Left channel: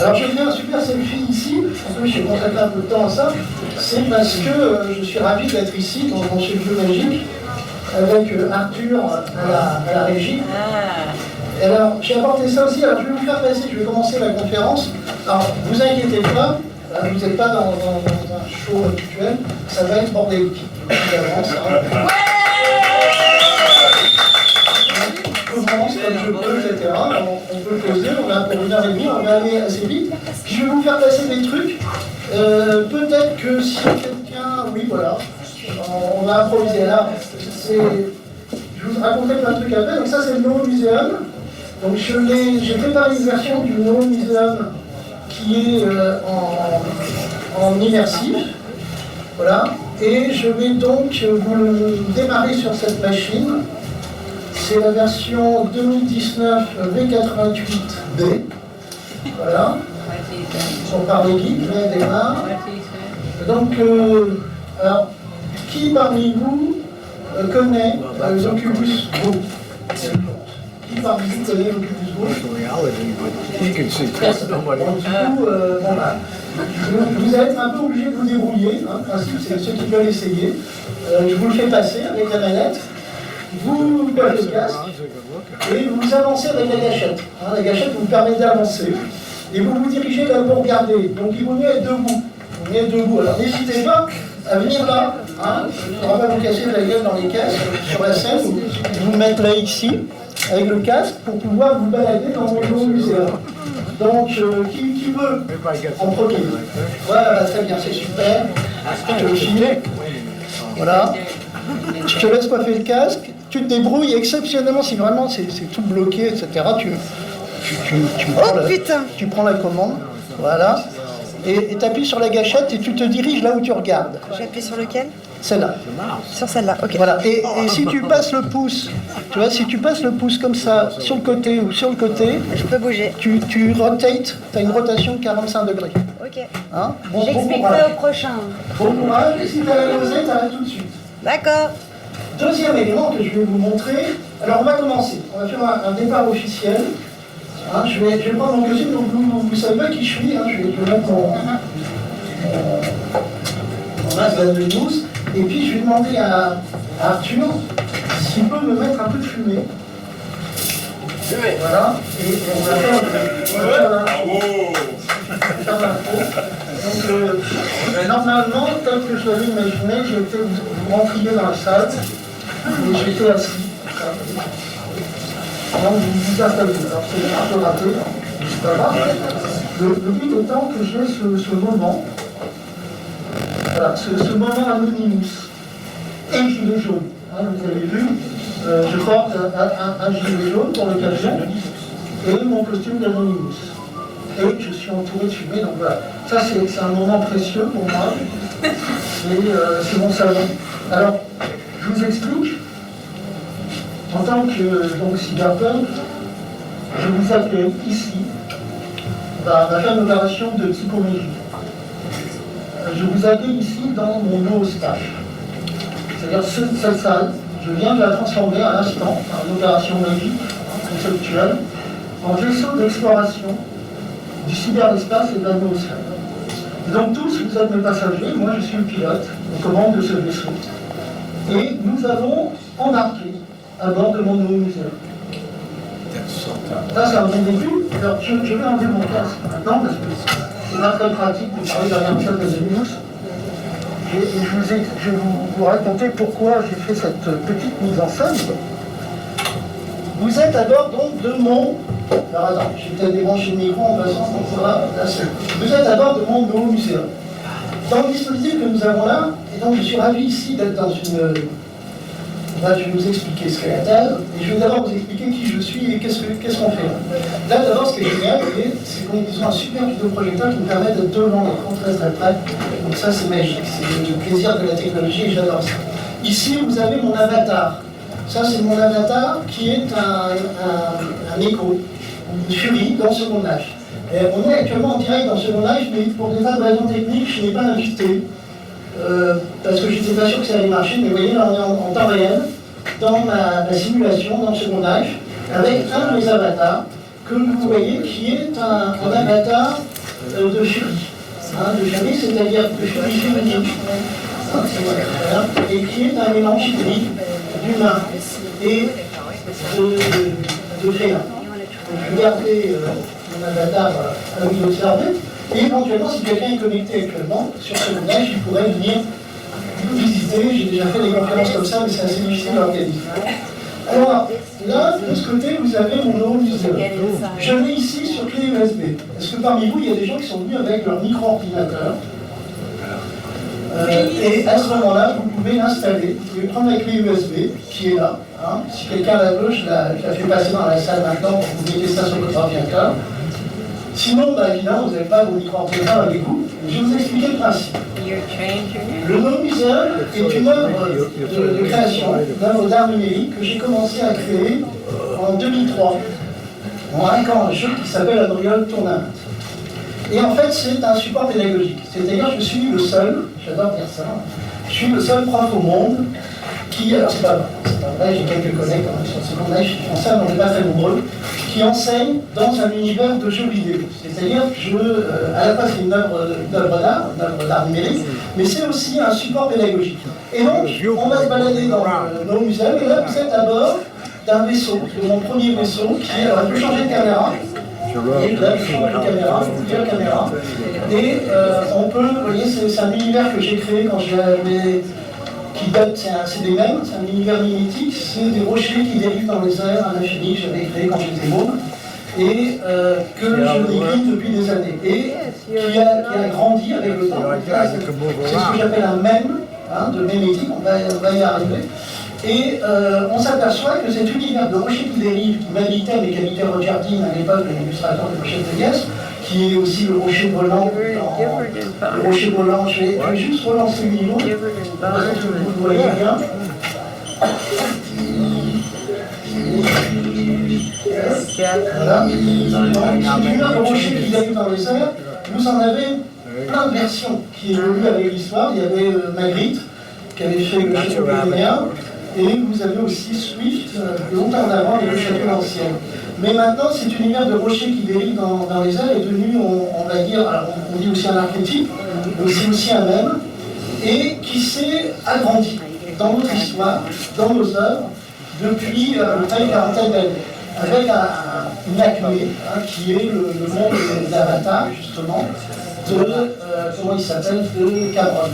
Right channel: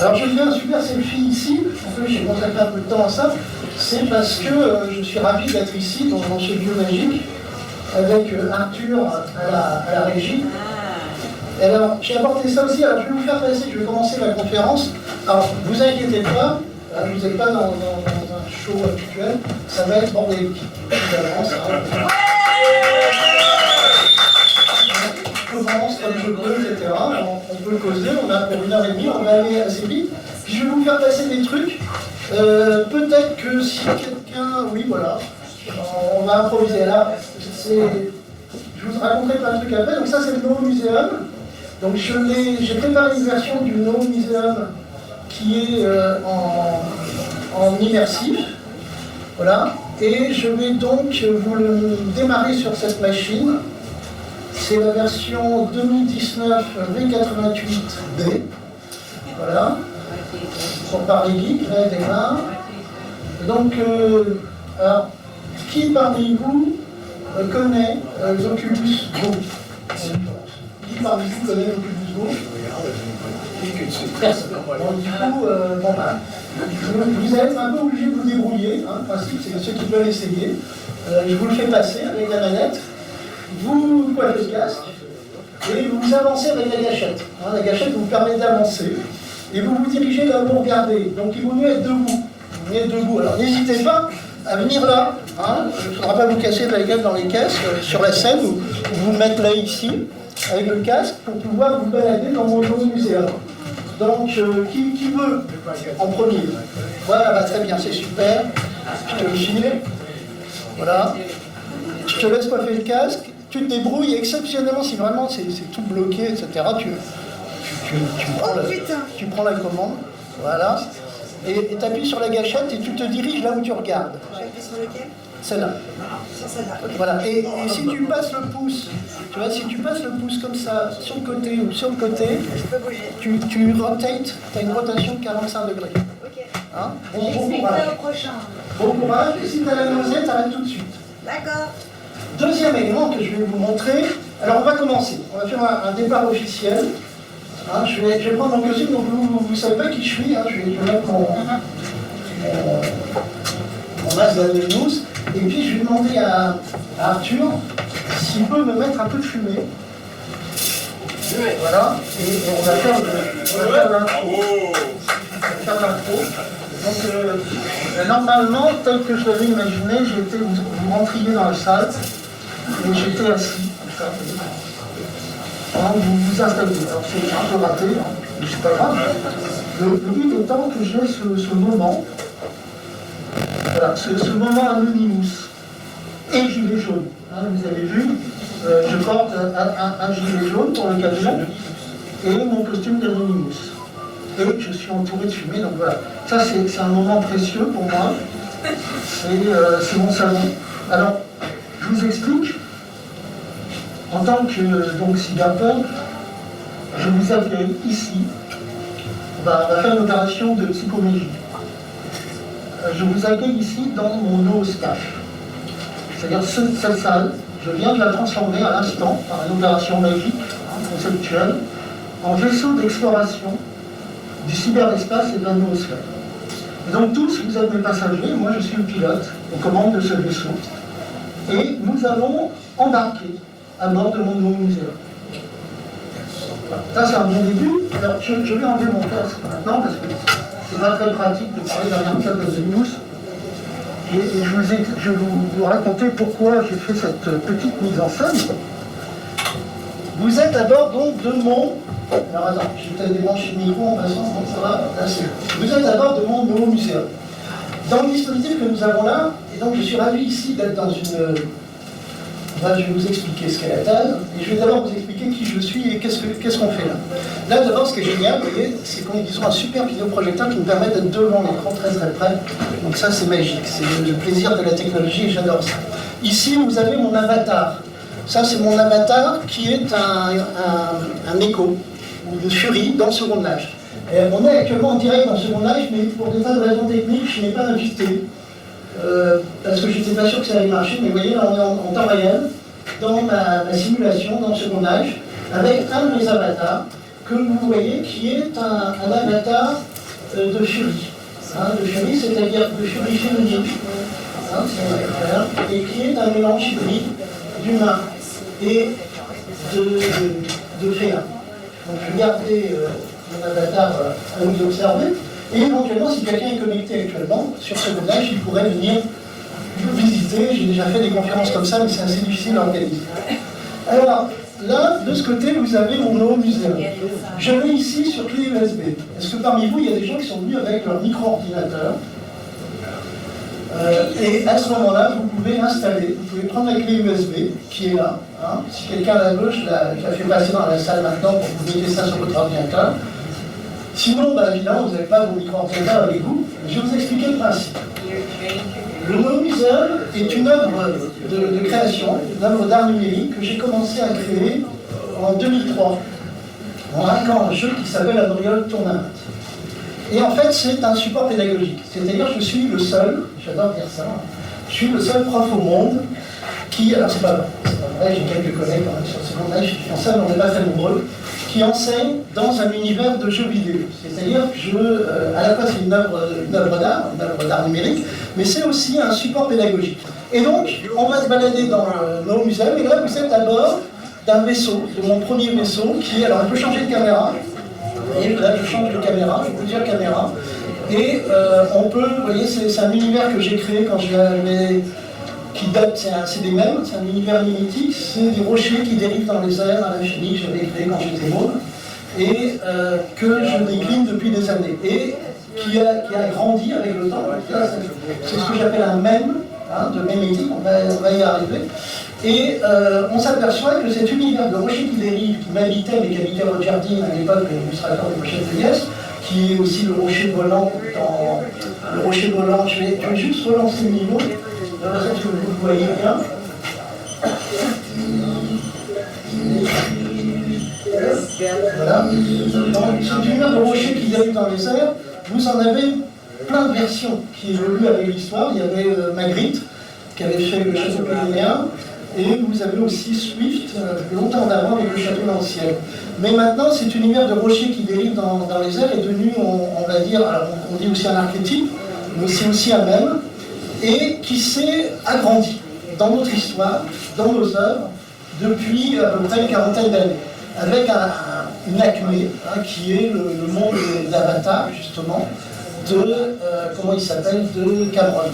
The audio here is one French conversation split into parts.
Alors je fais un super selfie ici, en fait j'ai consacré un peu de temps à ça, c'est parce que je suis ravi d'être ici, dans ce lieu magique, avec Arthur à la régie. Et alors j'ai apporté ça aussi, alors je vais vous faire passer, je vais commencer la conférence. Alors vous inquiétez pas, vous n'êtes pas dans un show habituel, ça va être bordélique. J'avance, je commence comme je peux, etc. On peut causer, on a pour 1h30, on va aller assez vite. Puis je vais vous faire passer des trucs. Peut-être que si quelqu'un... Oui, voilà. On va improviser. Alors, je vous raconterai plein de trucs après. Donc ça, c'est le No Museum. Donc j'ai préparé une version du No Museum qui est en immersif. Voilà. Et je vais donc vous le démarrer sur cette machine. C'est la version 2019 V88B. Voilà. Ils sont par les geeks, là, démarre. Donc, alors, qui parmi vous connaît l'Oculus Go? Qui parmi vous connaît l'Oculus Go? Personne. Donc, du coup, vous êtes un peu obligé de vous débrouiller. Hein, le principe, c'est ceux qui veulent essayer. Je vous le fais passer avec la manette. Vous coiffez le casque et vous avancez avec la gâchette. Hein, la gâchette vous permet d'avancer et vous vous dirigez là où vous regardez. Donc il vaut mieux être debout. Alors n'hésitez pas à venir là. Hein. Il ne faudra pas vous casser la gueule dans les caisses sur la scène ou vous mettre là ici avec le casque pour pouvoir vous balader dans mon nouveau muséum. Donc qui veut en premier? Voilà, bah, très bien, c'est super. Je te le file. Voilà. Je te laisse coiffer le casque. Tu te débrouilles exceptionnellement si vraiment c'est tout bloqué, etc. Tu prends la commande, voilà, et tu appuies sur la gâchette et tu te diriges là où tu regardes. J'appuie sur lequel? Celle-là. Sur celle-là, ok. Voilà, et si tu passes le pouce, tu vois, si tu passes le pouce comme ça, sur le côté ou sur le côté, je peux bouger. Tu rotates, tu as une rotation de 45 degrés. Ok. Hein? Bon courage. Au prochain. Bon courage, et si tu as la nausée, tu arrêtes tout de suite. D'accord. Deuxième élément que je vais vous montrer, alors on va commencer, on va faire un départ officiel. Hein, je vais prendre mon costume, donc vous ne savez pas qui je suis, hein, je vais mettre mon masque d'Anonymous, et puis je vais demander à Arthur s'il peut me mettre un peu de fumée. Voilà, et on va faire l'intro. Donc normalement, tel que je l'avais imaginé, vous rentriez dans la salle, et j'étais assis. Donc vous vous installez. Alors c'est un peu raté, hein, mais c'est pas grave. Le but étant que j'ai ce moment, voilà, ce moment Anonymous et gilet jaune. Hein, vous avez vu, je porte un gilet jaune pour l'occasion et mon costume d'Anonymous. Et je suis entouré de fumée, donc voilà. Ça c'est un moment précieux pour moi. C'est mon salon. Alors, je vous explique. En tant que cyberpunk, je vous accueille ici. On va faire une opération de psychomégie. Je vous accueille ici dans mon nooscape. C'est-à-dire cette salle, je viens de la transformer à l'instant par une opération magique, conceptuelle, en vaisseau d'exploration du cyberespace et de la noosphère. Et donc tous, vous êtes mes passagers, moi je suis le pilote, aux commandes de ce vaisseau. Et nous allons embarquer à bord de mon nouveau muséum. Ça c'est un bon début. Alors je vais enlever mon casque maintenant parce que c'est pas très pratique de parler derrière un cadre de news. Et je vais vous raconter pourquoi j'ai fait cette petite mise en scène. Vous êtes à bord donc de mon... Alors attends, je vais peut-être débrancher le micro en passant, donc ça va. Vous êtes à bord de mon nouveau muséum. Dans le dispositif que nous avons là, et donc je suis ravi ici d'être dans une... Là, je vais vous expliquer ce qu'est la thèse, et je vais d'abord vous expliquer qui je suis et qu'est-ce qu'on fait là. Là, d'abord, ce qui est génial, c'est qu'on a un super vidéoprojecteur qui nous permet d'être devant l'écran très près. Donc ça, c'est magique, c'est le plaisir de la technologie et j'adore ça. Ici, vous avez mon avatar. Ça, c'est mon avatar qui est un écho, une furie dans Second Life. On est actuellement en direct dans Second Life, mais pour des tas de raisons techniques, je n'ai pas invité. Parce que je n'étais pas sûr que ça allait marcher, mais vous voyez, là on est en temps réel, dans ma simulation, dans Second Life, avec un de mes avatars, que vous voyez, qui est un avatar de Fury. De Fury, c'est-à-dire de Fury féminine. Et qui est un mélange hybride d'humain et de félin. Donc regardez mon avatar à vous observer. Et éventuellement, si quelqu'un est connecté actuellement sur ce village, il pourrait venir visiter. J'ai déjà fait des conférences comme ça, mais c'est assez difficile à organiser. Alors, là, de ce côté, vous avez mon nouveau muséum. Je l'ai ici sur clé USB. Est-ce que parmi vous, il y a des gens qui sont venus avec leur micro-ordinateur et à ce moment-là, vous pouvez l'installer. Vous pouvez prendre la clé USB qui est là. Si quelqu'un la veut, je la fais passer dans la salle maintenant pour que vous mettez ça sur votre ordinateur. Sinon, évidemment, vous n'avez pas vos micro-ordinateurs avec vous. Je vais vous expliquer le principe. Le No Museum est une œuvre de création, une œuvre d'art numérique que j'ai commencé à créer en 2003 en hackant un jeu qui s'appelle Unreal Tournament. Et en fait, c'est un support pédagogique. C'est-à-dire, je suis le seul, j'adore dire ça, je suis le seul prof au monde qui, alors c'est pas vrai, j'ai quelques collègues quand même sur le secondaire qui font ça, mais on n'est pas très nombreux, qui enseigne dans un univers de jeux vidéo. C'est-à-dire que à la fois c'est une œuvre d'art numérique, mais c'est aussi un support pédagogique. Et donc, on va se balader dans nos musées, et là vous êtes à bord d'un vaisseau, de mon premier vaisseau, qui, alors on peut changer de caméra, et là je change de caméra, je vous dire caméra, et on peut, vous voyez, c'est un univers que j'ai créé quand j'avais, qui date, c'est des mêmes, c'est un univers mimétique, c'est des rochers qui dérivent dans les airs à l'infini que j'avais créé quand j'étais môme, et que je décline depuis des années, et qui a grandi avec le temps. C'est ce que j'appelle un mème, de mémétique, on va y arriver. Et on s'aperçoit que cet univers de rochers qui dérivent, qui m'habitait, mais qui habitait Roger Dean à l'époque, l'illustrateur de Rocher de Vegas, qui est aussi le rocher volant le rocher volant, je vais juste relancer le niveau, que vous voyez bien. Voilà. Donc, cet univers de rochers qui dérive dans les airs, vous en avez plein de versions qui évoluent avec l'histoire. Il y avait Magritte, qui avait fait le château pyrénéen, et vous avez aussi Swift, longtemps avant, avec le château ancien. Mais maintenant, cet univers de rochers qui dérive dans les airs est devenu, on va dire, alors on dit aussi un archétype, mais c'est aussi un mème, et qui s'est agrandi dans notre histoire, dans nos œuvres, depuis à peu près une quarantaine d'années, avec une acmé, qui est le monde d'Avatar, justement, comment il s'appelle, de Cameron.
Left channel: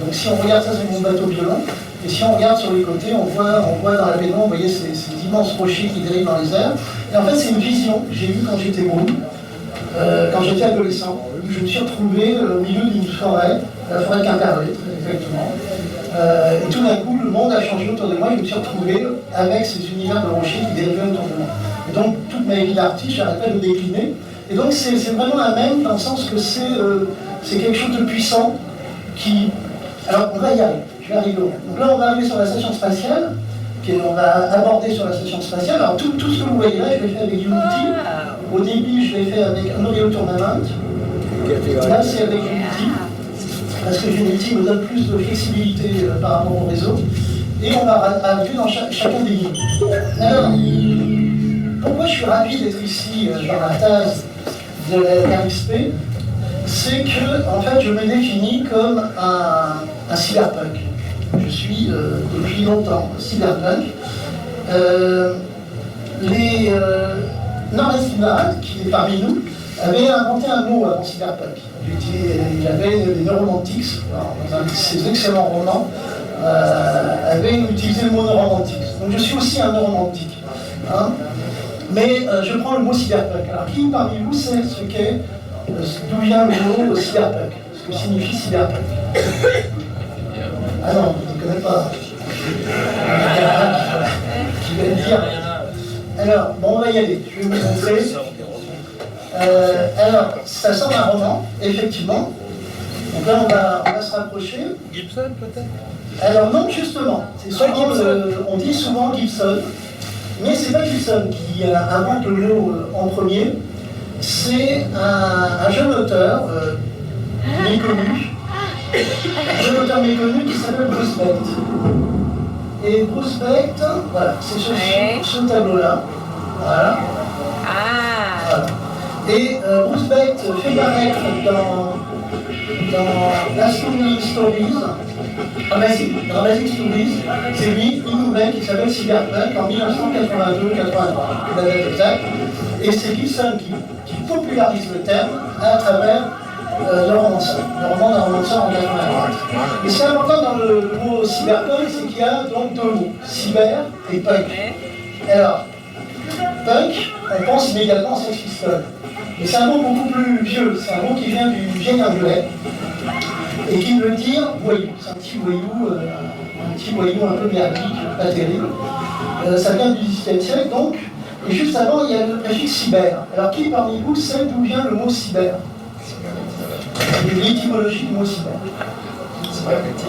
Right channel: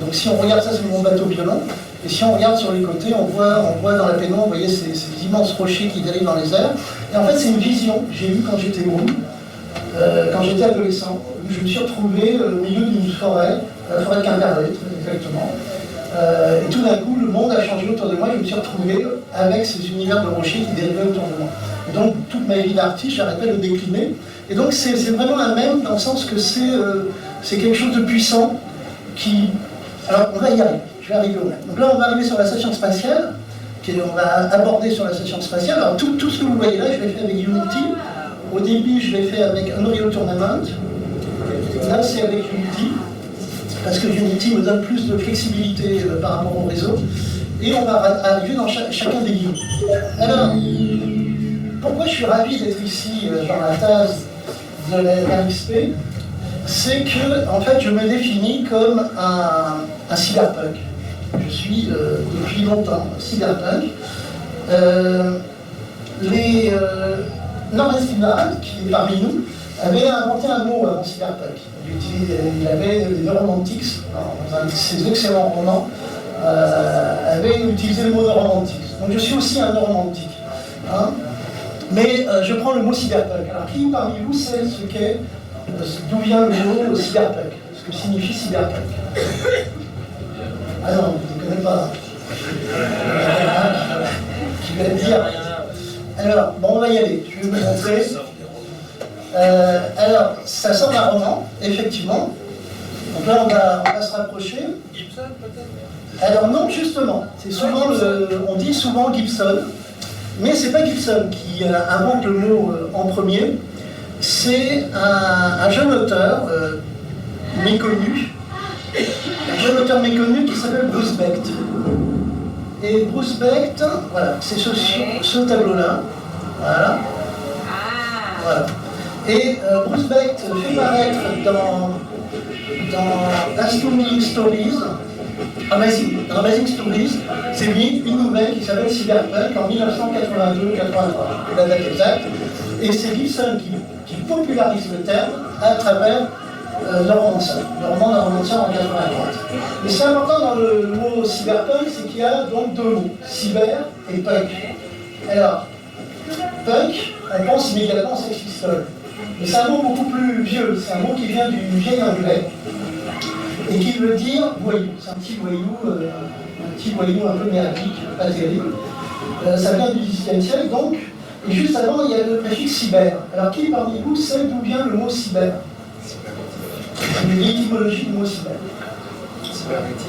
Donc si on regarde ça, c'est mon bateau violon, et si on regarde sur les côtés, on voit dans la pénombre, vous voyez, ces immenses rochers qui dérivent dans les airs. Et en fait, c'est une vision que j'ai eue quand j'étais môme, quand j'étais adolescent. Je me suis retrouvé au milieu d'une forêt, la forêt de Quimperlé, très exactement. Et tout d'un coup, le monde a changé autour de moi, je me suis retrouvé avec ces univers de rochers qui dérivaient autour de moi. Et donc, toute ma vie d'artiste, j'arrêtais de le décliner. Et donc, c'est vraiment un même, dans le sens que c'est quelque chose de puissant qui... Alors, on va y arriver, je vais arriver au même. Donc là, on va arriver sur la station spatiale, on va aborder sur la station spatiale. Alors, tout ce que vous voyez là, je l'ai fait avec Unity. Au début, je l'ai fait avec Unreal Tournament. Là, c'est avec Unity, parce que Unity me donne plus de flexibilité par rapport au réseau. Et on va arriver dans chacun des niveaux. Alors, pourquoi je suis ravi d'être ici dans la tasse de la RXP? C'est que, en fait, je me définis comme un cyberpunk. Je suis, depuis longtemps, cyberpunk. Norman Steinhardt, qui est parmi nous, avait inventé un mot avant cyberpunk. Il avait les neuromantics, dans un de ses excellents romans, avait utilisé le mot neuromantics. Donc je suis aussi un neuromantique. Mais je prends le mot cyberpunk. Alors qui parmi vous sait d'où vient le mot cyberpunk, ce que signifie cyberpunk? Ah non, vous ne connaissez pas. Il y en a un qui va le dire. Alors, bon, on va y aller, je vais vous montrer. Alors, ça sort d'un roman, effectivement. Donc là, on va se rapprocher. Gibson, peut-être? Alors non, justement. C'est souvent on dit souvent Gibson, mais c'est pas Gibson qui invente le mot en premier. C'est un jeune auteur méconnu, qui s'appelle Bruce Becht. Et Bruce Becht, voilà, c'est ce tableau-là. Voilà. Voilà. Et Bruce Bate fait paraître dans Amazing Stories, Amazing Stories, c'est lui, une nouvelle qui s'appelle Cyberpunk en 1982-83, la date exacte. Et c'est Gibson qui popularise le terme à travers le roman d'un romanceur en 83. Et ce qui est important dans le mot cyberpunk, c'est qu'il y a donc deux mots, cyber et punk. Alors, punk, on pense immédiatement aux Sex Pistols. Mais c'est un mot beaucoup plus vieux, c'est un mot qui vient du vieil anglais et qui veut dire voyou. C'est un petit voyou un peu merdique, pas terrible. Ça vient du XVIIIe siècle donc, et juste avant il y a le préfixe cyber. Alors qui parmi vous sait d'où vient le mot cyber? L'étymologie du mot cyber. Cybernétique.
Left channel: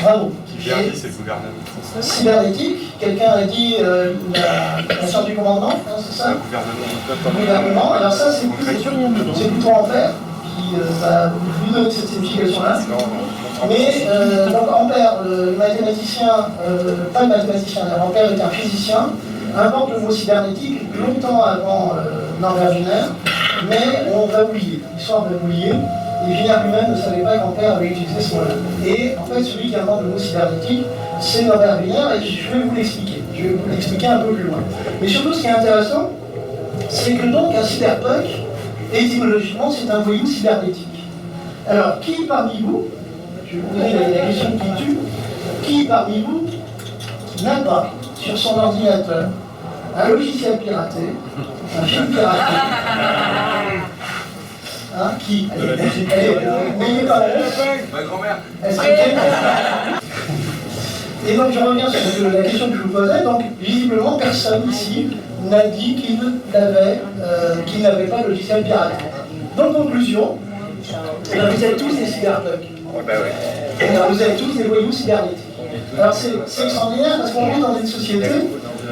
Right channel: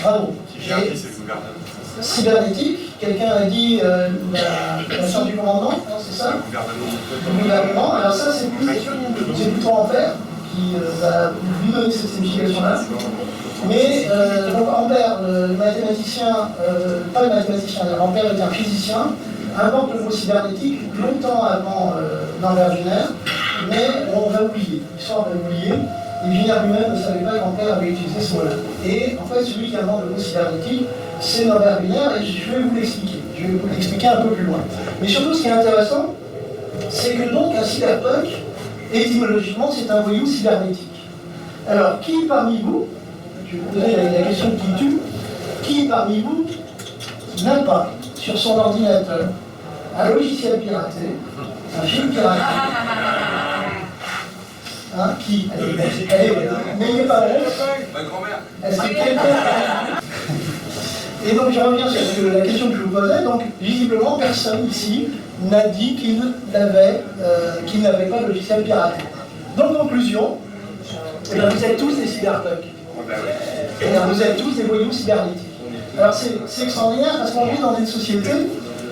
Bravo. Cybernétique, c'est le gouvernement. Cybernétique, quelqu'un a dit la sorte du commandement, hein, c'est ça? Le gouvernement. Alors ça, c'est plutôt Ampère qui va lui donner cette signification-là. Mais donc Ampère, le mathématicien, pas le mathématicien, Ampère était un physicien, invente le mot cybernétique longtemps avant Norbert Wiener, mais on va oublier, l'histoire va oublier. Et Wiener lui-même ne savait pas qu'Ampère avait utilisé ce mot-là. Et en fait, celui qui invente le mot cybernétique, c'est Norbert Wiener, et je vais vous l'expliquer. Je vais vous l'expliquer un peu plus loin. Mais surtout, ce qui est intéressant, c'est que donc un cyberpunk, étymologiquement, c'est un voyou cybernétique. Alors, qui parmi vous, je vais vous poser la question qui tue, qui parmi vous n'a pas sur son ordinateur un logiciel piraté, un film piraté? Hein, qui? Allez, n'ayez pas honte. Ma grand-mère. Est-ce que quelqu'un... Et donc je reviens sur la question que je vous posais. Donc visiblement personne ici n'a dit qu'il n'avait pas de logiciel piraté. Donc conclusion, eh bien, vous êtes tous des cyberpunks. Et vous êtes tous des voyous cybernétiques. Alors c'est extraordinaire parce qu'on vit dans une société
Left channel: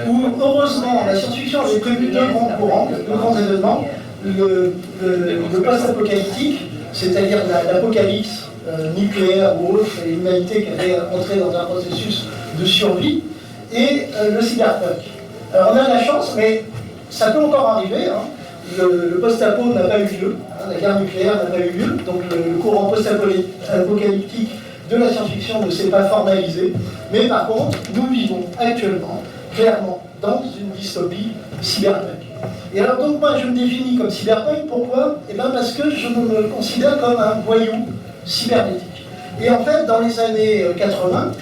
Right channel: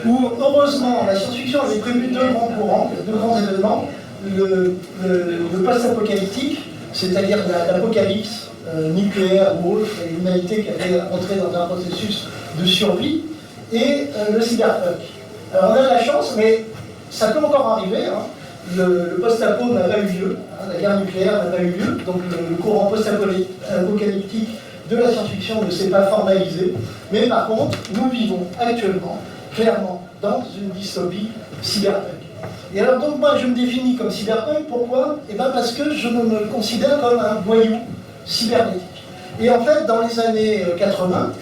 où heureusement la science-fiction avait prévu deux grands courants, deux grands événements. Le post-apocalyptique, c'est-à-dire l'apocalypse nucléaire ou autre, et l'humanité qui avait entré dans un processus de survie, et le cyberpunk. Alors on a de la chance, mais ça peut encore arriver. Hein. Le post-apo n'a pas eu lieu, hein, la guerre nucléaire n'a pas eu lieu, donc le courant post-apocalyptique de la science-fiction ne s'est pas formalisé. Mais par contre, nous vivons actuellement, clairement, dans une dystopie cyberpunk. Et alors donc moi je me définis comme cyberpunk, pourquoi? Eh bien parce que je me considère comme un voyou cybernétique. Et en fait dans les années 80,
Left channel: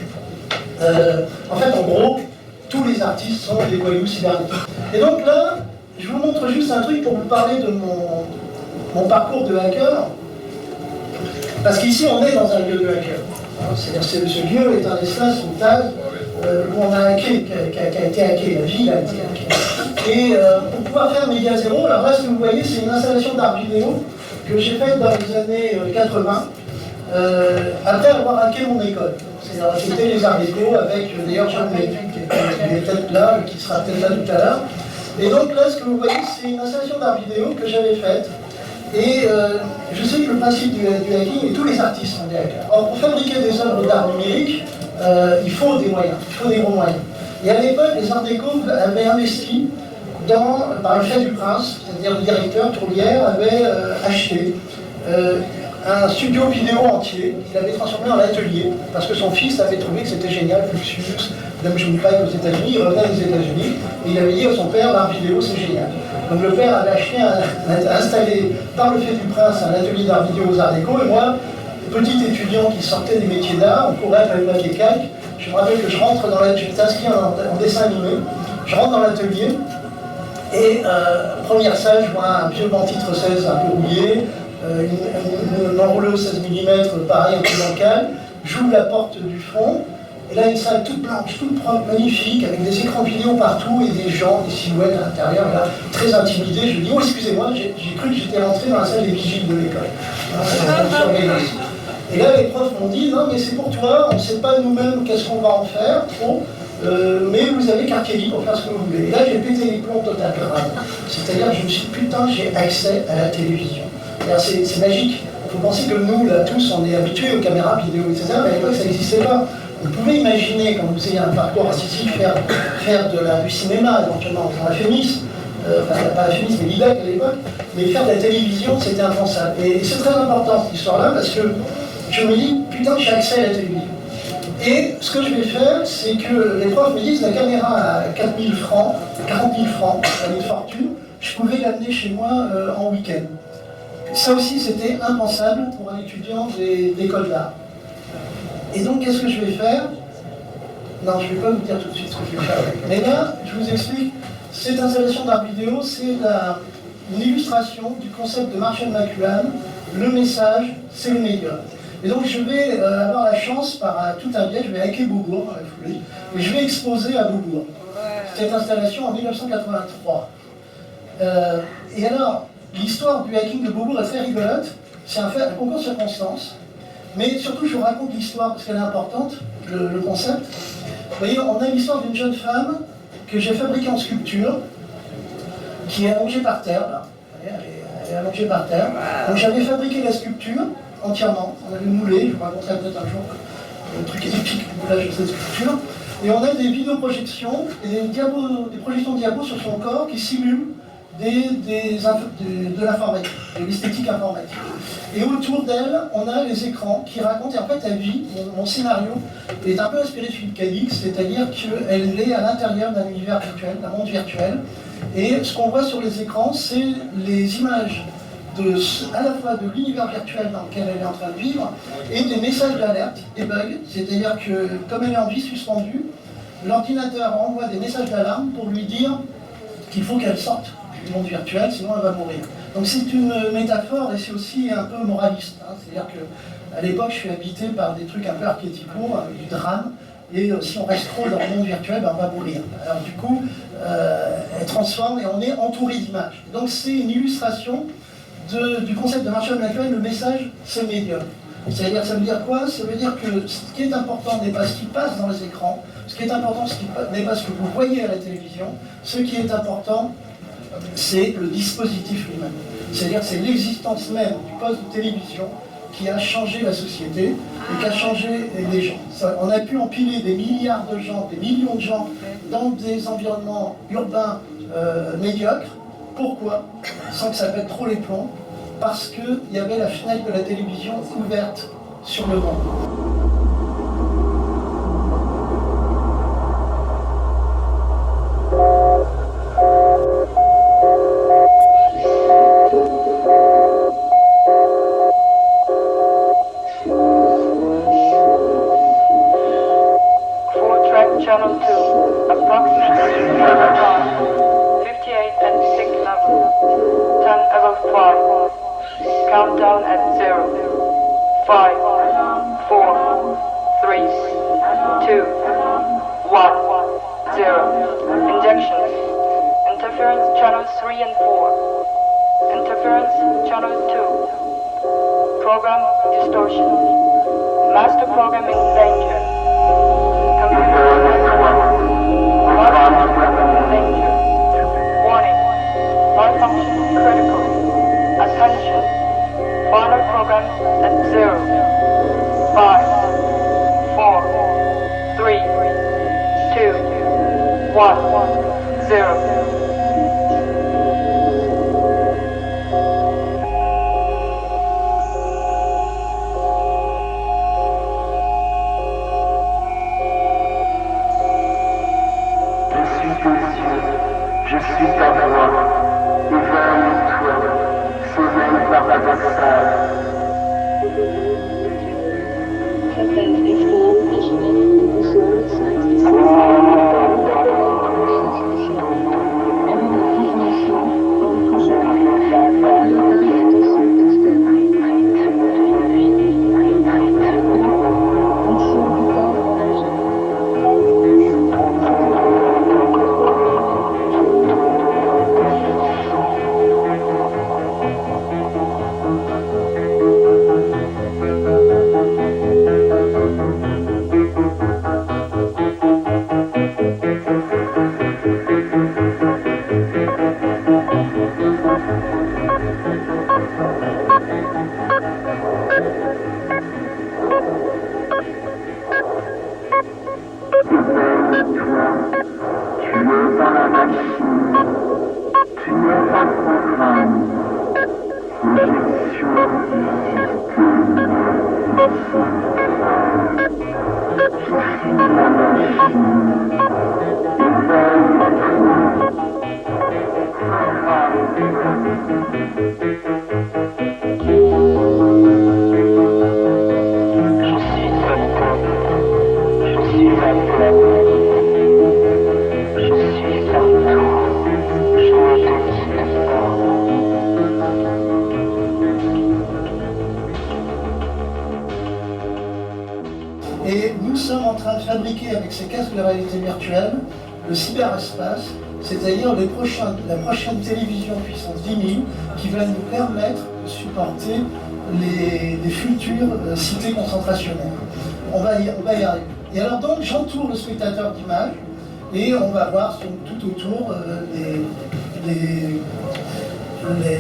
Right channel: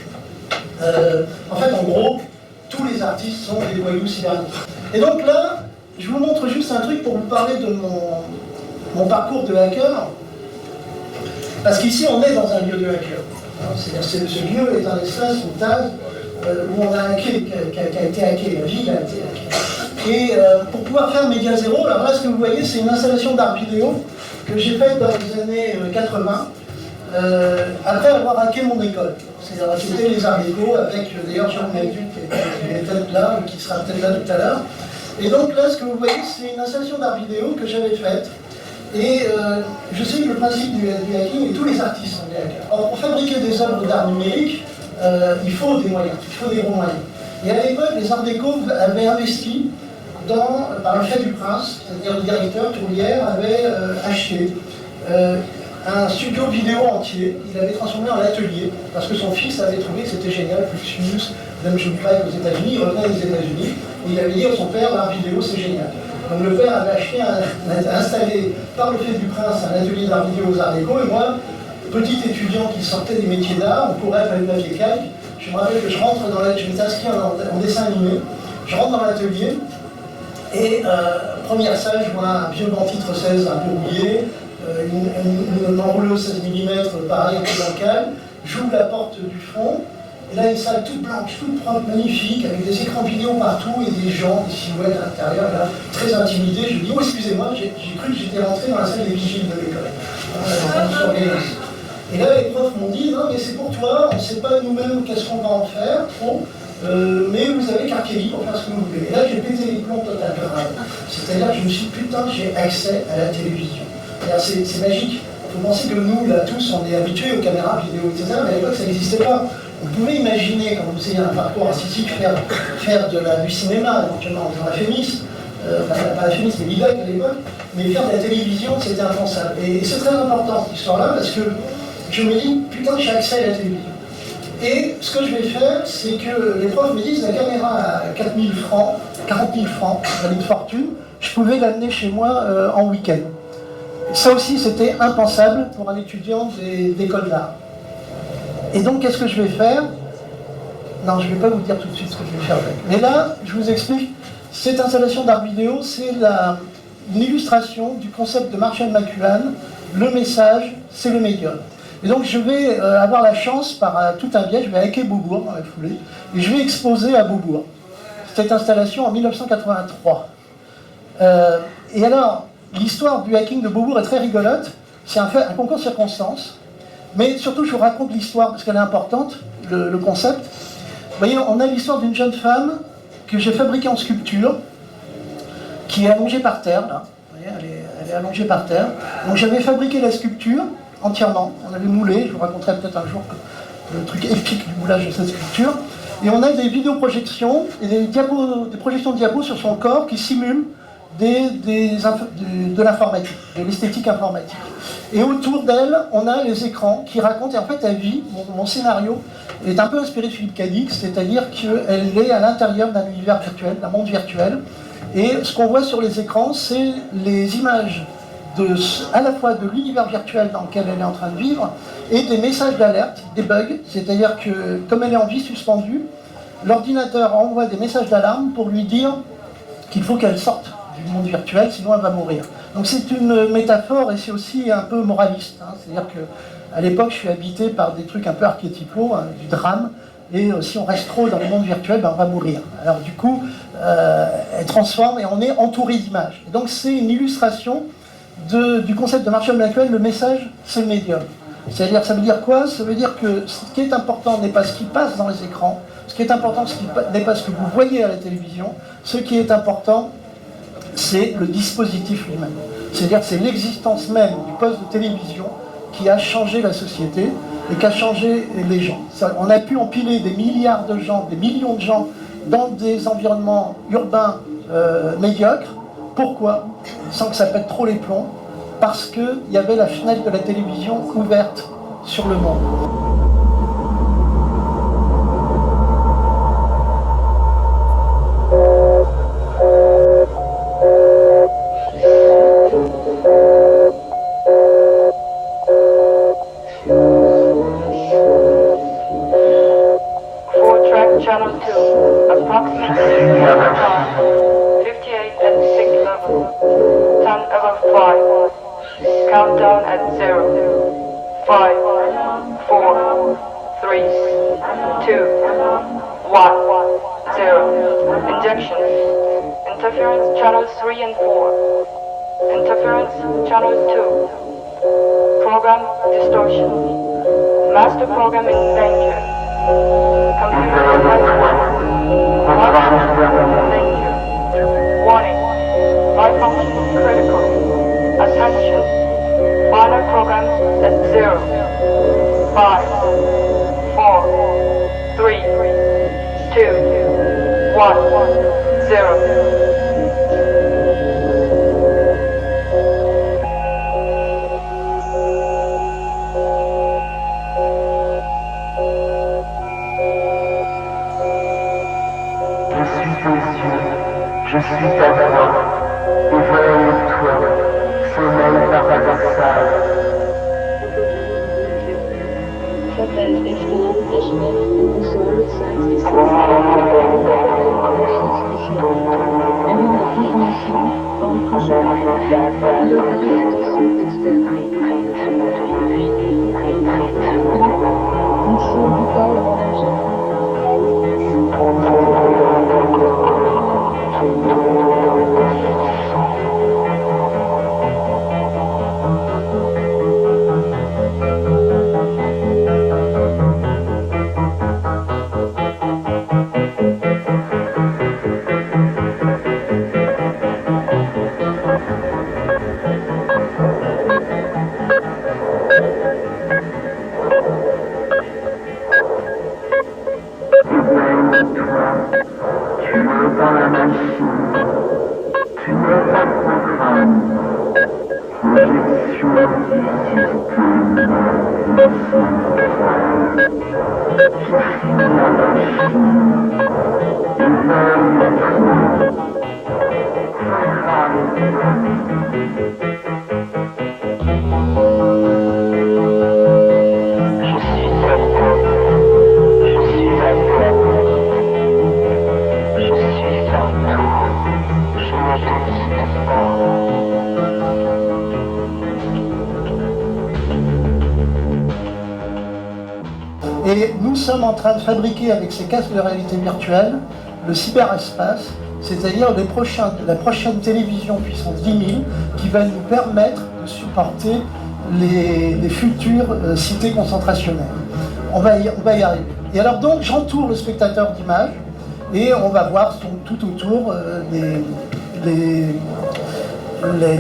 en gros, tous les artistes sont des voyous cybernétiques. Et donc là, je vous montre juste un truc pour vous parler de mon parcours de hacker. Parce qu'ici on est dans un lieu de hacker. C'est-à-dire que ce lieu est un espace, une table, où on a hacké, qui a été hacké, la ville a été hackée. Et pour pouvoir faire Média Zéro, alors là ce que vous voyez c'est une installation d'art vidéo que j'ai faite dans les années 80, après avoir hacké mon école. C'est-à-dire c'était les arts déco avec d'ailleurs Jean Médu qui est peut-être là, ou qui sera peut-être là tout à l'heure. Et donc là ce que vous voyez c'est une installation d'art vidéo que j'avais faite. Et je sais que le principe du hacking, et tous les artistes sont des hackers. Or, pour fabriquer des œuvres d'art numérique, il faut des moyens, il faut des gros moyens. Et à l'époque, les Arts Déco avaient investi par le fait du prince, c'est-à-dire le directeur Tourlière avait acheté un studio vidéo entier, il avait transformé en atelier, parce que son fils avait trouvé que c'était génial, Fluxus, Dame Junpei aux États-Unis, il revenait des États-Unis, et il avait dit à son père, l'art vidéo c'est génial. Donc le père avait acheté, installé par le fait du prince un atelier d'art vidéo aux Arts Déco, et moi, petit étudiant qui sortait des métiers d'art, on courait avec le papier calque, je me rappelle que je rentre dans l'atelier, je m'étais inscrit en dessin animé, je rentre dans l'atelier, et première salle, je vois un vieux banc-titre 16 un peu rouillé, une enroulée au 16 mm, pareil, un peu bancal, j'ouvre la porte du fond, et là une salle toute blanche, toute propre, magnifique, avec des écrans vidéo partout et des gens, des silhouettes à l'intérieur, là, très intimidé, je dis, oh excusez-moi, j'ai cru que j'étais rentré dans la salle des vigiles de l'école. Et là les profs m'ont dit, non mais c'est pour toi, on ne sait pas nous-mêmes qu'est-ce qu'on va en faire, trop, mais vous avez carte libre pour faire ce que vous voulez. Et là j'ai pété les plombs total grave. C'est-à-dire que je me suis dit, putain, j'ai accès à la télévision. C'est magique. Il faut penser que nous, là, tous, on est habitués aux caméras vidéo, etc. Mais à l'époque, ça n'existait pas. On pouvait imaginer, quand vous ayez un parcours artistique, faire du cinéma, éventuellement en faisant la FEMIS, enfin il n'y a pas féministe, mais l'IDEC à l'époque, mais faire de la télévision, c'était impensable. Et c'est très important cette histoire-là, parce que je me dis, putain, j'ai accès à la télévision. Et ce que je vais faire, c'est que les profs me disent, la caméra à 4 000 francs, 40 000 francs, une fortune, je pouvais l'amener chez moi en week-end. Ça aussi, c'était impensable pour un étudiant d'école d'art. Et donc, qu'est-ce que je vais faire? Non, je ne vais pas vous dire tout de suite ce que je vais faire avec. Mais là, je vous explique, cette installation d'art vidéo, c'est une illustration du concept de Marshall McLuhan, le message, c'est le médium. Et donc, je vais avoir la chance, par tout un biais, je vais hacker Beaubourg dans la foulée, et je vais exposer à Beaubourg cette installation en 1983. Et alors, l'histoire du hacking de Beaubourg est très rigolote. C'est un concours de circonstances. Mais surtout, je vous raconte l'histoire parce qu'elle est importante, le concept. Vous voyez, on a l'histoire d'une jeune femme que j'ai fabriquée en sculpture, qui est allongée par terre, là. Vous voyez, elle est allongée par terre. Donc j'avais fabriqué la sculpture entièrement. On avait moulé, je vous raconterai peut-être un jour le truc épique du moulage de cette sculpture. Et on a des vidéoprojections et des projections de diabos sur son corps qui simulent de l'informatique, de l'esthétique informatique. Et autour d'elle, on a les écrans qui racontent, et en fait, elle vit, mon scénario est un peu inspiré de Philippe Cadix, c'est-à-dire qu'elle est à l'intérieur d'un univers virtuel, d'un monde virtuel, et ce qu'on voit sur les écrans, c'est les images à la fois de l'univers virtuel dans lequel elle est en train de vivre, et des messages d'alerte, des bugs, c'est-à-dire que, comme elle est en vie suspendue, l'ordinateur envoie des messages d'alarme pour lui dire qu'il faut qu'elle sorte du monde virtuel, sinon elle va mourir. Donc c'est une métaphore et c'est aussi un peu moraliste. Hein. C'est-à-dire qu'à l'époque, je suis habité par des trucs un peu archétypaux, hein, du drame, et si on reste trop dans le monde virtuel, ben, on va mourir. Alors du coup, elle transforme et on est entouré d'images. Donc c'est une illustration du concept de Marshall McLuhan, le message, c'est le médium. C'est-à-dire, ça veut dire quoi? Ça veut dire que ce qui est important n'est pas ce qui passe dans les écrans, ce qui est important n'est pas ce que vous voyez à la télévision, ce qui est important, c'est le dispositif lui-même. C'est-à-dire que c'est l'existence même du poste de télévision qui a changé la société et qui a changé les gens. On a pu empiler des milliards de gens, des millions de gens dans des environnements urbains médiocres. Pourquoi? Sans que ça pète trop les plombs. Parce qu'il y avait la fenêtre de la télévision ouverte sur le monde. Channel 2, approximately 58 and 6 level, 10 above 5, countdown at 0, 5, 4, 3, 2, 1, 0, injection, interference channel 3 and 4, interference channel 2, program distortion, master program in danger. Danger. Warning. Malfunction critical. Attention. Final program at 0. 5, 4, 3, 2, 1, 0. Je suis ta voix, éveille-toi, sommeil paradoxal. Et nous sommes en train de fabriquer avec ces casques de réalité virtuelle le cyberespace, c'est-à-dire la prochaine télévision puissance 10 000 qui va nous permettre de supporter les futures cités concentrationnaires. On va y arriver. Et alors donc j'entoure le spectateur d'images et on va voir tout autour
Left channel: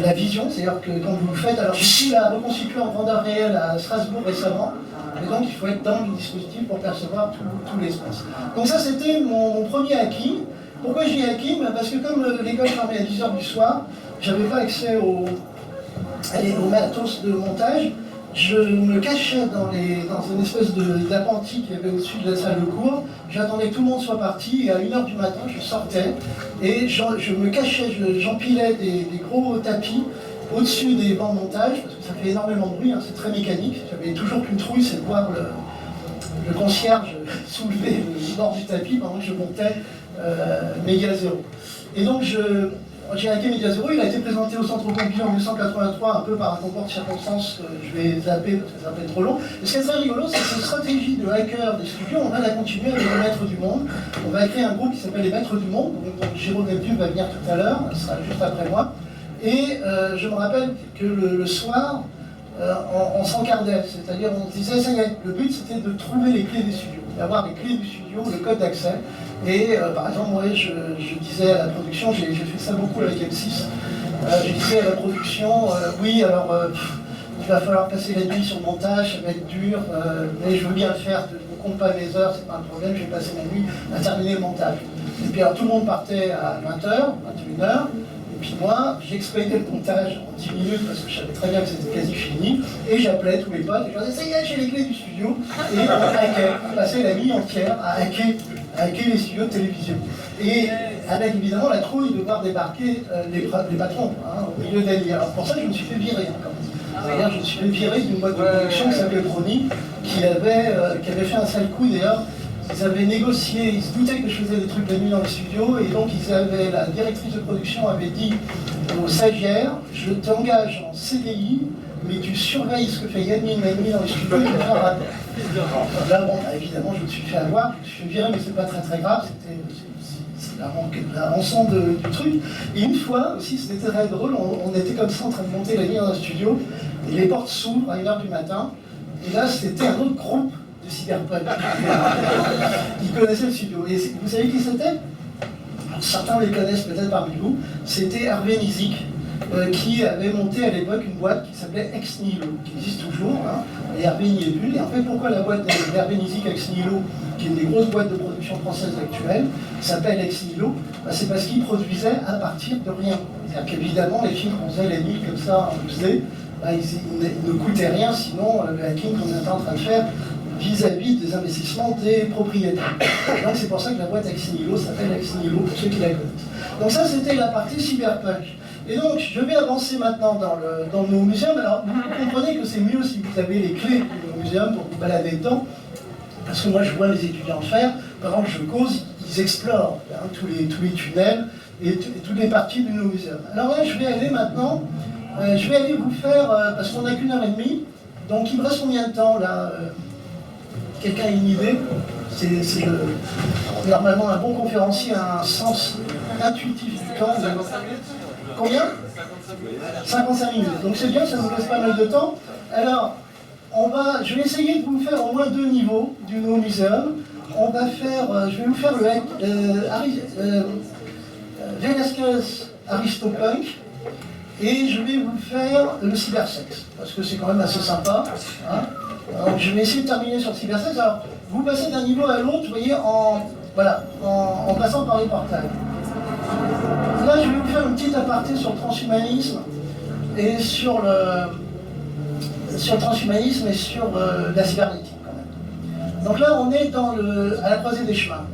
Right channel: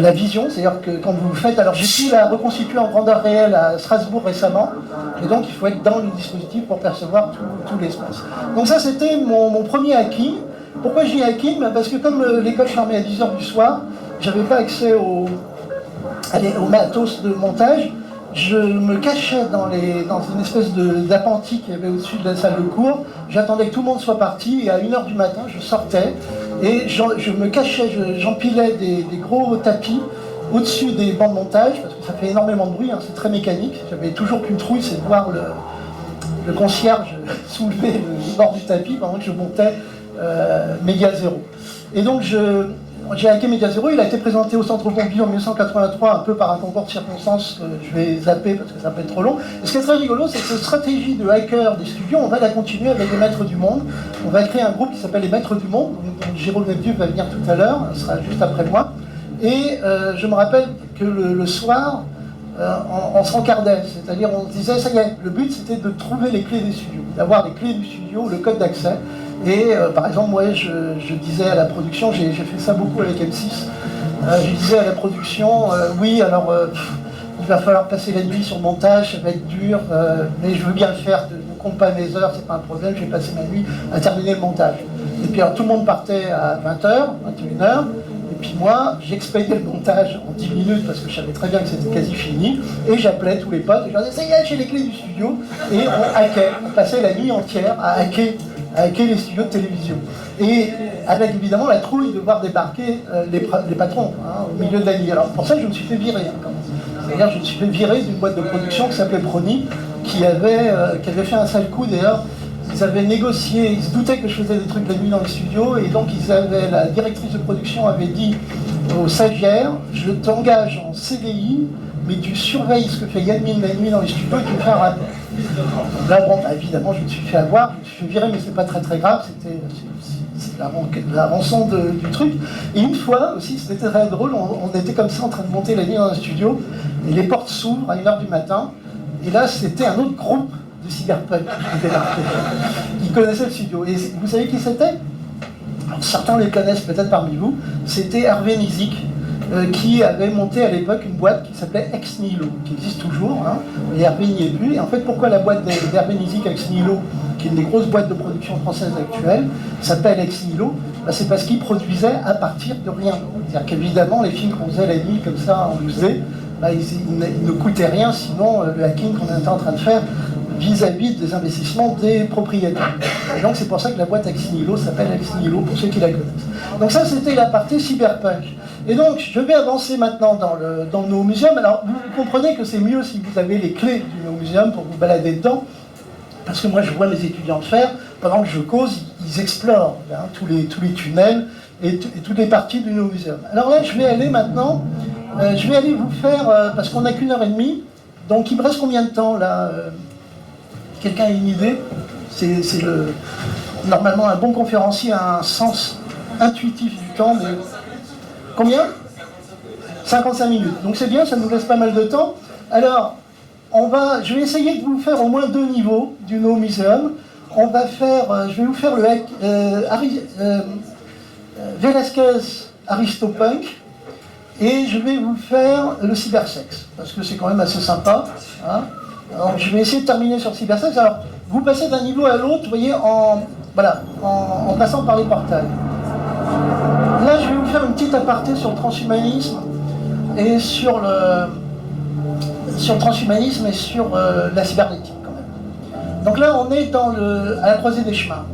la vision, c'est-à-dire que quand vous le faites, alors j'ai pu la reconstituer en grandeur réelle à Strasbourg récemment, et donc il faut être dans le dispositif pour percevoir tout l'espace. Donc ça c'était mon premier hacking. Pourquoi je dis hacking? Parce que comme l'école fermait à 10h du soir, j'avais pas accès au matos de montage. Je me cachais dans une espèce d'appentis qu'il y avait au-dessus de la salle de cours. J'attendais que tout le monde soit parti et à 1h du matin, je sortais et je me cachais, j'empilais des gros tapis au-dessus des bancs de montage parce que ça fait énormément de bruit, hein, c'est très mécanique. J'avais toujours qu'une trouille, c'est de voir le concierge soulever le bord du tapis pendant que je montais Méga Zéro. Et donc j'ai hacké Méga Zéro, il a été présenté au Centre Pompidou en 1983, un peu par un concours de circonstances, je vais zapper parce que ça peut être trop long. Et ce qui est très rigolo, c'est que cette stratégie de hacker des studios, on va la continuer avec les Maîtres du Monde. On va créer un groupe qui s'appelle les Maîtres du Monde, donc Jérôme Nepdieu va venir tout à l'heure, il sera juste après moi. Et je me rappelle que le soir, on s'encardait, c'est-à-dire on se disait, ça y est, le but c'était de trouver les clés des studios, d'avoir les clés du studio, le code d'accès. Et par exemple, moi je disais à la production, j'ai fait ça beaucoup avec M6, je disais à la production, oui alors il va falloir passer la nuit sur le montage, ça va être dur, mais je veux bien le faire, je ne compte pas mes heures, c'est pas un problème, je vais passer ma nuit à terminer le montage. Et puis alors tout le monde partait à 20h, 21h, et puis moi j'expédiais le montage en 10 minutes parce que je savais très bien que c'était quasi fini, et j'appelais tous les potes, et je leur disais, ça y est, j'ai les clés du studio, et on hackait, on passait la nuit entière à hacker les studios de télévision. Et avec évidemment la trouille de voir débarquer les patrons hein, au milieu de la nuit. Alors pour ça je me suis fait virer. C'est-à-dire je me suis fait virer d'une boîte de production qui s'appelait Brony, qui avait fait un sale coup d'ailleurs. Ils avaient négocié, ils se doutaient que je faisais des trucs la nuit dans le studio, et donc la directrice de production avait dit aux stagiaires, je t'engage en CDI, mais tu surveilles ce que fait Yann la nuit dans les studios et tu me fais un rappel. Là, bon, bah, évidemment, je me suis fait avoir, je me suis fait virer, mais c'est pas très grave, c'est la rançon du truc. Et une fois aussi, c'était très drôle, on était comme ça en train de monter la nuit dans un studio, et les portes s'ouvrent à 1h du matin, et là, c'était un autre groupe de cyberpunk qui connaissait le studio. Et vous savez qui c'était? Certains les connaissent peut-être parmi vous, c'était Hervé Nizik, qui avait monté à l'époque une boîte qui s'appelait Ex Nihilo, qui existe toujours, hein, et Hervé n'y est plus. Et en fait, pourquoi la boîte d'Hervé Nizik Ex Nihilo, qui est une des grosses boîtes de production françaises actuelles, s'appelle Ex Nihilo? C'est parce qu'il produisait à partir de rien. C'est-à-dire qu'évidemment, les films qu'on faisait la nuit comme ça en musée, ils ne coûtaient rien, sinon le hacking qu'on était en train de faire vis-à-vis des investissements des propriétaires. Et donc c'est pour ça que la boîte Ex Nihilo s'appelle Ex Nihilo, pour ceux qui la connaissent. Donc ça c'était la partie cyberpunk. Et donc je vais avancer maintenant dans nos muséums. Alors vous comprenez que c'est mieux si vous avez les clés du muséum pour vous balader dedans, parce que moi je vois mes étudiants le faire, pendant que je cause, ils explorent hein, tous les tunnels et toutes les parties du muséum. Alors là je vais aller maintenant, je vais aller vous faire, parce qu'on n'a qu'1 heure et demie, donc il me reste combien de temps là Quelqu'un a une idée? Normalement, un bon conférencier a un sens intuitif du temps. De... Combien? 55 minutes. Donc c'est bien, ça nous laisse pas mal de temps. Alors, je vais essayer de vous faire au moins 2 niveaux du No Museum. On va faire, je vais vous faire le Velasquez Aristopunk, et je vais vous faire le cybersex, parce que c'est quand même assez sympa. Hein. Alors, je vais essayer de terminer sur le cybersex. Alors, vous passez d'un niveau à l'autre, vous voyez, en passant par les portails. Là, je vais vous faire une petite aparté sur le transhumanisme et sur sur le transhumanisme et sur la cybernétique quand même. Donc là, on est à la croisée des chemins.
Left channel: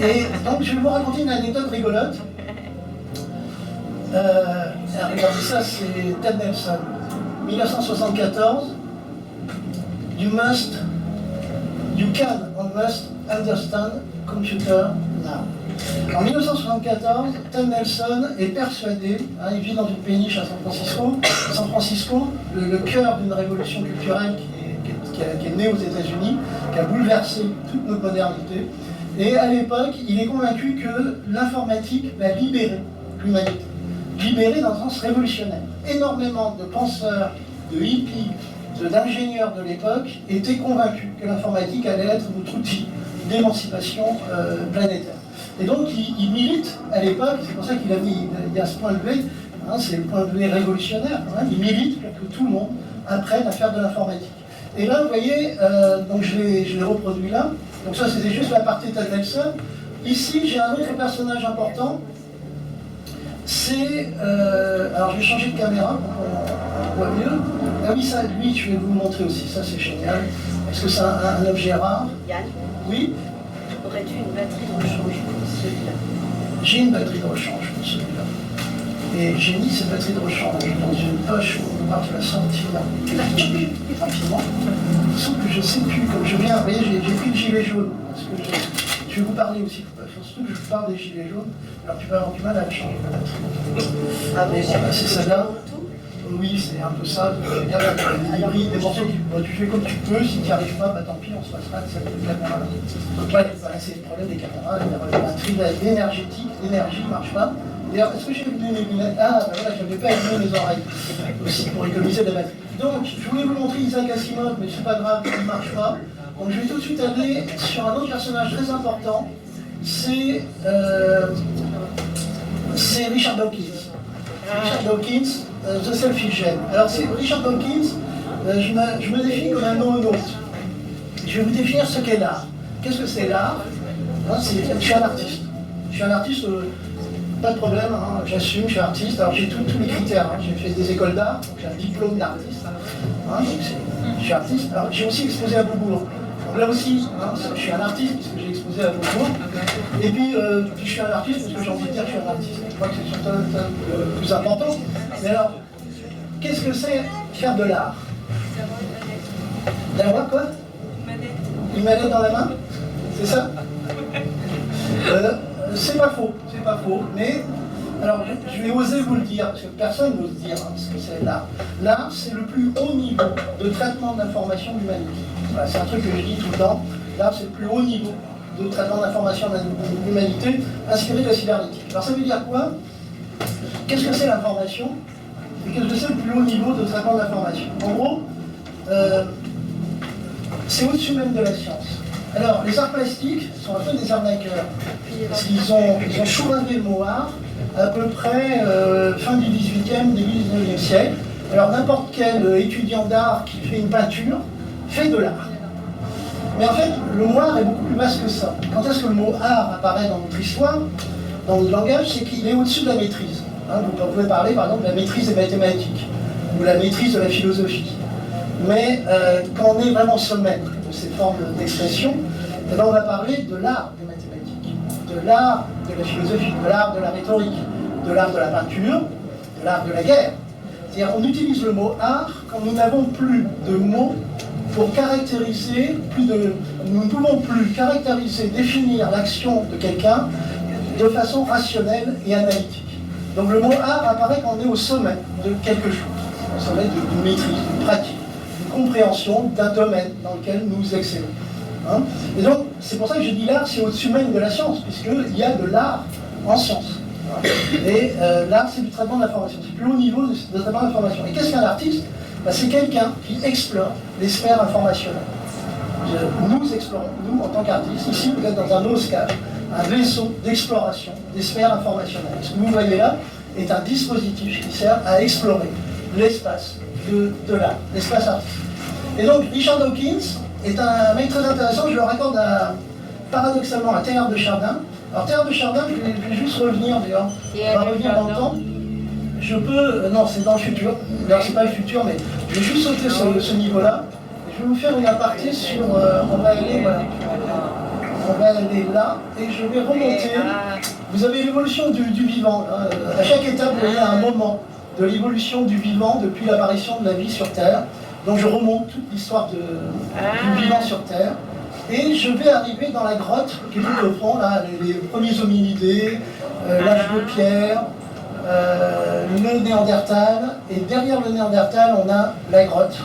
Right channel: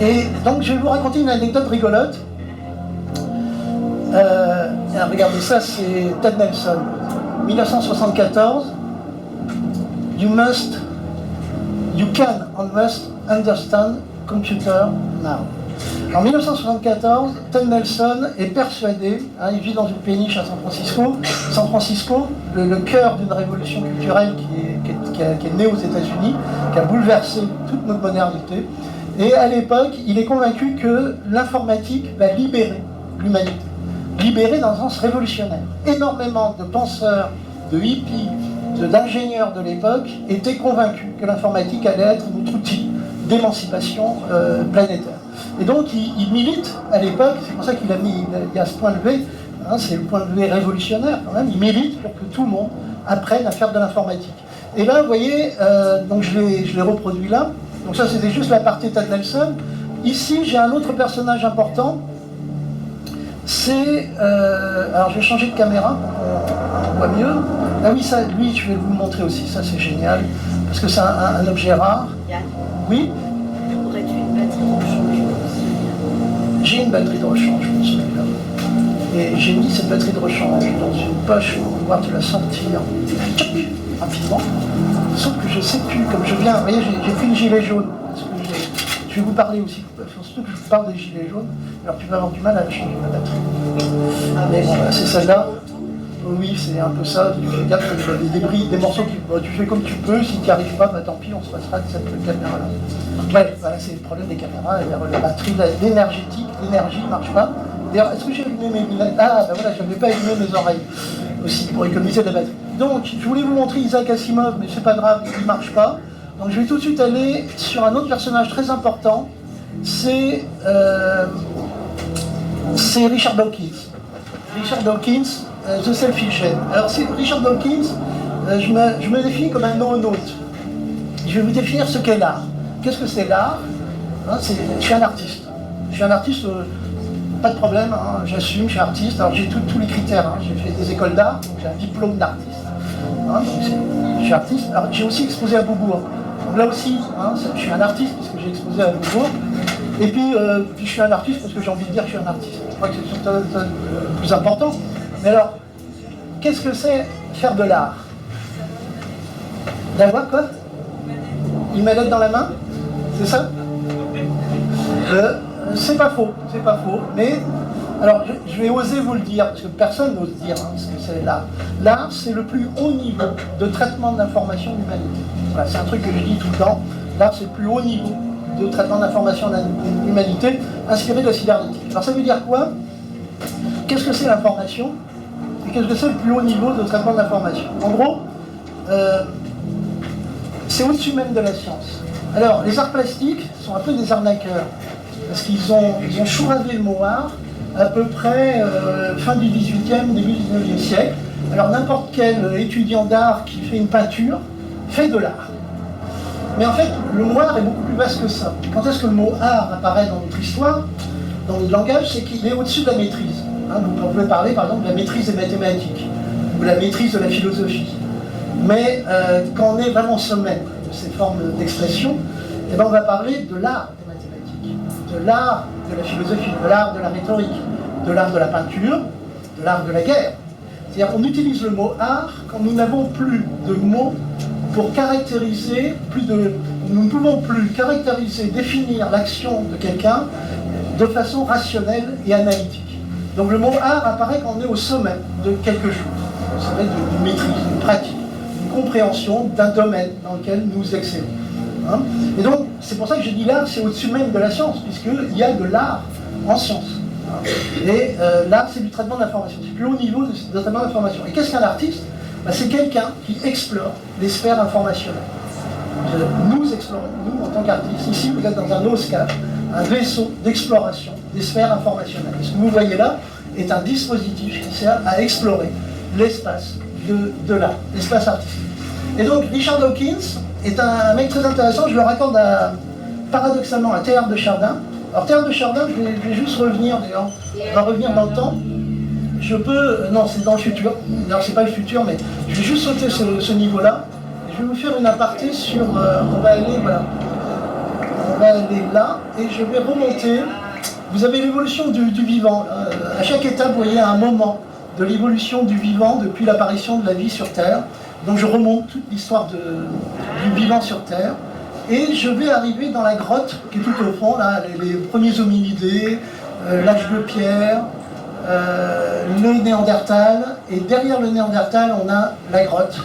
Et donc je vais vous raconter une anecdote rigolote. Regardez ça, c'est Ted Nelson, 1974. You can and must understand computer now. En 1974, Ted Nelson est persuadé, il vit dans une péniche à San Francisco, le cœur d'une révolution culturelle qui est née aux États-Unis, qui a bouleversé toute notre modernité. Et à l'époque, il est convaincu que l'informatique va libérer l'humanité. Libérer dans un sens révolutionnaire. Énormément de penseurs, de hippies, d'ingénieurs de l'époque étaient convaincus que l'informatique allait être notre outil d'émancipation planétaire. Et donc il milite à l'époque, c'est pour ça qu'il y a ce point levé, c'est le point levé révolutionnaire quand même, il milite pour que tout le monde apprenne à faire de l'informatique. Et là, vous voyez, donc je l'ai reproduit là, donc ça c'était juste la partie Ted Nelson. Ici, j'ai un autre personnage important, c'est... alors je vais changer de caméra, on voit mieux. Ah oui, ça, lui, je vais vous le montrer aussi, ça c'est génial, parce que c'est un objet rare. Yann, Oui, aurais-tu une batterie de rechange pour celui-là? j'ai une batterie de rechange pour celui-là. Et j'ai mis cette batterie de rechange dans une poche pour pouvoir te la sortir rapidement. Sauf que je ne sais plus, comme je viens, vous voyez, j'ai fait le gilet jaune, parce que je vais vous parler aussi, surtout que je vous parle des gilets jaunes, alors tu vas avoir du mal à changer la batterie. Ah, Mais voilà, c'est celle-là. Oui, c'est un peu ça. Tu regardes des débris, des morceaux tu fais comme tu peux. Si tu n'y arrives pas, bah, tant pis, on se passera de cette caméra-là. Donc là, voilà, c'est le problème des caméras. La batterie, l'énergétique, l'énergie ne marche pas. D'ailleurs, est-ce que j'ai allumé mes lunettes? Ah, ben voilà, je ne vais pas allumer mes oreilles aussi pour économiser de la batterie. Donc, je voulais vous montrer Isaac Asimov, mais c'est pas grave, il ne marche pas. Donc, je vais tout de suite aller sur un autre personnage très important. C'est Richard Dawkins. Richard Dawkins, The Selfish Gene. Alors, Richard Dawkins, je me définis comme un nomonaute. Je vais vous définir ce qu'est l'art. Qu'est-ce que c'est l'art? Je suis un artiste. Je suis un artiste, pas de problème, j'assume, je suis artiste. Alors, j'ai tous les critères. J'ai fait des écoles d'art, donc j'ai un diplôme d'artiste. Donc, je suis artiste. Alors, j'ai aussi exposé à Beaubourg. Donc là aussi, je suis un artiste puisque j'ai exposé à Beaubourg. Et puis, je suis un artiste parce que j'ai envie de dire que je suis un artiste. Je crois que c'est le plus important. Mais alors, qu'est-ce que c'est faire de l'art? D'avoir quoi? Une manette dans la main? C'est ça? C'est pas faux, mais alors je vais oser vous le dire, parce que personne n'ose dire ce que c'est l'art. L'art, c'est le plus haut niveau de traitement d'information de l'humanité. Voilà, c'est un truc que je dis tout le temps. L'art, c'est le plus haut niveau de traitement d'information de l'humanité, inspiré de la cybernétique. Alors ça veut dire quoi? Qu'est-ce que c'est l'information? Et qu'est-ce que c'est le plus haut niveau de traitement de l'information? En gros, c'est au-dessus même de la science. Alors, les arts plastiques sont un peu des arnaqueurs, parce qu'ils ont chouravé le mot art à peu près fin du 18e, début du 19e siècle. Alors, n'importe quel étudiant d'art qui fait une peinture fait de l'art. Mais en fait, le mot art est beaucoup plus vaste que ça. Quand est-ce que le mot art apparaît dans notre histoire, dans notre langage? C'est qu'il est au-dessus de la maîtrise. Vous pouvez parler, par exemple, de la maîtrise des mathématiques, ou la maîtrise de la philosophie. Mais quand on est vraiment au sommet de ces formes d'expression, eh ben, on va parler de l'art des mathématiques, de l'art de la philosophie, de l'art de la rhétorique, de l'art de la peinture, de l'art de la guerre. C'est-à-dire qu'on utilise le mot art quand nous n'avons plus de mots pour caractériser, nous ne pouvons plus caractériser, définir l'action de quelqu'un de façon rationnelle et analytique. Donc le mot art apparaît quand on est au sommet de quelque chose, au sommet d'une maîtrise, d'une pratique, d'une compréhension d'un domaine dans lequel nous excellons. Et donc, c'est pour ça que je dis l'art, c'est au-dessus même de la science, puisqu'il y a de l'art en science. Et l'art, c'est du traitement de l'information, c'est le plus haut niveau de traitement de l'information. Et qu'est-ce qu'un artiste? C'est quelqu'un qui explore les sphères informationnelles. Nous explorons, nous, en tant qu'artistes, ici, vous êtes dans un OSCAR, un vaisseau d'exploration des sphères informationnelles. Ce que vous voyez là est un dispositif qui sert à explorer l'espace de l'art, l'espace artistique. Et donc, Richard Dawkins est un mec très intéressant, je le raccorde paradoxalement à Teilhard de Chardin. Alors Teilhard de Chardin, je vais juste revenir d'ailleurs, on va revenir dans le temps. je peux... non, c'est dans le futur. D'ailleurs, c'est pas le futur, mais je vais juste sauter ce niveau-là. Et je vais vous faire une aparté sur... on va aller, voilà. On va aller là, et je vais remonter. Vous avez l'évolution du vivant. Là. À chaque étape, vous voyez un moment de l'évolution du vivant depuis l'apparition de la vie sur Terre. Donc je remonte toute l'histoire du vivant sur Terre. Et je vais arriver dans la grotte qui est tout au fond, là, les premiers hominidés, l'âge de pierre, le Néandertal, et derrière le Néandertal, on a la grotte.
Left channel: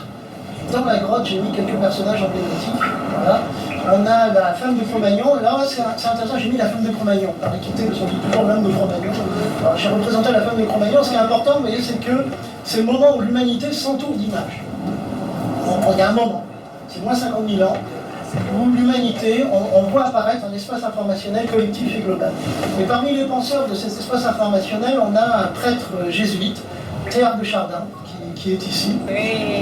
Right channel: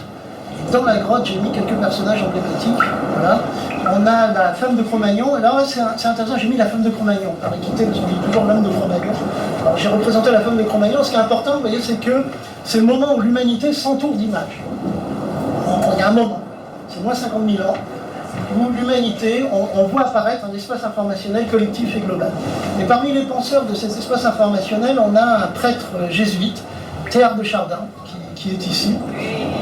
Dans la grotte, j'ai mis quelques personnages emblématiques. Voilà. On a la femme de Cro-Magnon, et là c'est intéressant, j'ai mis la femme de Cro-Magnon, par équité, parce qu'on dit toujours l'homme de Cro-Magnon. Alors j'ai représenté la femme de Cro-Magnon, ce qui est important, vous voyez, c'est que c'est le moment où l'humanité s'entoure d'images. Il y a un moment, c'est moins 50 000 ans, où l'humanité, on voit apparaître un espace informationnel collectif et global. Et parmi les penseurs de cet espace informationnel, on a un prêtre jésuite, Théard de Chardin, qui est ici.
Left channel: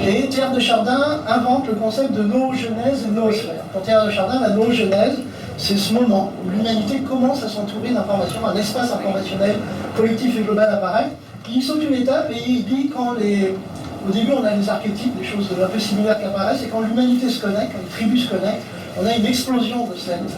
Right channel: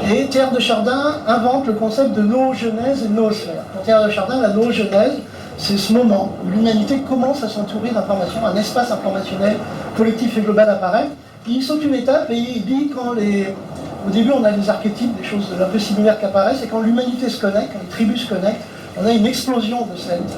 Et Théard de Chardin invente le concept de noogenèse et noosphère. Pour Théard de Chardin, la noogenèse, c'est ce moment où l'humanité commence à s'entourer d'informations, un espace informationnel collectif et global apparaît. Il saute une étape et il dit au début on a des archétypes, des choses un peu similaires qui apparaissent, et quand l'humanité se connecte, quand les tribus se connectent, on a une explosion de cette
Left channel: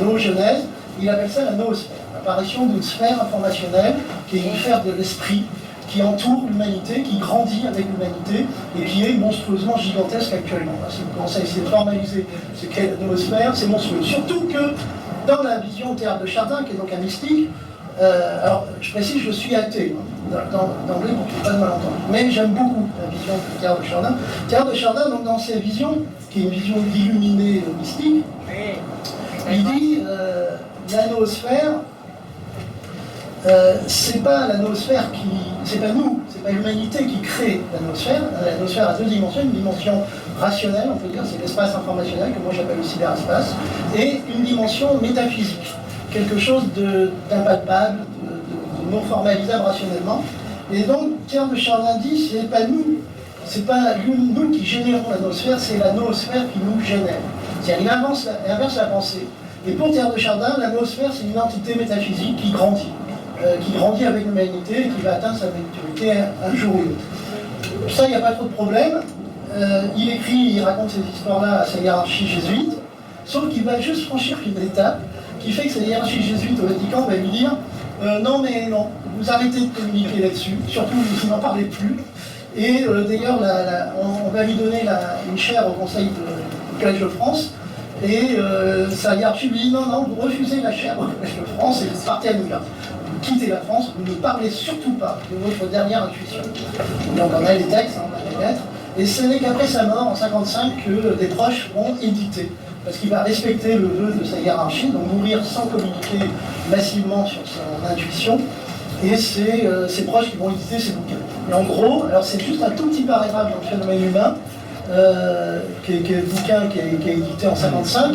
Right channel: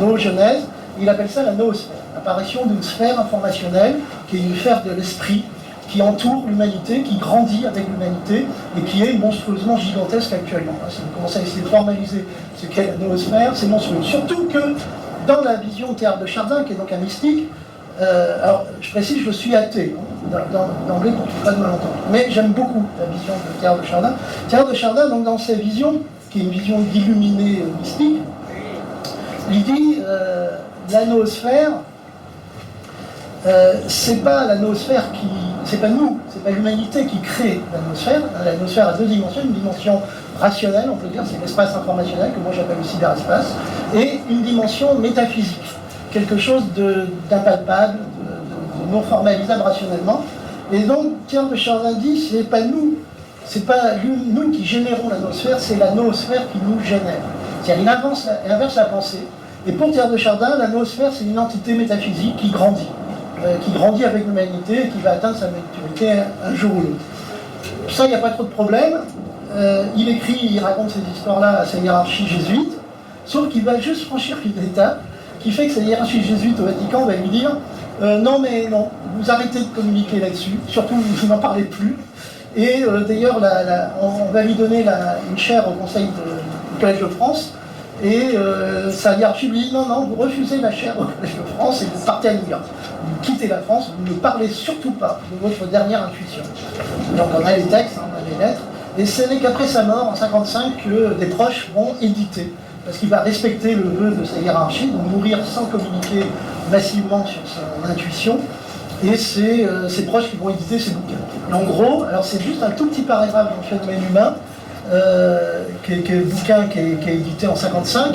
noogenèse. Il appelle ça la noosphère, l'apparition d'une sphère informationnelle qui est une sphère de l'esprit, qui entoure l'humanité, qui grandit avec l'humanité et qui est monstrueusement gigantesque actuellement. Si vous commencez à essayer de formaliser ce qu'est la noosphère, c'est monstrueux. Surtout que dans la vision Théard de Chardin, qui est donc un mystique, alors je précise, je suis athée, d'emblée pour qu'il n'y ait pas de malentendu, mais j'aime beaucoup la vision de Théard de Chardin. Théard de Chardin, donc, dans sa vision, qui est une vision d'illuminé mystique, il dit la noosphère, c'est pas la noosphère c'est pas nous, c'est pas l'humanité qui crée la noosphère. La noosphère a deux dimensions, une dimension rationnelle, on peut dire, c'est l'espace informationnel, que moi j'appelle le cyberespace, et une dimension métaphysique, quelque chose d'impalpable, de non formalisable rationnellement. Et donc, Théard de Chardin dit, c'est pas nous, c'est pas nous qui générons la noosphère, c'est la noosphère qui nous génère. C'est-à-dire, il inverse la pensée. Et pour Théard de Chardin, la noosphère, c'est une entité métaphysique qui grandit avec l'humanité et qui va atteindre sa maturité un jour ou l'autre. Ça, il n'y a pas trop de problème. Il raconte ces histoires-là à sa hiérarchie jésuite, sauf qu'il va juste franchir une étape qui fait que sa hiérarchie jésuite au Vatican va lui dire non, vous arrêtez de communiquer là-dessus, surtout vous n'en parlez plus. Et d'ailleurs, on va lui donner une chaire au Conseil du Collège de France. Et sa hiérarchie lui dit non, vous refusez la chaire au Collège de France et vous partez à New York. Vous quittez la France, vous ne parlez surtout pas de votre dernière intuition. Donc on a les textes, on a les lettres, et ce n'est qu'après sa mort en 1955 que des proches vont éditer, parce qu'il va respecter le vœu de sa hiérarchie, donc mourir sans communiquer massivement sur son intuition, et c'est ses proches qui vont éditer ses bouquins. Et en gros, alors c'est juste un tout petit paragraphe dans le phénomène humain, qui est le bouquin qui est édité en 1955,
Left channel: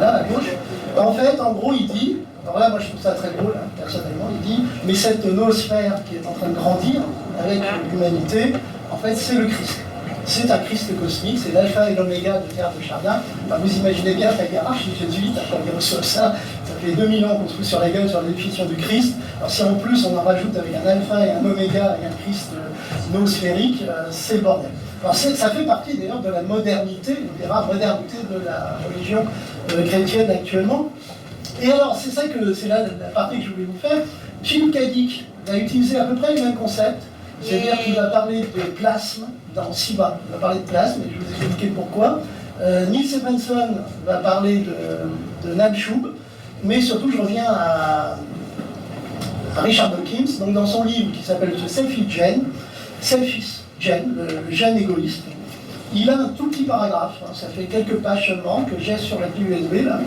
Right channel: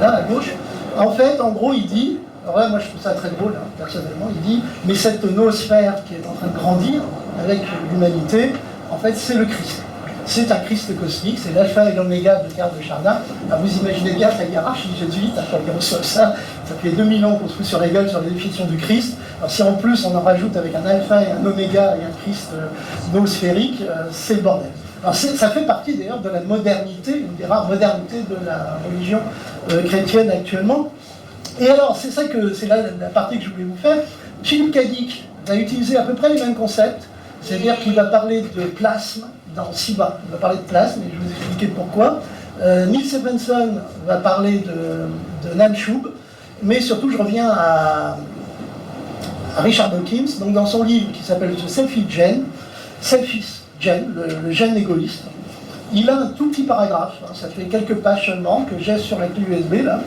là à gauche. En fait, en gros, il dit, alors là, moi je trouve ça très drôle, personnellement, il dit, mais cette noosphère qui est en train de grandir avec l'humanité, en fait, c'est le Christ. C'est un Christ cosmique, c'est l'alpha et l'oméga de Théard de Chardin. Alors vous imaginez bien que la hiérarchie jésuite, quand ils reçoivent ça fait 2000 ans qu'on se fout sur la gueule sur la définition du Christ. Alors si en plus on en rajoute avec un alpha et un oméga et un Christ noosphérique, c'est le bordel. Alors ça fait partie d'ailleurs de la modernité, une des rares modernités de la religion chrétienne actuellement. Et alors c'est ça que c'est là la partie que je voulais vous faire. Philippe Cadic va utiliser à peu près les mêmes concepts, c'est-à-dire qu'il va parler de plasme dans Siba, il va parler de plasme, et je vais vous expliquer pourquoi. Neil Stephenson va parler de Namshub, mais surtout je reviens à Richard Dawkins, donc dans son livre qui s'appelle The Selfish Gene, le gène égoïste. Il a un tout petit paragraphe, ça fait quelques pages seulement, que j'ai sur la clé USB là,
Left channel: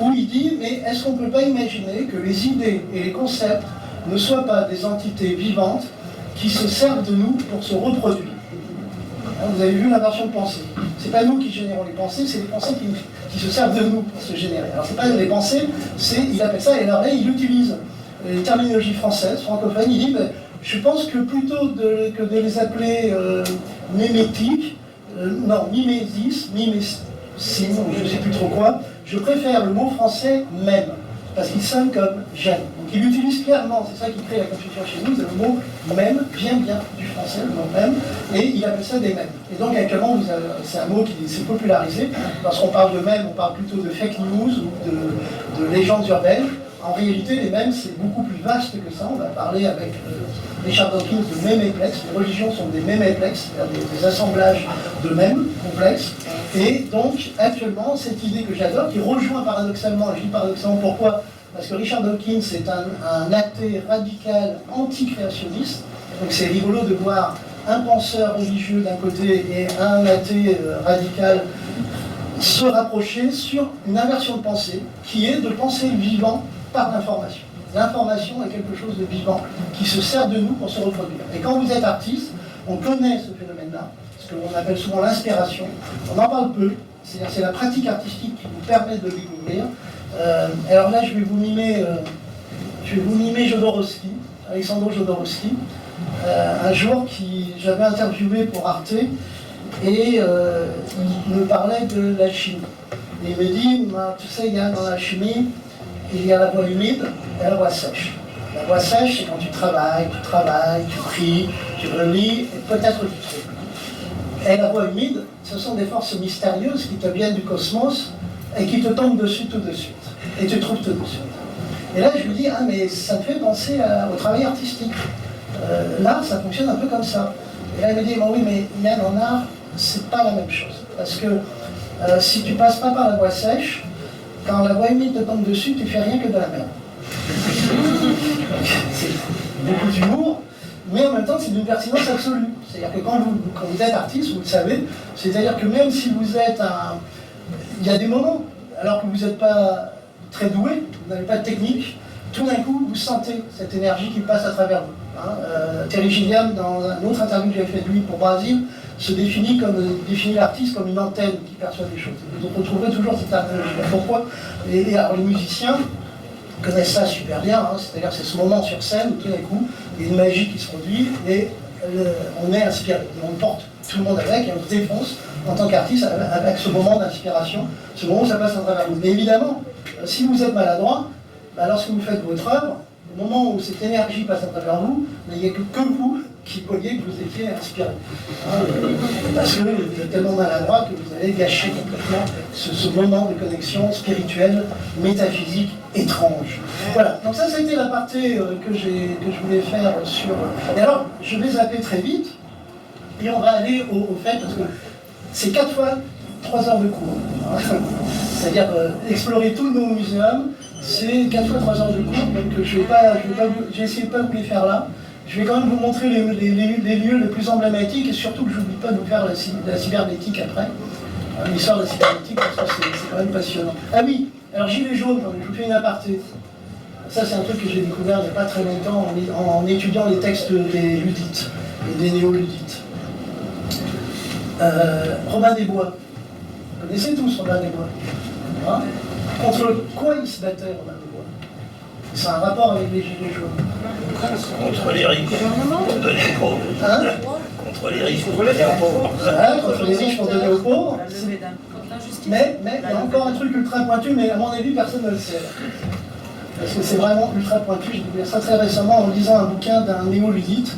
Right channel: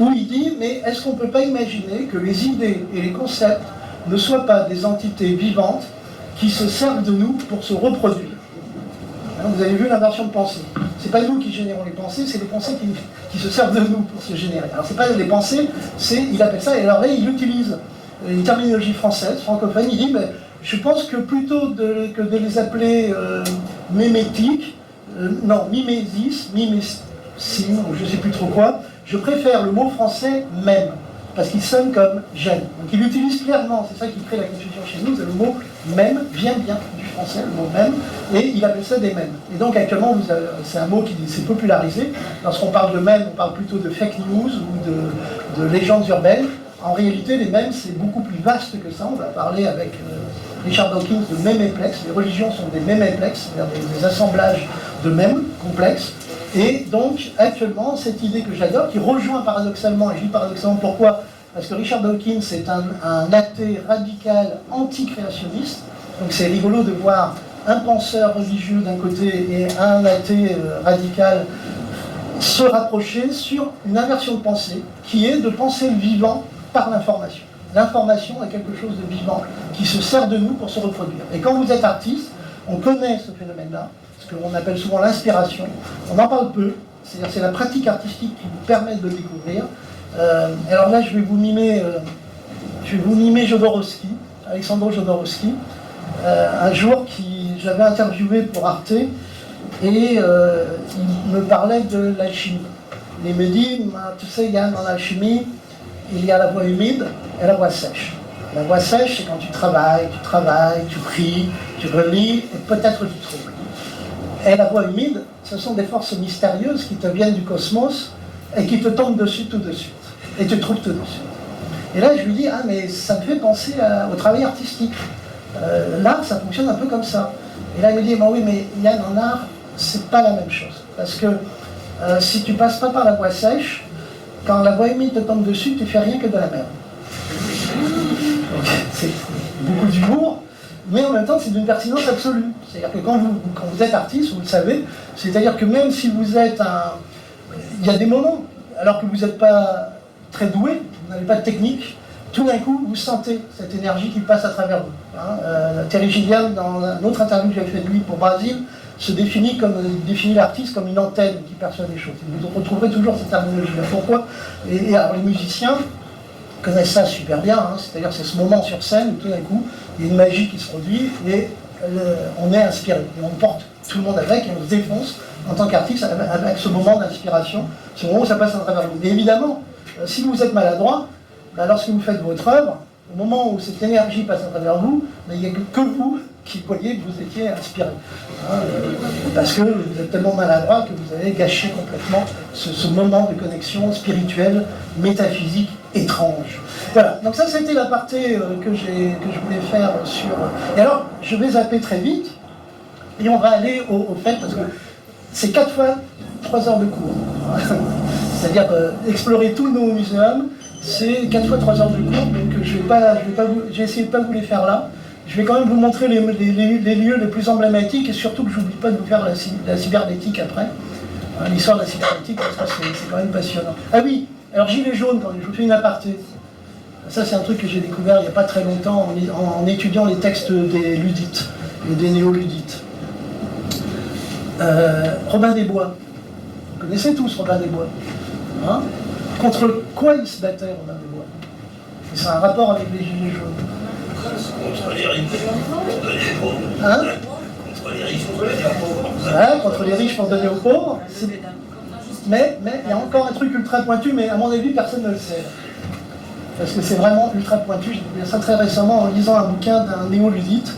où il dit « Mais est-ce qu'on ne peut pas imaginer que les idées et les concepts ne soient pas des entités vivantes qui se servent de nous pour se reproduire ?» Vous avez vu l'inversion de pensée. C'est pas nous qui générons les pensées, c'est les pensées qui se servent de nous pour se générer. Alors c'est pas les pensées, il appelle ça, et alors là il utilise une terminologie française, francophone, il dit je pense que plutôt que de les appeler mémétiques, mimésis, mimésim, je ne sais plus trop quoi, je préfère le mot français même. parce qu'il sonne comme j'aime. Donc il utilise clairement, c'est ça qui crée la confusion chez nous, c'est le mot même vient bien du français, le mot même, et il appelle ça des mèmes. Et donc actuellement, c'est un mot qui s'est popularisé. Lorsqu'on parle de mèmes, on parle plutôt de fake news ou de légendes urbaines. En réalité, les mèmes, c'est beaucoup plus vaste que ça. On va parler avec Richard Dawkins de méméplex. Les religions sont des méméplex, c'est-à-dire des assemblages de mèmes complexes. Et donc, actuellement, cette idée que j'adore, qui rejoint paradoxalement, et je dis paradoxalement pourquoi? Parce que Richard Dawkins est un athée radical anti-créationniste. Donc c'est rigolo de voir un penseur religieux d'un côté et un athée radical se rapprocher sur une inversion de pensée, qui est de penser le vivant par l'information. L'information est quelque chose de vivant qui se sert de nous pour se reproduire. Et quand vous êtes artiste, on connaît ce phénomène-là, ce qu'on appelle souvent l'inspiration. On en parle peu, c'est-à-dire c'est la pratique artistique qui vous permet de le découvrir. Alors là, je vais vous mimer Jodorowsky, Alexandre Jodorowsky, un jour j'avais interviewé pour Arte, et il me parlait de l'alchimie. Il me dit, tu sais, il y a dans l'alchimie, il y a la voie humide et la voie sèche. La voie sèche, c'est quand tu travailles, tu pries, tu relis, et peut-être tu trouves. Et la voie humide, ce sont des forces mystérieuses qui te viennent du cosmos et qui te tombent dessus tout de suite. Et tu trouves tout de suite. Et là, je lui dis, ah, mais ça me fait penser au travail artistique. L'art, ça fonctionne un peu comme ça. Et là, il me dit, oui, mais Yann, en art, c'est pas la même chose. Parce que si tu passes pas par la voie sèche, quand la voie humide te tombe dessus, tu fais rien que de la merde. C'est beaucoup d'humour, mais en même temps, c'est d'une pertinence absolue. C'est-à-dire que quand vous êtes artiste, vous le savez, c'est-à-dire que même si vous êtes il y a des moments, alors que vous n'êtes pas très doué, vous n'avez pas de technique, tout d'un coup, vous sentez cette énergie qui passe à travers vous. Terry Gilliam, dans un autre interview que j'ai fait de lui pour Brasil, définit l'artiste comme une antenne qui perçoit des choses. Vous retrouverez toujours cette terminologie. Pourquoi? Et alors les musiciens connaissent ça super bien, c'est-à-dire c'est ce moment sur scène où tout d'un coup, il y a une magie qui se produit et on est inspiré. Et on porte tout le monde avec et on se défonce en tant qu'artiste avec ce moment d'inspiration, ce moment où ça passe à travers vous. Mais évidemment, si vous êtes maladroit, lorsque vous faites votre œuvre, au moment où cette énergie passe à travers vous, il n'y a que vous qui voyez que vous étiez inspiré. Parce que vous êtes tellement maladroit que vous avez gâché complètement ce moment de connexion spirituelle, métaphysique, étrange. Voilà, donc ça c'était l'aparté que je voulais faire sur... Et alors, je vais zapper très vite, et on va aller au fait, parce que c'est 4 fois 3 heures de cours. C'est-à-dire explorer tous nos muséums, c'est 4 fois 3 heures de cours, donc je vais essayer de ne pas vous les faire là. Je vais quand même vous montrer les lieux les plus emblématiques, et surtout que je n'oublie pas de vous faire la cybernétique après. L'histoire de la cybernétique, parce que c'est quand même passionnant. Ah oui, alors Gilets jaunes, je vous fais une aparté. Ça c'est un truc que j'ai découvert il n'y a pas très longtemps en étudiant les textes des ludites et des néo-ludites. Robin des Bois. Vous connaissez tous Robin des Bois, hein? Contre quoi il se battait, Robin des Bois? C'est un rapport avec les Gilets jaunes. Contre les riches, pour donner aux pauvres. Hein? Contre les riches, pour donner aux pauvres. Ouais, contre les riches pour donner aux pauvres. Mais il y a encore un truc ultra pointu, mais à mon avis, personne ne le sait. Parce que c'est vraiment ultra pointu. J'ai découvert ça très récemment en lisant un bouquin d'un néo-ludite.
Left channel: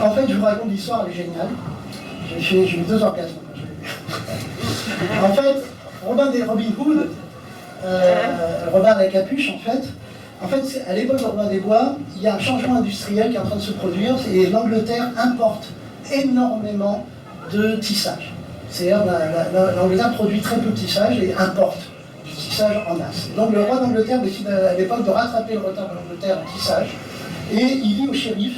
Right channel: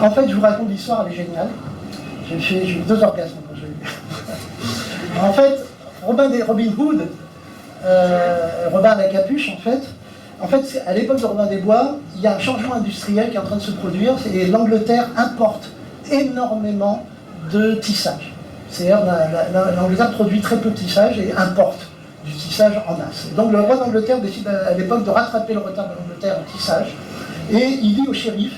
En fait, je vous raconte l'histoire, elle est géniale. J'ai eu 2 orgasmes quand je l'ai lu. En fait, Robin Hood, Robin à la capuche, en fait, à l'époque de Robin des Bois, il y a un changement industriel qui est en train de se produire, et l'Angleterre importe énormément de tissage. C'est-à-dire l'Angleterre produit très peu de tissage et importe du tissage en masse. Donc le roi d'Angleterre décide à l'époque de rattraper le retard de l'Angleterre en tissage, et il dit au shérif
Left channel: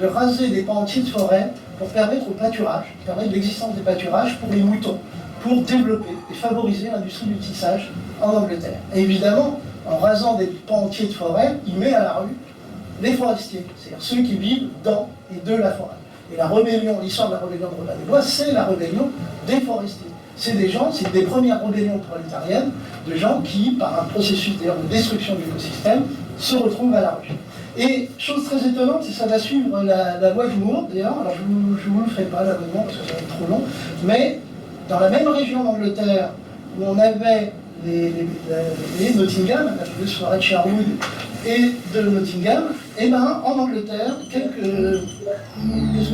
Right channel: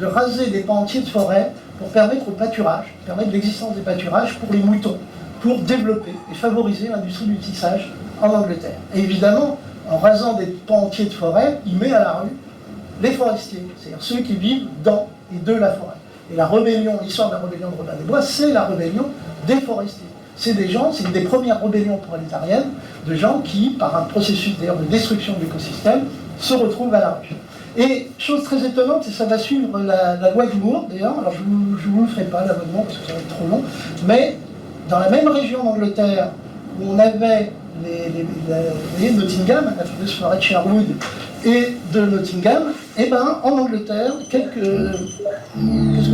de raser des pans entiers de forêt pour permettre au pâturage, permettre l'existence des pâturages pour les moutons, pour développer et favoriser l'industrie du tissage en Angleterre. Et évidemment, en rasant des pans entiers de forêt, il met à la rue les forestiers, c'est-à-dire ceux qui vivent dans et de la forêt. Et la rébellion, l'histoire de la rébellion de Robin des Bois, c'est la rébellion des forestiers. C'est des gens, c'est une des premières rébellions prolétariennes, de gens qui, par un processus d'ailleurs de destruction de l'écosystème, se retrouvent à la rue. Et chose très étonnante, c'est que ça va suivre la loi du Moore, d'ailleurs, alors je ne vous le ferai pas l'abonnement parce que ça va être trop long, mais dans la même région d'Angleterre où on avait les Nottingham, la fameuse forêt de Sherwood et de Nottingham, et ben en Angleterre, qu'est-ce que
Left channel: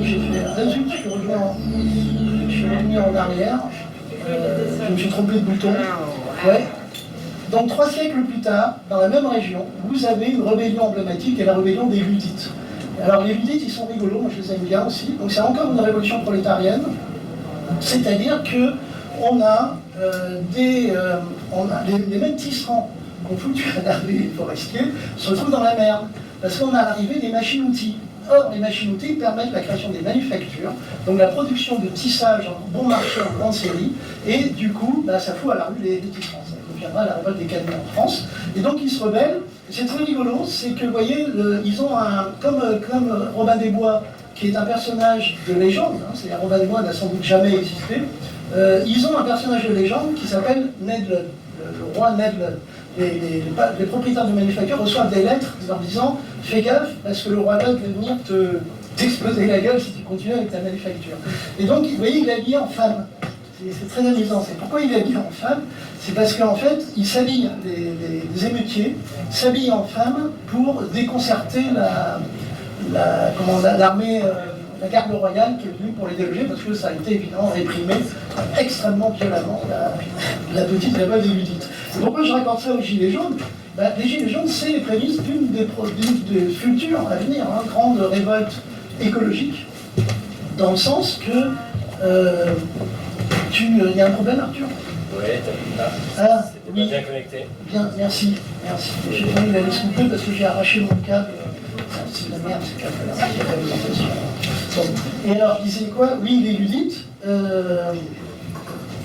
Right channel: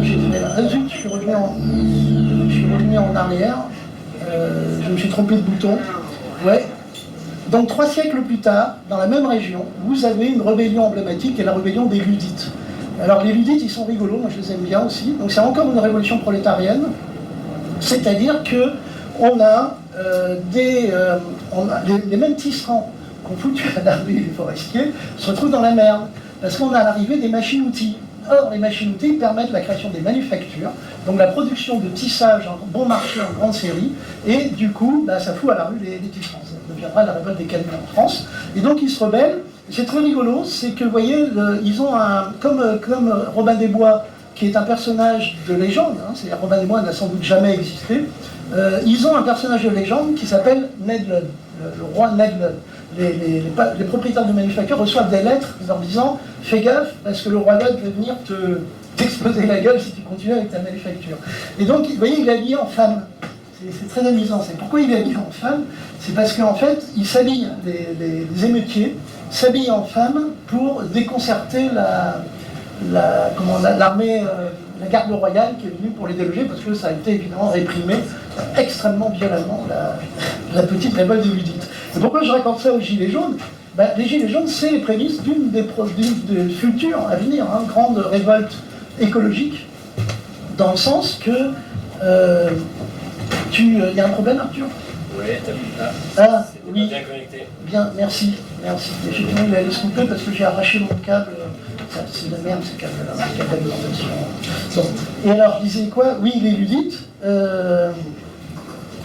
j'ai fait là? Zut, je suis revenu en arrière, je me suis trompé de bouton. Ouais. Donc 3 siècles plus tard, dans la même région, vous avez une rébellion emblématique qui est la rébellion des Luddites. Alors les Luddites, ils sont rigolos, moi je les aime bien aussi. Donc c'est encore une révolution prolétarienne, c'est-à-dire que on a les mêmes tisserands qu'on foutu à l'armée des forestiers se retrouvent dans la merde, parce qu'on a l'arrivée des machines-outils. Or, les machines-outils permettent la création des manufactures, donc la production de tissage en bon marché en grande série, et du coup, bah, ça fout à la rue les tisserands. Ça deviendra la révolte des camions en France. Et donc, ils se rebellent. C'est très rigolo, c'est que, vous voyez, ils ont comme Robin des Bois, qui est un personnage de légende, hein, c'est-à-dire Robin des Bois n'a sans doute jamais existé, ils ont un personnage de légende qui s'appelle Ned Ludd, le roi Ned Ludd. Les propriétaires de manufactures reçoivent des lettres leur disant « Fais gaffe, parce que le roi Ludd va venir t'exploser la gueule si tu continues avec ta manufacture. » Et donc, vous voyez, il est habillé en femme. C'est très amusant. C'est pourquoi il est habillé en femme? C'est parce qu'en fait, il s'habille, les émeutiers s'habillent en femme pour déconcerter l'armée, la garde royale qui est venue pour les déloger, parce que ça a été évidemment réprimé extrêmement violemment, la petite révolte des Luddites. Et pourquoi je raconte ça aux Gilets jaunes? Les Gilets jaunes, c'est les prémices d'une des futures à venir, hein, grande révolte écologique, dans le sens que il y a un problème, Arthur? Oui, t'as vu là. Ah, c'est oui. bien connecté. Bien, merci. Effectivement, il allait se couper parce que j'ai arraché mon câble. C'est de la merde, ces câbles-là. Il n'y a pas d'alimentation. Bon. Et alors, je disais quoi? Oui, les Luddites.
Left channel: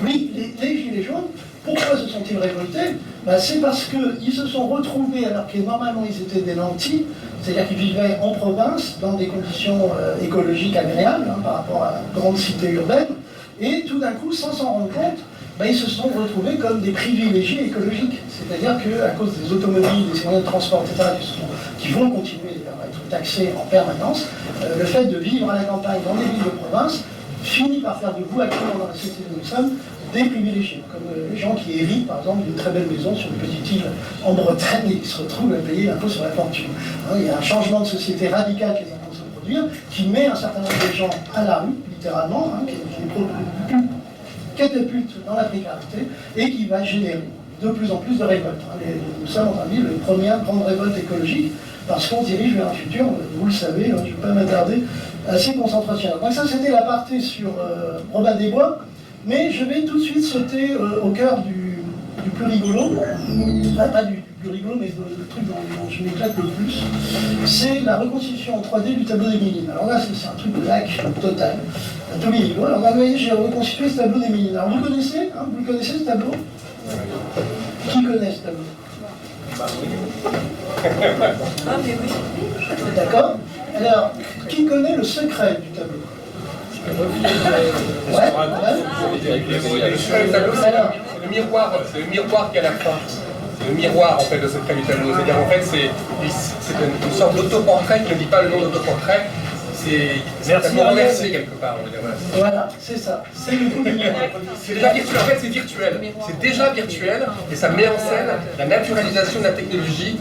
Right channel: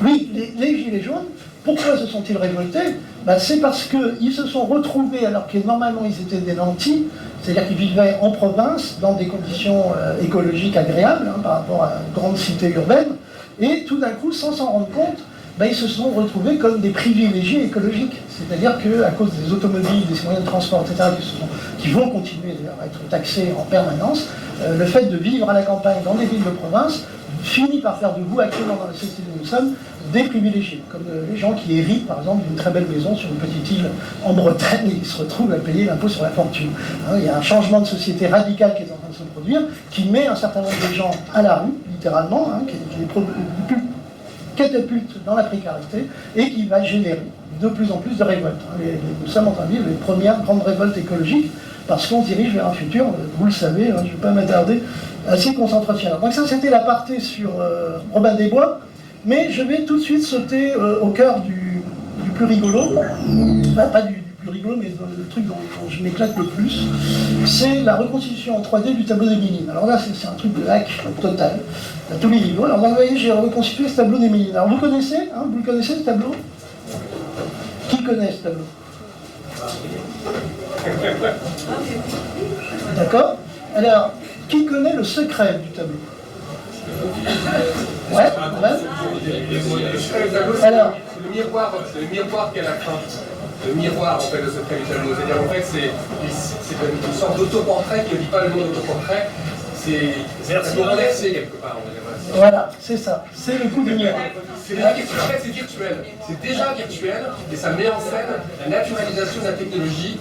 Oui, les Gilets jaunes. Pourquoi se sont-ils révoltés? C'est parce qu'ils se sont retrouvés, alors que normalement ils étaient des nantis, c'est-à-dire qu'ils vivaient en province, dans des conditions écologiques agréables, hein, par rapport à une grande cité urbaine, et tout d'un coup, sans s'en rendre compte, ils se sont retrouvés comme des privilégiés écologiques. C'est-à-dire qu'à cause des automobiles, des moyens de transport, etc., qui vont continuer à être taxés en permanence, le fait de vivre à la campagne, dans des villes de province, finit par faire de vous, actuellement dans la société où nous sommes, des privilégiés, comme les gens qui héritent par exemple d'une très belle maison sur une petite île en Bretagne et qui se retrouvent à payer l'impôt sur la fortune. Il y a un changement de société radical qui est en train de se produire, qui met un certain nombre de gens à la rue, littéralement, qui les catapulte dans la précarité et qui va générer de plus en plus de révoltes. Nous sommes en train de vivre les premières grandes révoltes écologiques parce qu'on se dirige vers un futur, vous le savez, je ne vais pas m'attarder, assez concentrationnel. Donc ça c'était l'aparté sur Robin des Bois. Mais je vais tout de suite sauter au cœur du plus rigolo, pas du plus rigolo, mais le truc dont je m'éclate le plus, c'est la reconstitution en 3D du tableau des Mélines. Alors là, c'est un truc de hack total, à tous les niveaux. Alors là, vous voyez, j'ai reconstitué ce tableau des Mélines. Alors vous connaissez, vous connaissez ce tableau? Qui connaît ce tableau? D'accord? Alors, qui connaît le secret du tableau? Ouais, alors, c'est le miroir qui est à la fin. Le miroir, en fait, de ce secret du tableau. C'est-à-dire, en fait, c'est une sorte d'autoportrait qui ne dit pas le nom d'autoportrait. C'est inversé quelque part, on va dire. Voilà, c'est ça. C'est le coup du miroir. C'est virtuel. C'est déjà virtuel, et ça met en scène la naturalisation de la technologie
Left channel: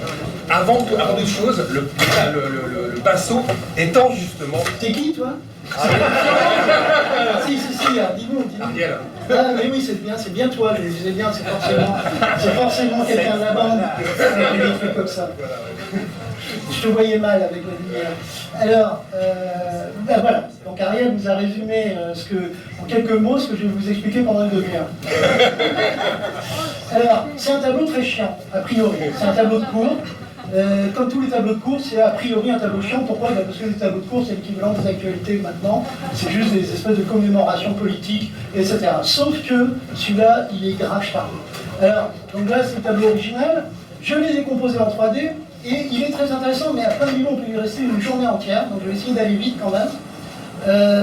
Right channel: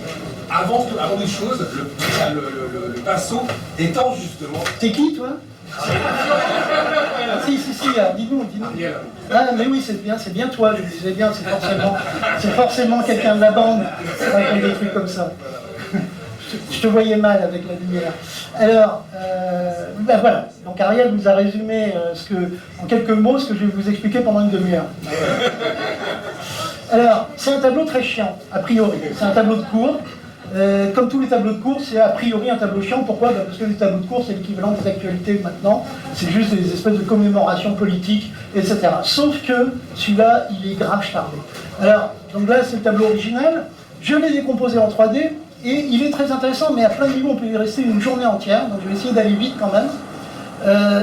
avant toute chose, le pinceau étant justement... T'es qui, toi? Si, dis-nous. Ariel. Ah, mais oui, c'est bien toi, je le disais bien, c'est forcément quelqu'un de la bande qui fait des trucs comme ça. Je te voyais mal avec la lumière. Alors, voilà. Donc Ariel vous a résumé en quelques mots ce que je vais vous expliquer pendant une demi-heure. Alors, c'est un tableau très chiant, a priori. C'est un tableau de cours. Comme tous les tableaux de cours, c'est a priori un tableau chiant. Pourquoi? Parce que les tableaux de cours, c'est l'équivalent des actualités maintenant. C'est juste des espèces de commémorations politiques, etc. Sauf que celui-là, il est grave chargé. Alors, donc là, c'est le tableau original. Je l'ai décomposé en 3D. Et il est très intéressant, mais à plein de niveaux, on peut y rester une journée entière. Donc je vais essayer d'aller vite quand même.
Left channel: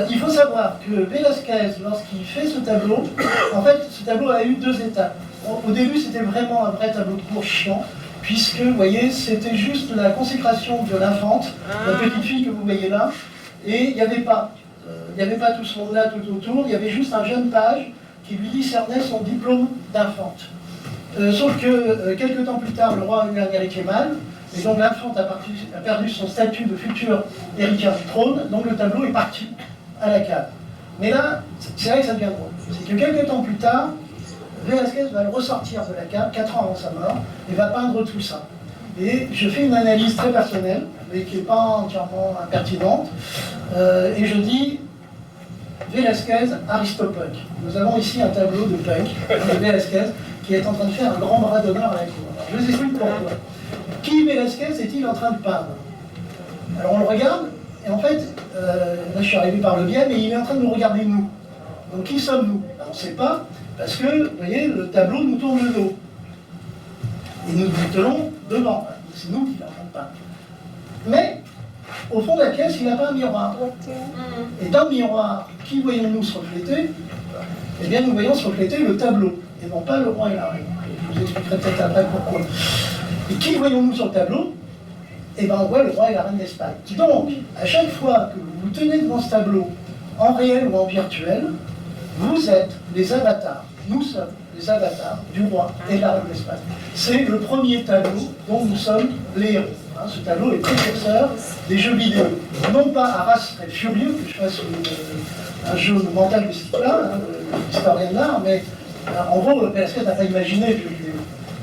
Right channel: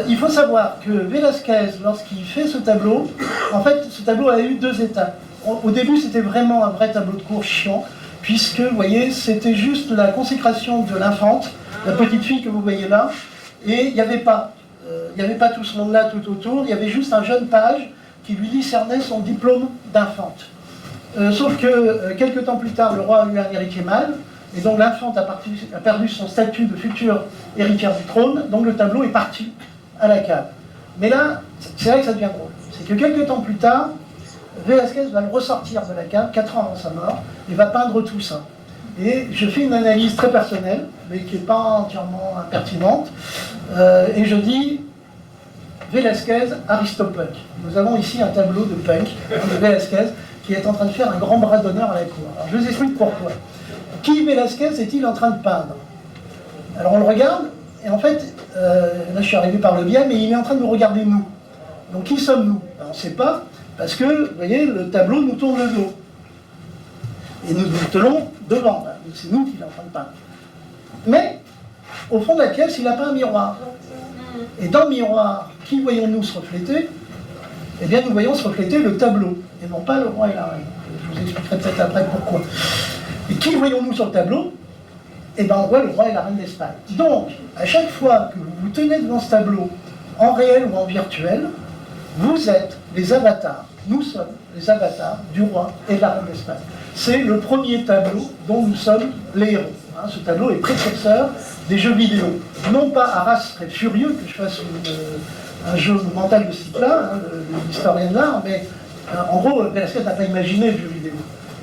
Il faut savoir que Velázquez, lorsqu'il fait ce tableau, en fait, ce tableau a eu 2 étapes. Au début, c'était vraiment un vrai tableau de cours chiant, puisque, vous voyez, c'était juste la consécration de l'infante, la petite fille que vous voyez là, et il n'y avait pas tout ce monde-là tout autour, il y avait juste un jeune page qui lui décernait son diplôme d'infante. Sauf que quelques temps plus tard, le roi a eu un héritier mâle, et donc l'infante a perdu son statut de future héritière du trône, donc le tableau est parti à la cave. Mais là, c'est là que ça devient drôle. C'est que quelques temps plus tard, Velázquez va le ressortir de la cave, 4 ans avant sa mort, et va peindre tout ça. Et je fais une analyse très personnelle, mais qui n'est pas entièrement impertinente, et je dis Velázquez, Aristopunk. Nous avons ici un tableau de Punk, de Velázquez, qui est en train de faire un grand bras d'honneur à la cour. Alors, je vous explique pourquoi. Qui Velázquez est-il en train de peindre? Alors on le regarde, et en fait, là je suis arrivé par le biais, mais il est en train de nous regarder nous. Donc qui sommes-nous? On ne sait pas, parce que, vous voyez, le tableau nous tourne le dos. Et nous nous tenons devant. C'est nous qui est en train de peindre. Mais, au fond de la pièce, il n'a pas un miroir. Et dans le miroir, qui voyons-nous se refléter? Eh bien, nous voyons se refléter le tableau, et non pas le roi et la reine. Je vous expliquerai peut-être après pourquoi. Et qui voyons-nous sur le tableau? Eh bien, on voit le roi et la reine d'Espagne. Donc, à chaque fois que vous vous tenez devant ce tableau, en réel ou en virtuel, vous êtes les avatars, nous sommes les avatars du roi et de la reine d'Espagne. C'est le premier tableau dont nous sommes les héros. Ce tableau est précurseur des jeux vidéo. Non pas Arras serait furieux que je fasse un jeu mental de ce type-là, l'historien de l'art, mais en gros, Velázquez n'a pas imaginé le jeu vidéo.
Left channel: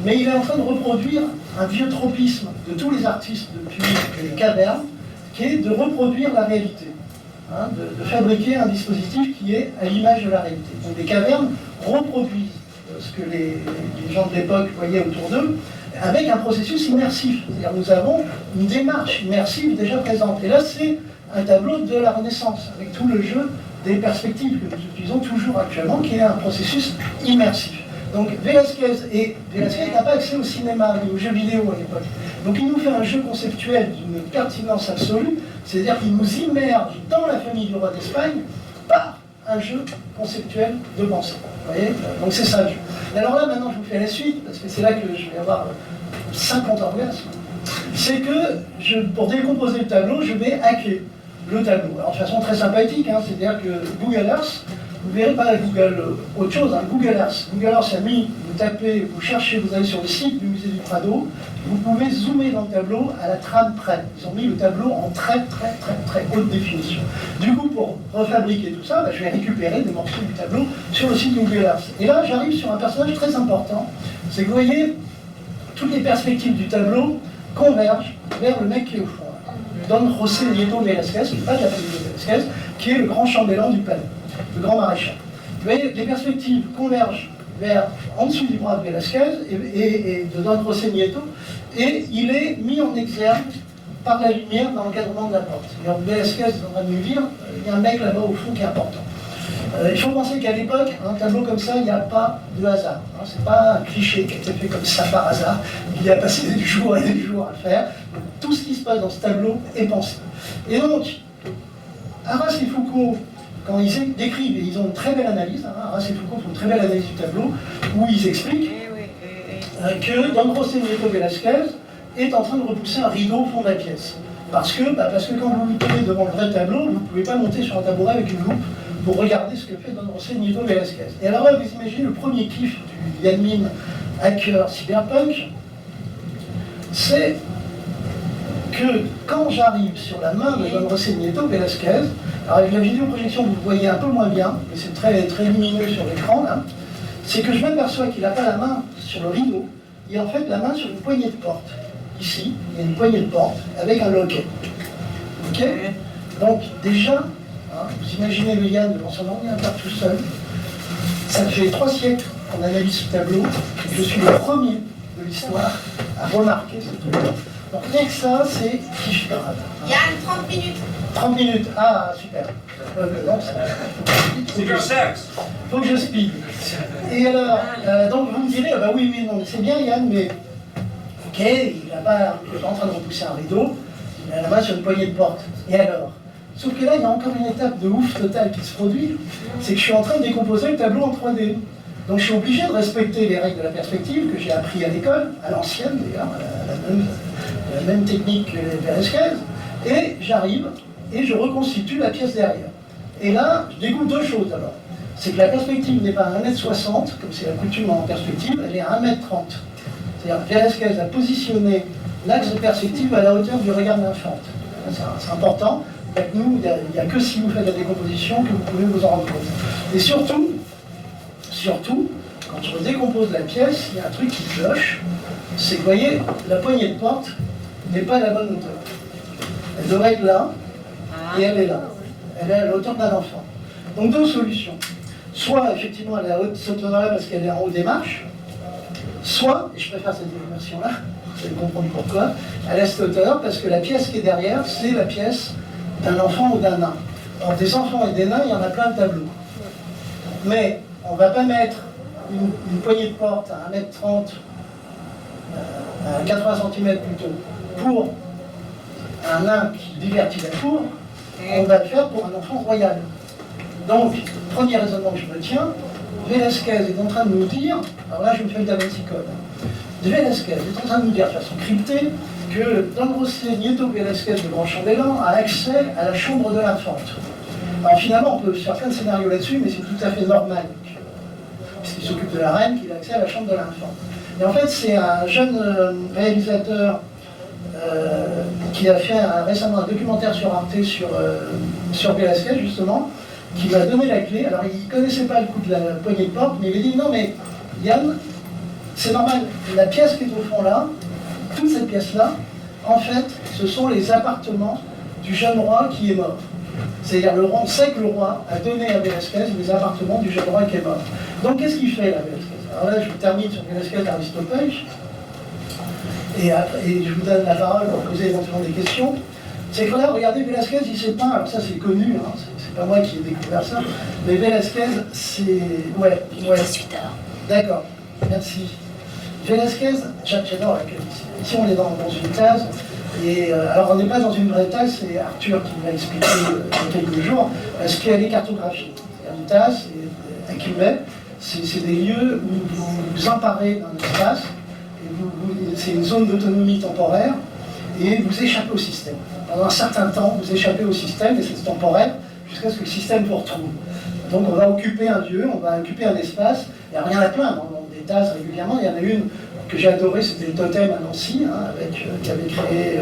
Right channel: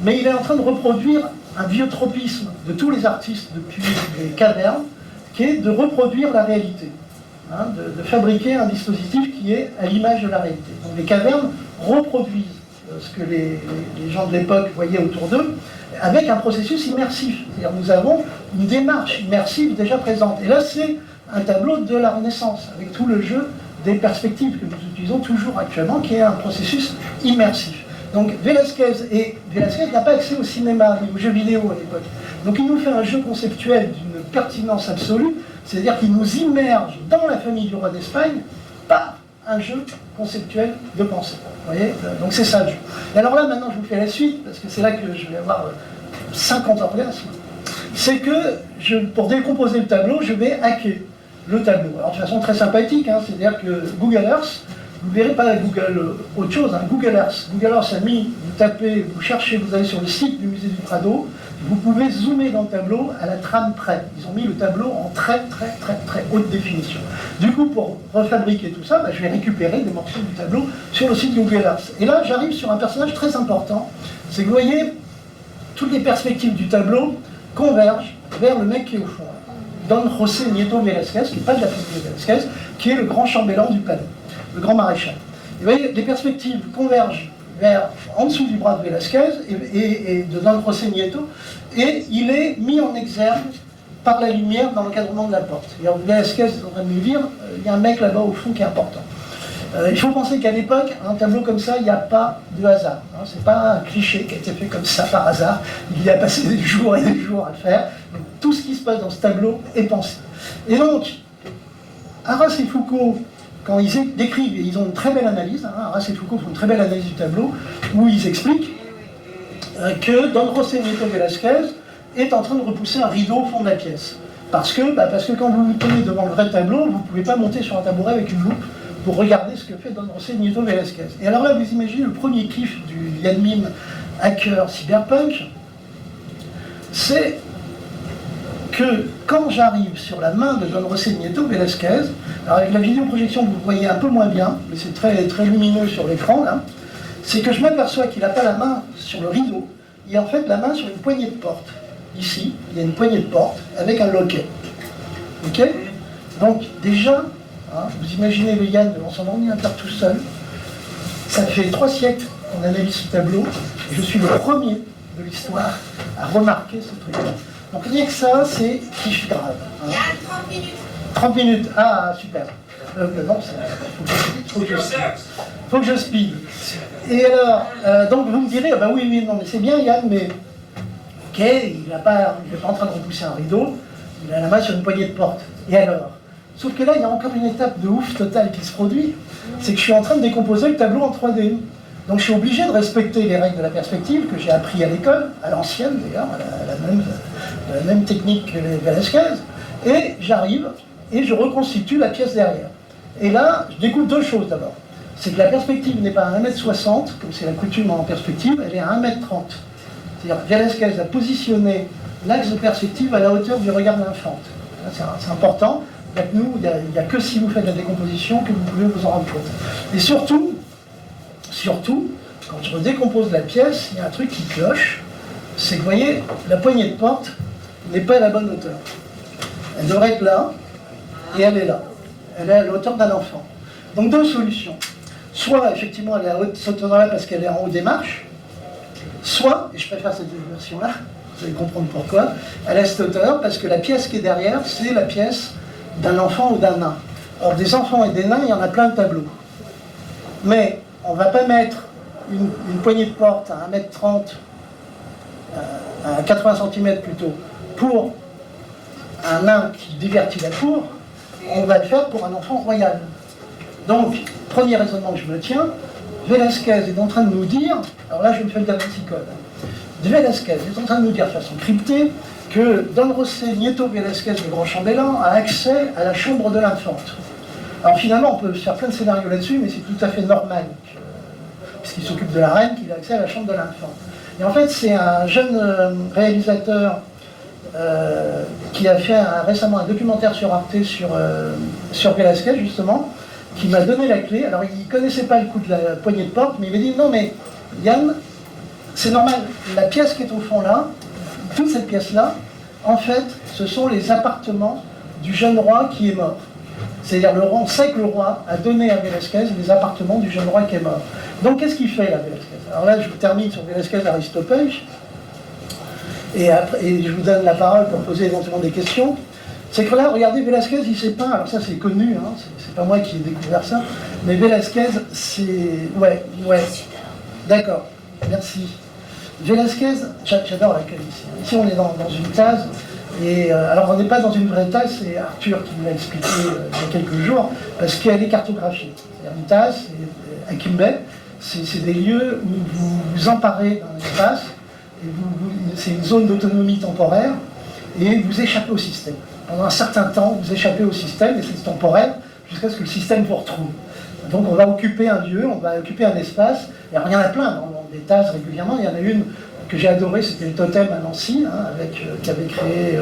Mais il est en train de reproduire un vieux tropisme de tous les artistes depuis les cavernes, qui est de reproduire la réalité, de fabriquer un dispositif qui est à l'image de la réalité. Donc les cavernes reproduisent ce que les gens de l'époque voyaient autour d'eux, avec un processus immersif. C'est-à-dire nous avons une démarche immersive déjà présente. Et là, c'est un tableau de la Renaissance, avec tout le jeu des perspectives que nous utilisons toujours actuellement, qui est un processus immersif. Donc Velázquez n'a pas accès au cinéma ni aux jeux vidéo à l'époque. Donc il nous fait un jeu conceptuel d'une pertinence absolue, c'est-à-dire qu'il nous immerge dans la famille du roi d'Espagne par un jeu conceptuel de pensée. Vous voyez? Donc c'est ça le jeu. Et alors là, maintenant, je vous fais la suite, parce que c'est là que je vais avoir 50 orgasmes. C'est que, pour décomposer le tableau, je vais hacker le tableau. Alors de façon très sympathique, c'est-à-dire que Google Earth, vous ne verrez pas Google autre chose, Google Earth. Google Earth a mis, vous tapez, vous cherchez, vous allez sur le site du musée du Prado, vous pouvez zoomer dans le tableau à la trame près. Ils ont mis le tableau en très haute définition. Du coup, pour refabriquer tout ça, je vais récupérer des morceaux du tableau sur le site Google Earth. Et là, j'arrive sur un personnage très important, c'est que vous voyez, toutes les perspectives du tableau convergent vers le mec qui est au fond. Don José Nieto Velázquez, qui n'est pas de la famille de Velázquez, qui est le grand chambellan du palais, le grand maréchal. Vous voyez, les perspectives convergent en dessous du bras de Velázquez et de Don José Nieto, et il est mis en exergue par la lumière dans l'encadrement de la porte. Velázquez est en train de nous dire, il y a un mec là-bas au fond qui est important. Il faut penser qu'à l'époque, un tableau comme ça, il n'y a pas de hasard. C'est pas un cliché qui a été fait comme ça par hasard. Il y a passé des jours et des jours à le faire. Donc, tout ce qui se passe dans ce tableau est pensé. Et donc, Arras et Foucault, quand ils décrivent, et ils ont une très belle analyse, Arras et Foucault font une très belle analyse du tableau, où ils expliquent que Don José Nieto Velázquez est en train de repousser un rideau au fond de la pièce. Parce que quand vous vous tenez devant le vrai tableau, vous ne pouvez pas monter sur un tabouret avec une loupe pour regarder ce que fait Don José Nieto Velázquez. Et alors là, vous imaginez le premier kiff du admin hacker cyberpunk, c'est que quand j'arrive sur la main de Don José Nieto Velázquez, alors avec la vidéoprojection vous voyez un peu moins bien, mais c'est très lumineux sur l'écran là, c'est que je m'aperçois qu'il n'a pas la main sur le rideau, il a en fait la main sur une poignée de porte. Ici, il y a une poignée de porte avec un loquet. Ok? Donc déjà, vous imaginez le Yann devant son ordinateur tout seul, ça fait 3 siècles qu'on analyse ce tableau, et je suis le premier de l'histoire à remarquer ce truc-là. Donc rien que ça, c'est kiff grave. Il y a 30 minutes. 30 minutes, ah super. Non, faut que je speed. Et alors, donc vous me direz, bah oui, non, mais c'est bien Yann, mais ok, il n'est pas en train de repousser un rideau, il a la main sur une poignée de porte. Et alors? Sauf que là, il y a encore une étape de ouf totale qui se produit, c'est que je suis en train de décomposer le tableau en 3D. Donc je suis obligé de respecter les règles de la perspective que j'ai appris à l'école, à l'ancienne d'ailleurs, la même technique que les Velázquez, et j'arrive et je reconstitue la pièce derrière. Et là, je découvre 2 choses d'abord. c'est que la perspective n'est pas à 1m60, comme c'est la coutume en perspective, elle est à 1m30. C'est-à-dire que Velázquez a positionné l'axe de perspective à la hauteur du regard de l'infante. C'est important. Avec nous, il n'y a que si vous faites la décomposition que vous pouvez vous en rendre compte. Et surtout, quand je décompose la pièce, il y a un truc qui cloche, c'est que vous voyez, la poignée de porte n'est pas à la bonne hauteur. Elle devrait être là, et elle est là. Elle est à la hauteur d'un enfant. Donc deux solutions. Soit effectivement elle est à cette hauteur-là parce qu'elle est en haut des marches, soit, et je préfère cette version-là, vous allez comprendre pourquoi, elle est à cette hauteur parce que la pièce qui est derrière, c'est la pièce d'un enfant ou d'un nain. Alors des enfants et des nains, il y en a plein de tableaux. Mais on ne va pas mettre une poignée de porte à 1m30, à 80 cm plutôt, pour un nain qui divertit la cour, on va le faire pour un enfant royal. Donc, premier raisonnement que je me tiens, Velázquez est en train de nous dire, alors là je me fais le Da Vinci Code, Velázquez est en train de nous dire de façon cryptée que Don José Nieto Velázquez, le grand chambellan, a accès à la chambre de l'infante. Alors finalement, on peut faire plein de scénarios là-dessus, mais c'est tout à fait normal, puisqu'il s'occupe de la reine, qu'il a accès à la chambre de l'infante. Et en fait, c'est un jeune réalisateur qui a fait récemment un documentaire sur Arte sur Velázquez, justement, qui m'a donné la clé. Alors, il ne connaissait pas le coup de la poignée de porte, mais il m'a dit, non mais, Yann, c'est normal, la pièce qui est au fond là, toute cette pièce-là, en fait, ce sont les appartements du jeune roi qui est mort. C'est-à-dire, on sait que le roi a donné à Velázquez les appartements du jeune roi qui est mort. Donc, qu'est-ce qu'il fait, là, Velázquez? Alors là, je vous termine sur Velázquez Aristopège, et je vous donne la parole pour poser éventuellement des questions. C'est que là, regardez, Velázquez, il s'est peint, alors ça c'est connu, hein, c'est pas moi qui ai découvert ça, mais Velázquez, c'est... Ouais. D'accord, merci. Velázquez, j'adore la case ici. Ici, on est dans une case, et alors on n'est pas dans une vraie tasse, c'est Arthur qui me l'a expliqué il y a quelques jours, parce qu'elle est cartographiée. C'est une tasse, à Quimbe, c'est des lieux où vous vous emparez d'un espace, c'est une zone d'autonomie temporaire, et vous échappez au système. Pendant un certain temps, vous échappez au système, et c'est temporaire, jusqu'à ce que le système vous retrouve. Donc on va occuper un lieu, on va occuper un espace, et alors, il y en a plein dans des tasses régulièrement. Il y en a une que j'ai adorée, c'était le Totem à Nancy, hein, qui avait créé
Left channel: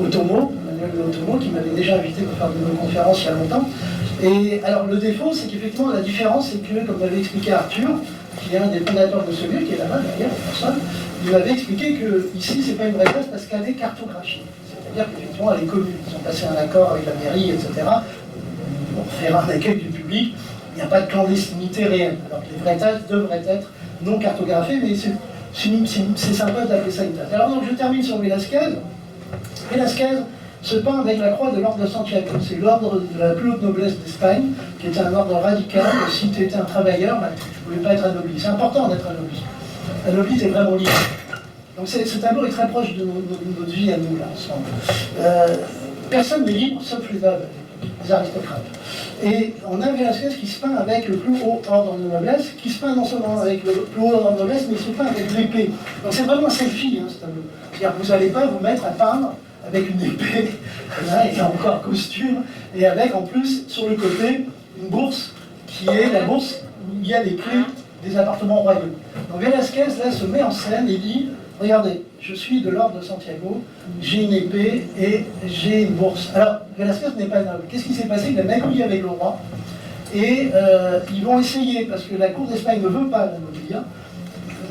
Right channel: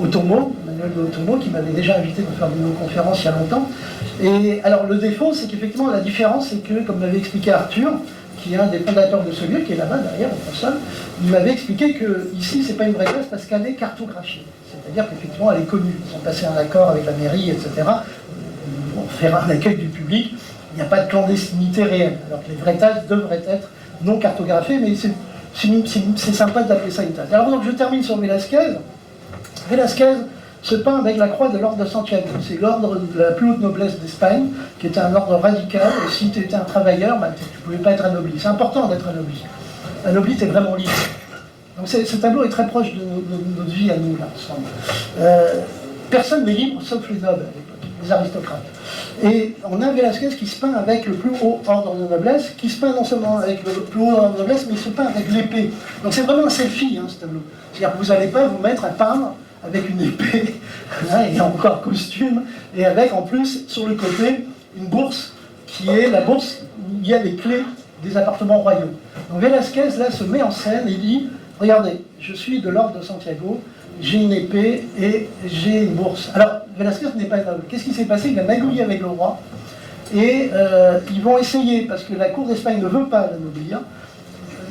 Otomo, Manuel de Otomo, qui m'avait déjà invité pour faire une conférence il y a longtemps. Et alors le défaut, c'est qu'effectivement la différence, c'est que, comme m'avait expliqué Arthur, qui est un des fondateurs de ce lieu, qui est là-bas derrière, en personne, il m'avait expliqué que ici c'est pas une vraie tasse parce qu'elle est cartographiée. C'est-à-dire qu'effectivement elle est connue. Ils ont passé un accord avec la mairie, etc. Pour faire un accueil du public, il n'y a pas de clandestinité réelle. Alors que les vraies tasses devraient être non cartographiées, mais c'est sympa d'appeler ça une tasse. Alors donc je termine sur Velázquez. Velázquez se peint avec la croix de l'ordre de Santiago. C'est l'ordre de la plus haute noblesse d'Espagne, qui était un ordre radical. Et si tu étais un travailleur, tu ne pouvais pas être anobli. C'est important d'être anobli. L'anobli, t'es vraiment libre. Donc ce tableau est très proche de notre vie à nous, là, ensemble. Personne n'est libre, sauf les nobles, les aristocrates. Et on a Velázquez qui se peint avec le plus haut ordre de noblesse, qui se peint non seulement avec le plus haut ordre de noblesse, mais il se peint avec l'épée. Donc c'est vraiment un selfie, hein, ce tableau. C'est-à-dire que vous n'allez pas vous mettre à peindre avec une épée, là, il y a encore costume, et avec en plus, sur le côté, une bourse, qui est la bourse où il y a les clés des appartements royaux. Donc Velázquez, là, se met en scène et dit, regardez, je suis de l'ordre de Santiago, j'ai une épée et j'ai une bourse. Alors, Velázquez n'est pas noble. Qu'est-ce qui s'est passé? Il a magouillé avec le roi, et ils vont essayer, parce que la cour d'Espagne ne veut pas l'anoblir,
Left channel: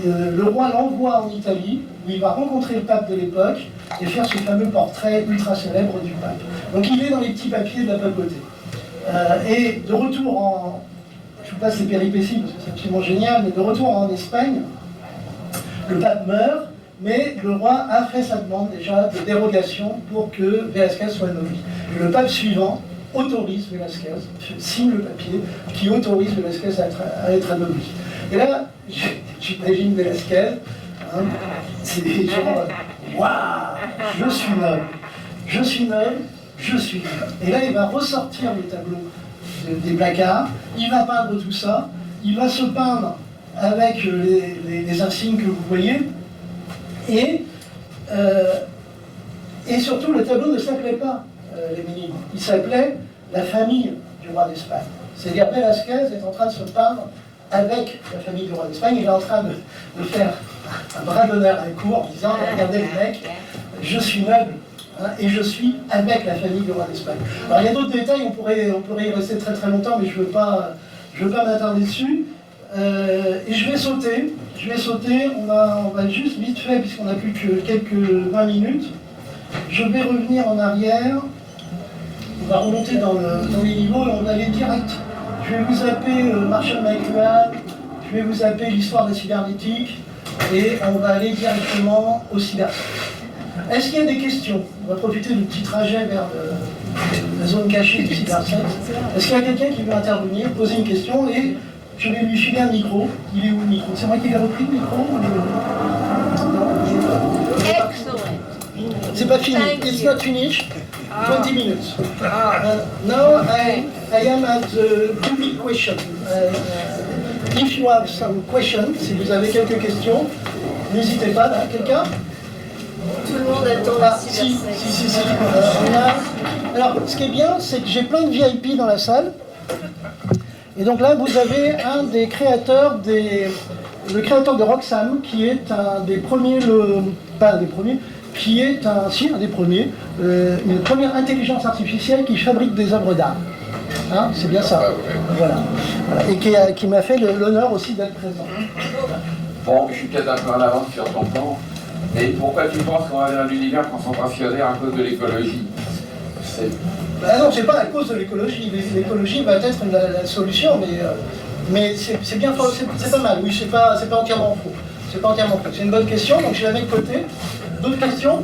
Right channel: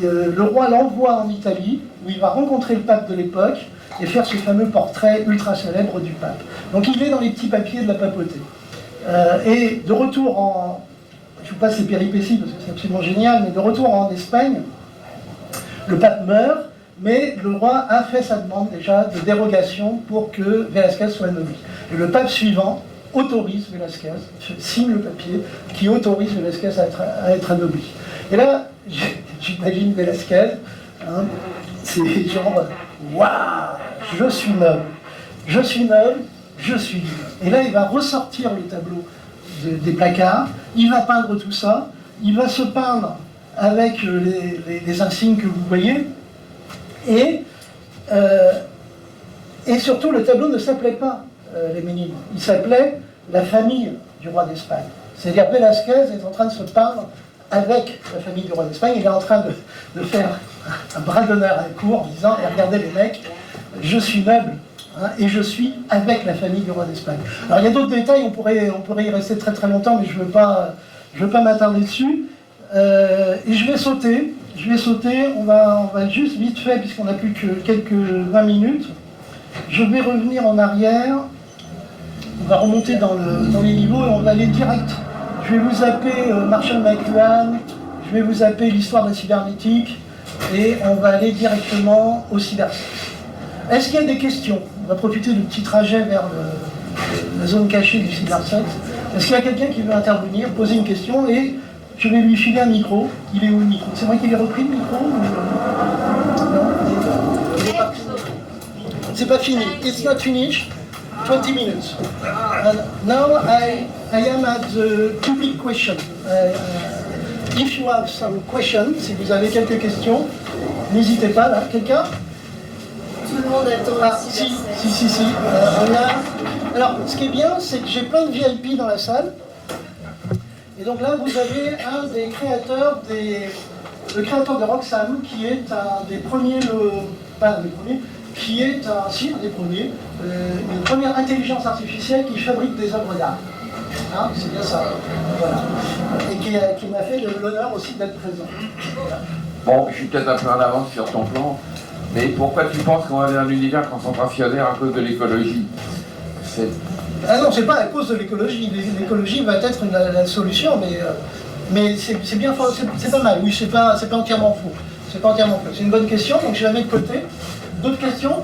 le roi l'envoie en Italie, où il va rencontrer le pape de l'époque, et faire ce fameux portrait ultra célèbre du pape. Donc il est dans les petits papiers de la papauté. Et de retour en... Je vous passe les péripéties parce que c'est absolument génial, mais de retour en Espagne, le pape meurt, mais le roi a fait sa demande déjà de dérogation pour que Velázquez soit anobli. Et le pape suivant autorise Velázquez, signe le papier, qui autorise Velázquez à être anobli. Et là, j'imagine Velázquez, hein, c'est genre... Waouh, je suis noble, je suis noble, je suis libre. Et là, il va ressortir les tableaux des placards, il va peindre tout ça, il va se peindre avec les insignes que vous voyez, et surtout, le tableau ne s'appelait pas les Ménides, il s'appelait La famille du roi d'Espagne. C'est-à-dire Velázquez est en train de se peindre avec la famille du roi d'Espagne. Il est en train de faire un bras d'honneur à la cour en disant « Regardez les mecs, je suis noble hein, et je suis avec la famille du roi d'Espagne. » Alors il y a d'autres détails, on pourrait y rester très très longtemps, mais je ne veux pas m'attarder dessus. Et je vais sauter, on va juste vite fait, puisqu'on n'a plus que quelques 20 minutes. Je vais revenir en arrière, on va remonter dans les niveaux et on va aller direct. Je vais vous zapper Marshall McLuhan, je vais vous zapper l'histoire de la cybernétique et on va aller directement au cybersex. Est-ce qu'il y a des questions? On va profiter du petit trajet vers la zone cachée du cybersex. Est-ce qu'il y a quelqu'un qui veut intervenir, poser une question et je vais lui filer un micro. Il est où le micro? C'est moi qui l'ai repris le micro ou... Non, il est parti. C'est pas fini. It's not finished. 20 minutes. Now I am at the public question. If you have some questions, si vous avez quelques questions, n'hésitez pas là. Quelqu'un? Tout le monde attend la Si. Alors, ce qui est bien, c'est que j'ai plein de VIP dans la salle. Et donc là, vous avez un des créateurs le créateur de Roxane, qui est un des premiers, une première intelligence artificielle qui fabrique des œuvres d'art. Hein, c'est bien ça. Voilà. Et qui m'a fait l'honneur aussi d'être présent. Bon, je suis peut-être un peu en avance sur ton plan, mais pourquoi tu penses qu'on va vers un univers concentrationnaire à cause de l'écologie? Ah non, c'est pas à cause de l'écologie. L'écologie va être la solution, mais c'est bien, c'est pas mal. Oui, c'est pas entièrement faux. C'est pas entièrement faux. C'est une bonne question, donc je la mets de côté. D'autres questions?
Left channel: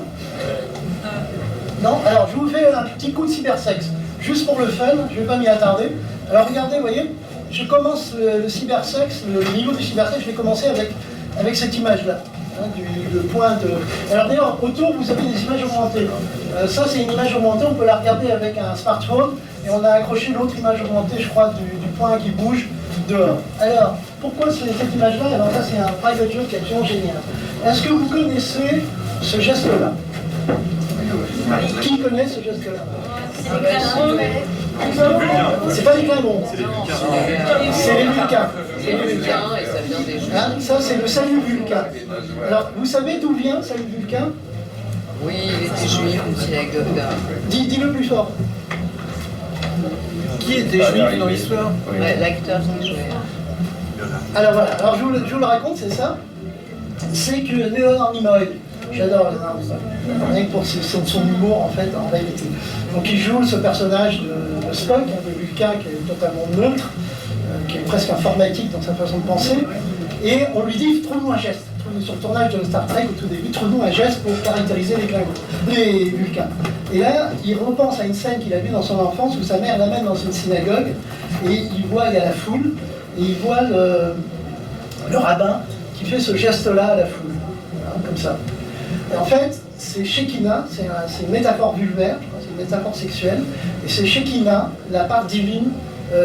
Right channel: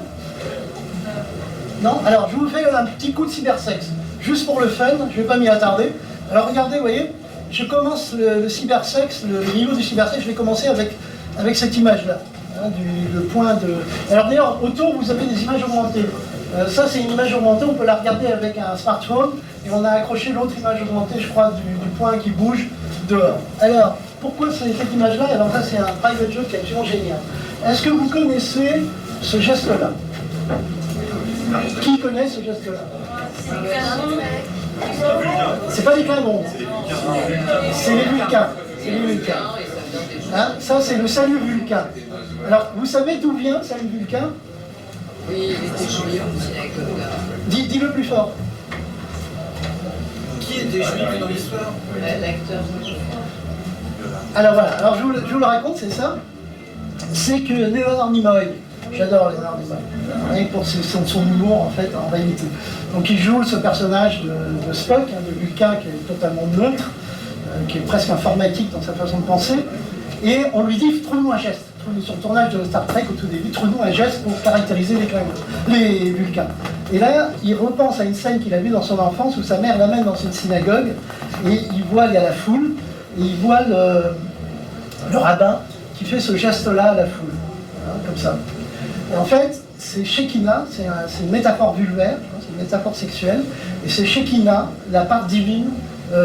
Non? Alors, je vous fais un petit coup de cybersex, juste pour le fun. Je vais pas m'y attarder. Alors, regardez, vous voyez, je commence le cybersex, le niveau du cybersex. Je vais commencer avec cette image-là. Hein, le point de... Alors d'ailleurs, autour, vous avez des images augmentées. Ça, c'est une image augmentée, on peut la regarder avec un smartphone, et on a accroché l'autre image augmentée, je crois, du point qui bouge dehors. Alors, pourquoi cette image-là? Alors ça, c'est un private joke qui est absolument génial. Est-ce que vous connaissez ce geste-là? Qui connaît ce geste-là? C'est pas les Clinons. C'est les Vulcains. C'est les Vulcains. Hein, ça, c'est le salut Vulcain. Alors, vous savez d'où vient salut Vulcain? Oui, il était juif aussi avec Godard. Dis-le plus fort. Qui était juif dans l'histoire? L'acteur qui jouait. Alors voilà, alors je vous le raconte, c'est ça. C'est que Leonard Nimoy, j'adore Leonard Nimoy, rien que pour son humour en fait, en réalité. Donc il joue ce personnage de Spock, hein, de Vulcain, qui est totalement neutre, qui est presque informatique dans sa façon de penser, et on lui dit, trouve-nous un geste. Sur le tournage de Star Trek, au tout début, trouve-nous un geste pour caractériser les Vulcains. Et là, il repense à une scène qu'il a vue dans son enfance où sa mère l'amène dans une synagogue et il y a la foule et il voit le rabbin qui fait ce geste-là à la foule, hein, comme ça. Et en fait, c'est Shekinah, c'est une métaphore vulvaire, hein, c'est une métaphore sexuelle, et c'est Shekinah, la part divine,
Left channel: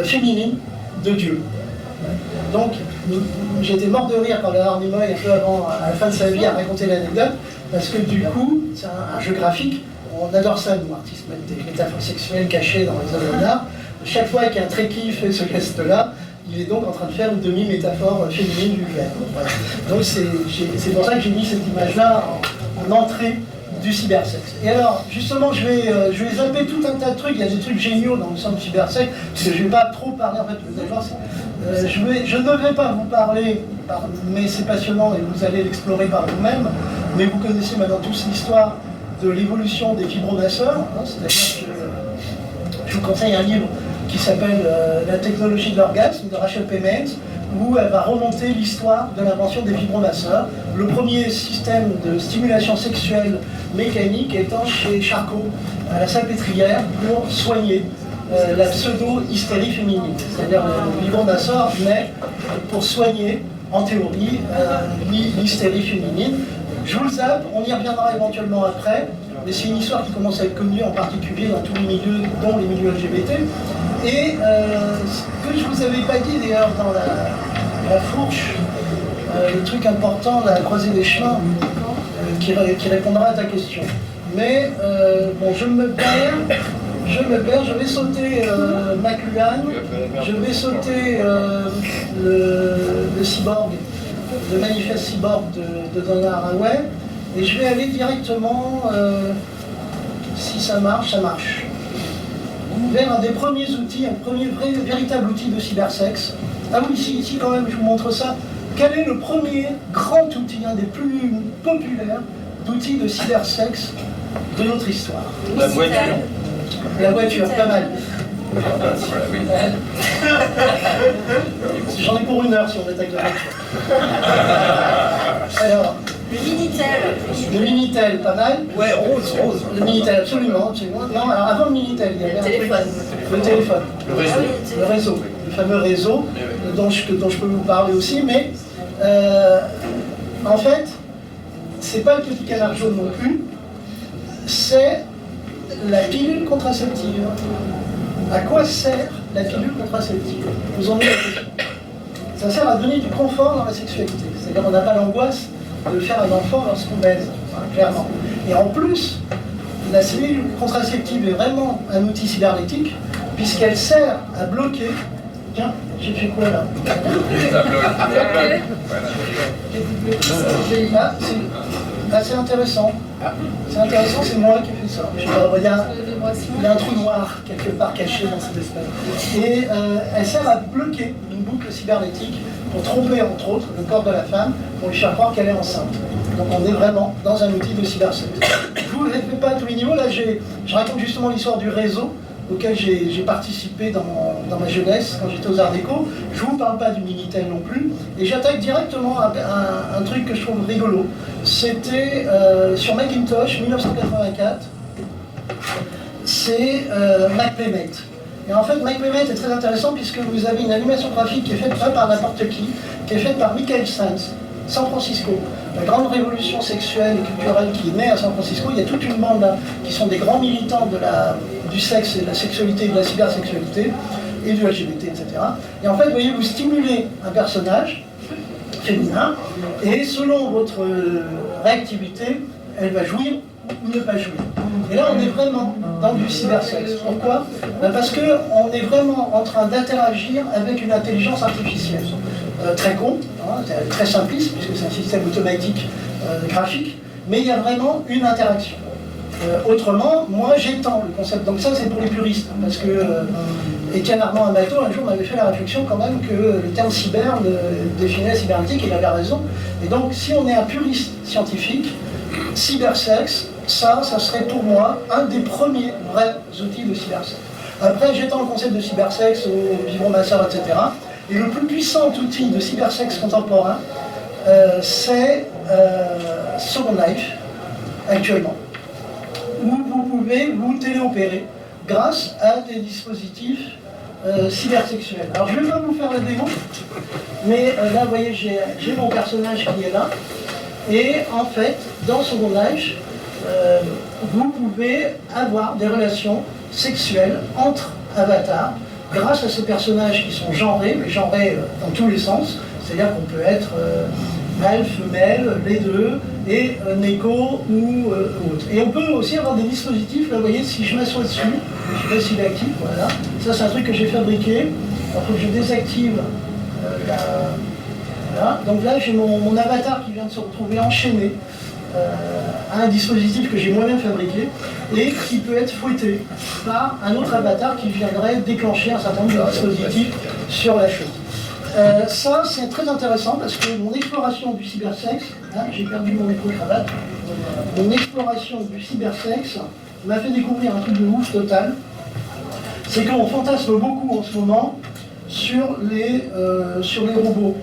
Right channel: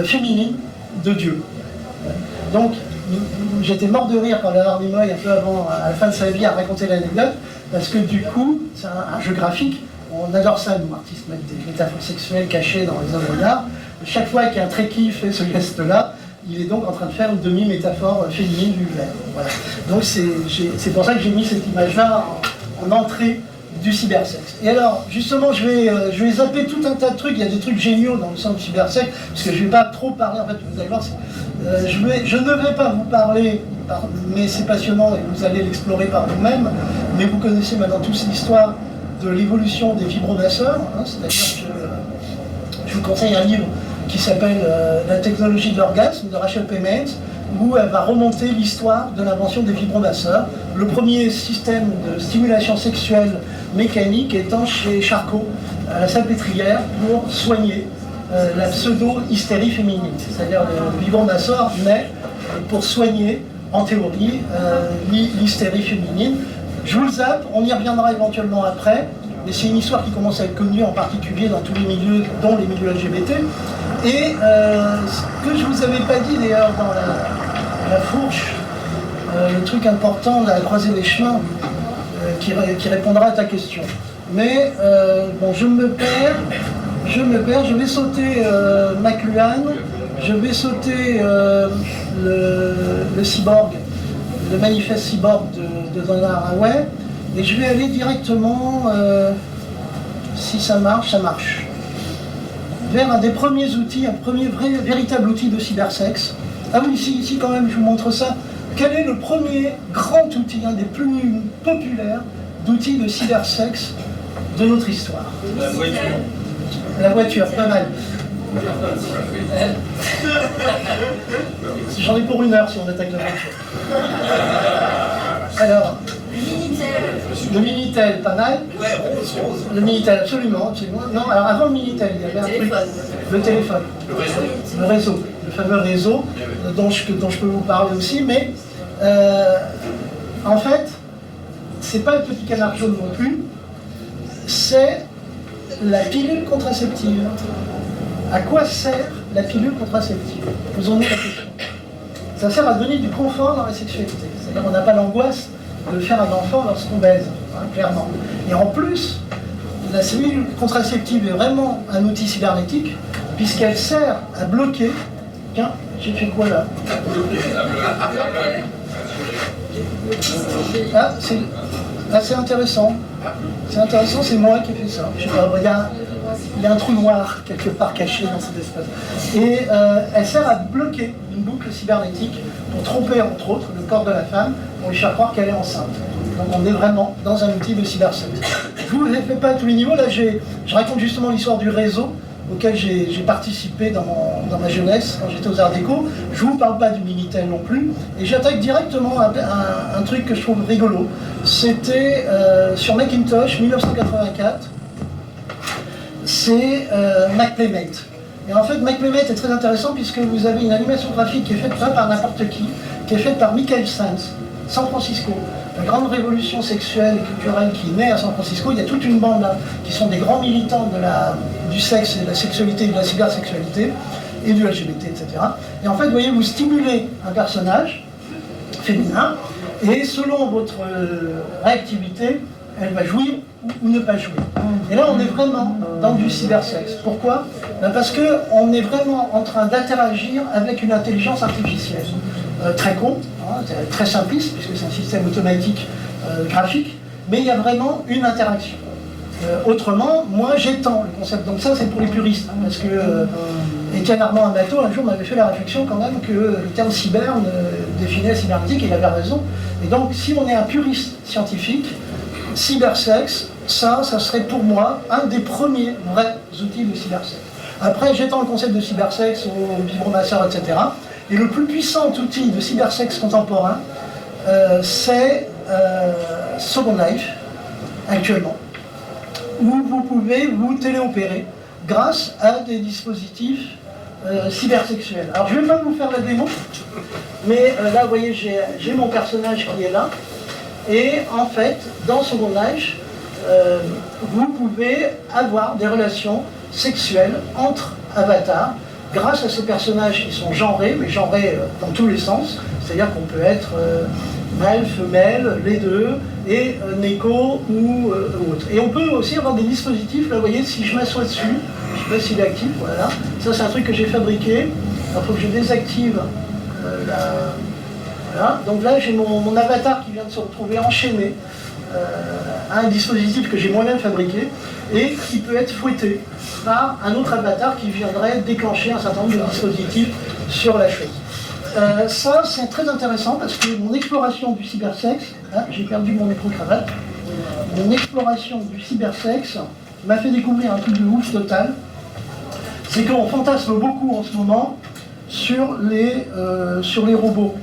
féminine de Dieu. Donc, j'étais mort de rire quand Leonard Nimoy, un peu avant, à la fin de sa vie, a raconté l'anecdote, parce que du coup, c'est un jeu graphique, on adore ça, nous, artistes, mettre des métaphores sexuelles cachées dans les œuvres d'art. Chaque fois qu'un trekkie fait ce geste-là, il est donc en train de faire une demi-métaphore féminine vulvaire. Voilà. Donc c'est pour ça que j'ai mis cette image-là en entrée du cybersex. Et alors, justement, je vais zapper tout un tas de trucs. Il y a des trucs géniaux dans le centre cybersex, parce que je ne vais pas trop parler, en fait, vous allez voir, je ne vais pas vous parler, mais c'est passionnant et vous allez l'explorer par vous-même, mais vous connaissez maintenant tous l'histoire de l'évolution des vibromasseurs, hein, c'est-à-dire que je vous conseille un livre qui s'appelle La technologie de l'orgasme de Rachel Payment, où elle va remonter l'histoire de l'invention des vibromasseurs, le premier système de stimulation sexuelle mécanique étant chez Charcot, à la Salpêtrière, pour soigner la pseudo-hystérie féminine. C'est-à-dire le vibromasseur naît pour soigner, en théorie, l'hystérie féminine. Je vous le zappe, on y reviendra éventuellement après, mais c'est une histoire qui commence à être connue en particulier dans tous les milieux, dont les milieux LGBT. Et ce que je ne vous avais pas dit d'ailleurs dans la fourche, le truc important, la croisée des chemins, qui répondra à ta question. Mais bon, je me perds, je vais sauter McLuhan, je vais sauter le cyborg, le manifeste cyborg de Donna Haraway, et je vais aller directement, si ça marche, vers un des premiers outils, un premier véritable outil de cybersexe. Ah oui, ici quand même, je vous montre ça. Quel est le premier grand outil, un des plus populaires d'outils de cybersexe de notre histoire? La voiture. La voiture, pas mal. J'en ai pour 1 heure si on attaque la voiture. Alors, le Minitel, pas mal. Ouais, rose. Le Minitel, absolument. Non, alors avant le Minitel, il y avait un truc. Le téléphone. Le réseau. Le fameux réseau dont je peux vous parler aussi, mais en fait, c'est pas le petit canard jaune non plus, c'est la pilule contraceptive. À quoi sert la pilule contraceptive? Vous en avez la question. Ça sert à donner du confort dans la sexualité. C'est-à-dire qu'on n'a pas l'angoisse de faire un enfant lorsqu'on baise, hein, clairement. Et en plus, la pilule contraceptive est vraiment un outil cybernétique, puisqu'elle sert à bloquer. Tiens, j'ai fait quoi là? Ah, c'est intéressant. C'est intéressant, c'est moi qui ai fait ça. Je sais pas, il y a un trou noir quelque part caché dans cet espace. Et elle sert à bloquer une boucle cybernétique pour tromper, entre autres, le corps de la femme, pour lui faire croire qu'elle est enceinte. Donc on est vraiment dans un outil de cybersexe. Je ne vous le fais pas à tous les niveaux. Là, je raconte justement l'histoire du réseau auquel j'ai participé dans ma jeunesse, quand j'étais aux Arts Déco. Je ne vous parle pas du Minitel non plus. Et j'attaque directement un truc que je trouve rigolo. C'était sur Macintosh, 1984. C'est MacPlaymate. Et en fait, MacPlaymate est très intéressant puisque vous avez une animation graphique qui est faite pas par n'importe qui est faite par Michael Sands, San Francisco. La grande révolution sexuelle et culturelle qui naît à San Francisco, il y a toute une bande là, qui sont des grands militants du sexe et de la sexualité, de la cybersexualité, et du LGBT, etc. Et en fait, vous voyez, vous stimulez un personnage féminin, et selon votre réactivité, elle va jouir ou ne pas jouir. Et là, on est vraiment dans du cybersexe. Pourquoi? Parce qu'on est vraiment en train d'interagir avec une intelligence artificielle. Très con, hein, très simpliste, puisque c'est un système automatique graphique, mais il y a vraiment une interaction. Autrement, moi j'étends le concept. Donc ça, c'est pour les puristes, hein, parce que Étienne Armand Amato, un jour, m'avait fait la réflexion quand même que le terme cyber définit la cybernétique, et il avait raison. Et donc, si on est un puriste scientifique, cybersexe, ça serait pour moi un des premiers vrais outils de cybersexe. Après, j'étends le concept de cybersexe au vibromasseur, etc. Et le plus puissant outil de cybersexe contemporain, c'est Second Life, actuellement, où vous pouvez vous téléopérer grâce à des dispositifs cybersexuels. Alors, je ne vais pas vous faire la démo, mais là, vous voyez, j'ai mon personnage qui est là. Et en fait, dans Second Life, vous pouvez avoir des relations sexuelles entre avatars grâce à ces personnages qui sont genrés, mais genrés dans tous les sens. C'est-à-dire qu'on peut être mâle, femelle, les deux, et Neko ou autre. Et on peut aussi avoir des dispositifs, là vous voyez, si je m'assois dessus, je sais pas s'il est actif, voilà. Ça c'est un truc que j'ai fabriqué. Il faut que je désactive voilà. Donc là j'ai mon avatar qui vient de se retrouver enchaîné à un dispositif que j'ai moi-même fabriqué et qui peut être fouetté par un autre avatar qui viendrait déclencher un certain nombre de dispositifs sur la chose. Ça, c'est très intéressant parce que mon exploration du cybersexe, hein, j'ai perdu mon micro-cravate, mon exploration du cybersexe m'a fait découvrir un truc de ouf total. C'est qu'on fantasme beaucoup en ce moment sur les robots,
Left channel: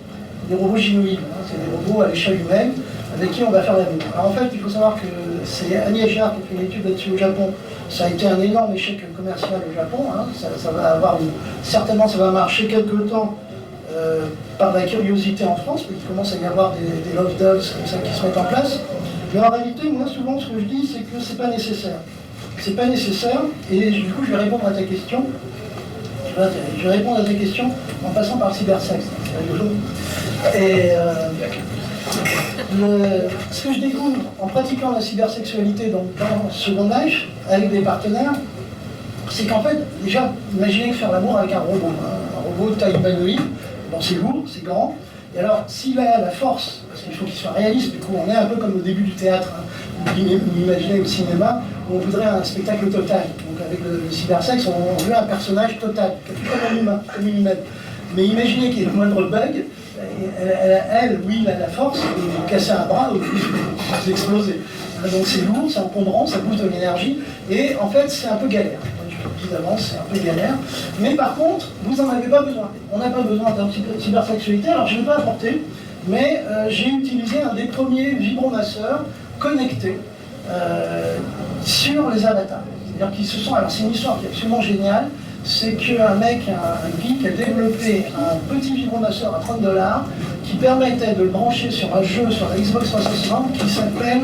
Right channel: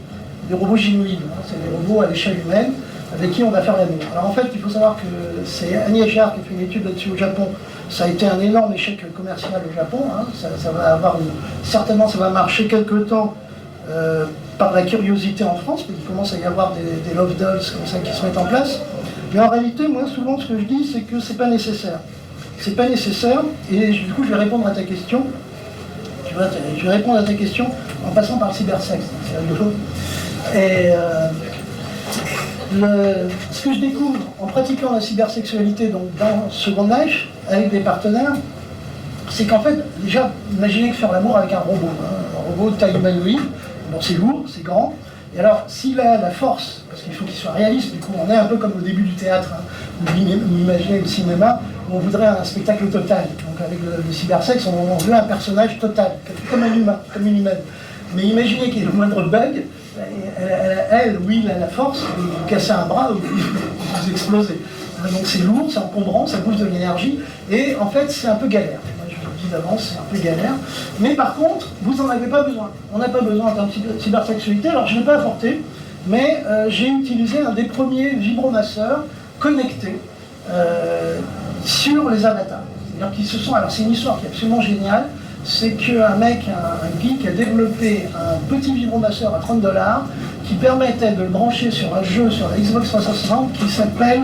des robots gynoïdes, hein, c'est des robots à l'échelle humaine avec qui on va faire l'amour. Alors en fait, il faut savoir que c'est Agnès Girard qui a fait une étude là-dessus au Japon. Ça a été un énorme échec commercial au Japon. Hein. Ça va avoir certainement, ça va marcher quelque temps par la curiosité en France, parce qu'il commence à y avoir des love dolls comme ça qui se mettent en place. Mais en réalité, moi, souvent, ce que je dis, c'est que c'est pas nécessaire. C'est pas nécessaire, et du coup, je vais répondre à ta question. Tu vois, je vais répondre à ta question en passant par le cybersexe. C'est rigolo. Et ce que je découvre en pratiquant la cybersexualité dans Second Life, avec des partenaires, c'est qu'en fait, déjà, imaginez faire l'amour avec un robot. Hein. Un robot de taille humanoïde. Bon, c'est lourd, c'est grand. Et alors, s'il a la force, parce qu'il faut qu'il soit réaliste, du coup, on est un peu comme au début du théâtre, hein, vous imaginez au cinéma, où on voudrait un spectacle total. Donc, avec le cybersexe, on veut un personnage total, comme un humain, comme une humaine. Mais imaginez qu'il y ait le moindre bug, elle ou il a la force de vous casser un bras ou de vous exploser. Donc, c'est lourd, c'est encombrant, ça bouffe de l'énergie, et en fait, c'est un peu galère. D'avance, c'est un peu galère. Mais par contre, vous n'en avez pas besoin. On n'a pas besoin en termes de cybersexualité. Alors, je ne l'ai pas apporté, mais j'ai utilisé un des premiers vibromasseurs connectés sur les avatars. C'est-à-dire qu'ils se sont... Alors, c'est une histoire qui est absolument géniale. C'est qu'un mec, un geek, a développé un petit vibromasseur à $30 qui permettait de le brancher sur un jeu sur la Xbox 360 qui s'appelle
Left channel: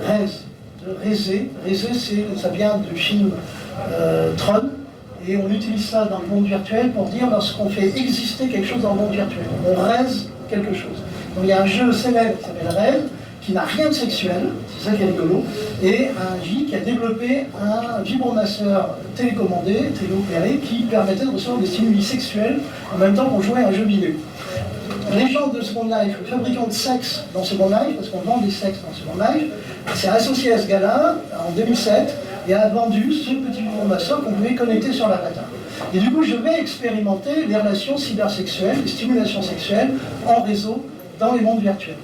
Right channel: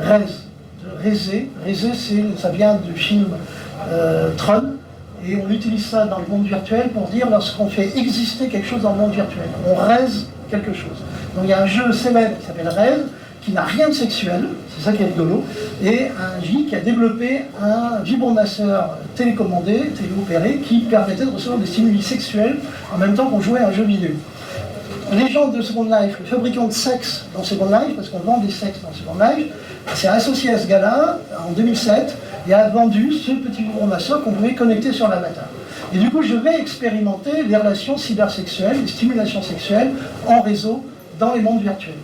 Reze. Reze, ça vient du film Tron, et on utilise ça dans le monde virtuel pour dire lorsqu'on fait exister quelque chose dans le monde virtuel. On raise quelque chose. Donc il y a un jeu célèbre qui s'appelle Reze, qui n'a rien de sexuel, c'est ça qui est rigolo, et un geek qui a développé un vibromasseur télécommandé, téléopéré, qui permettait de recevoir des stimuli sexuels en même temps qu'on jouait à un jeu vidéo. Légende de Second Life, le fabricant de sexe dans Second Life, parce qu'on vend des sexes dans Second Life, s'est associé à ce gars-là en 2007 et a vendu ce petit vibromasseur qu'on pouvait connecter sur l'avatar. Et du coup, je vais expérimenter les relations cybersexuelles, les stimulations sexuelles en réseau dans les mondes virtuels.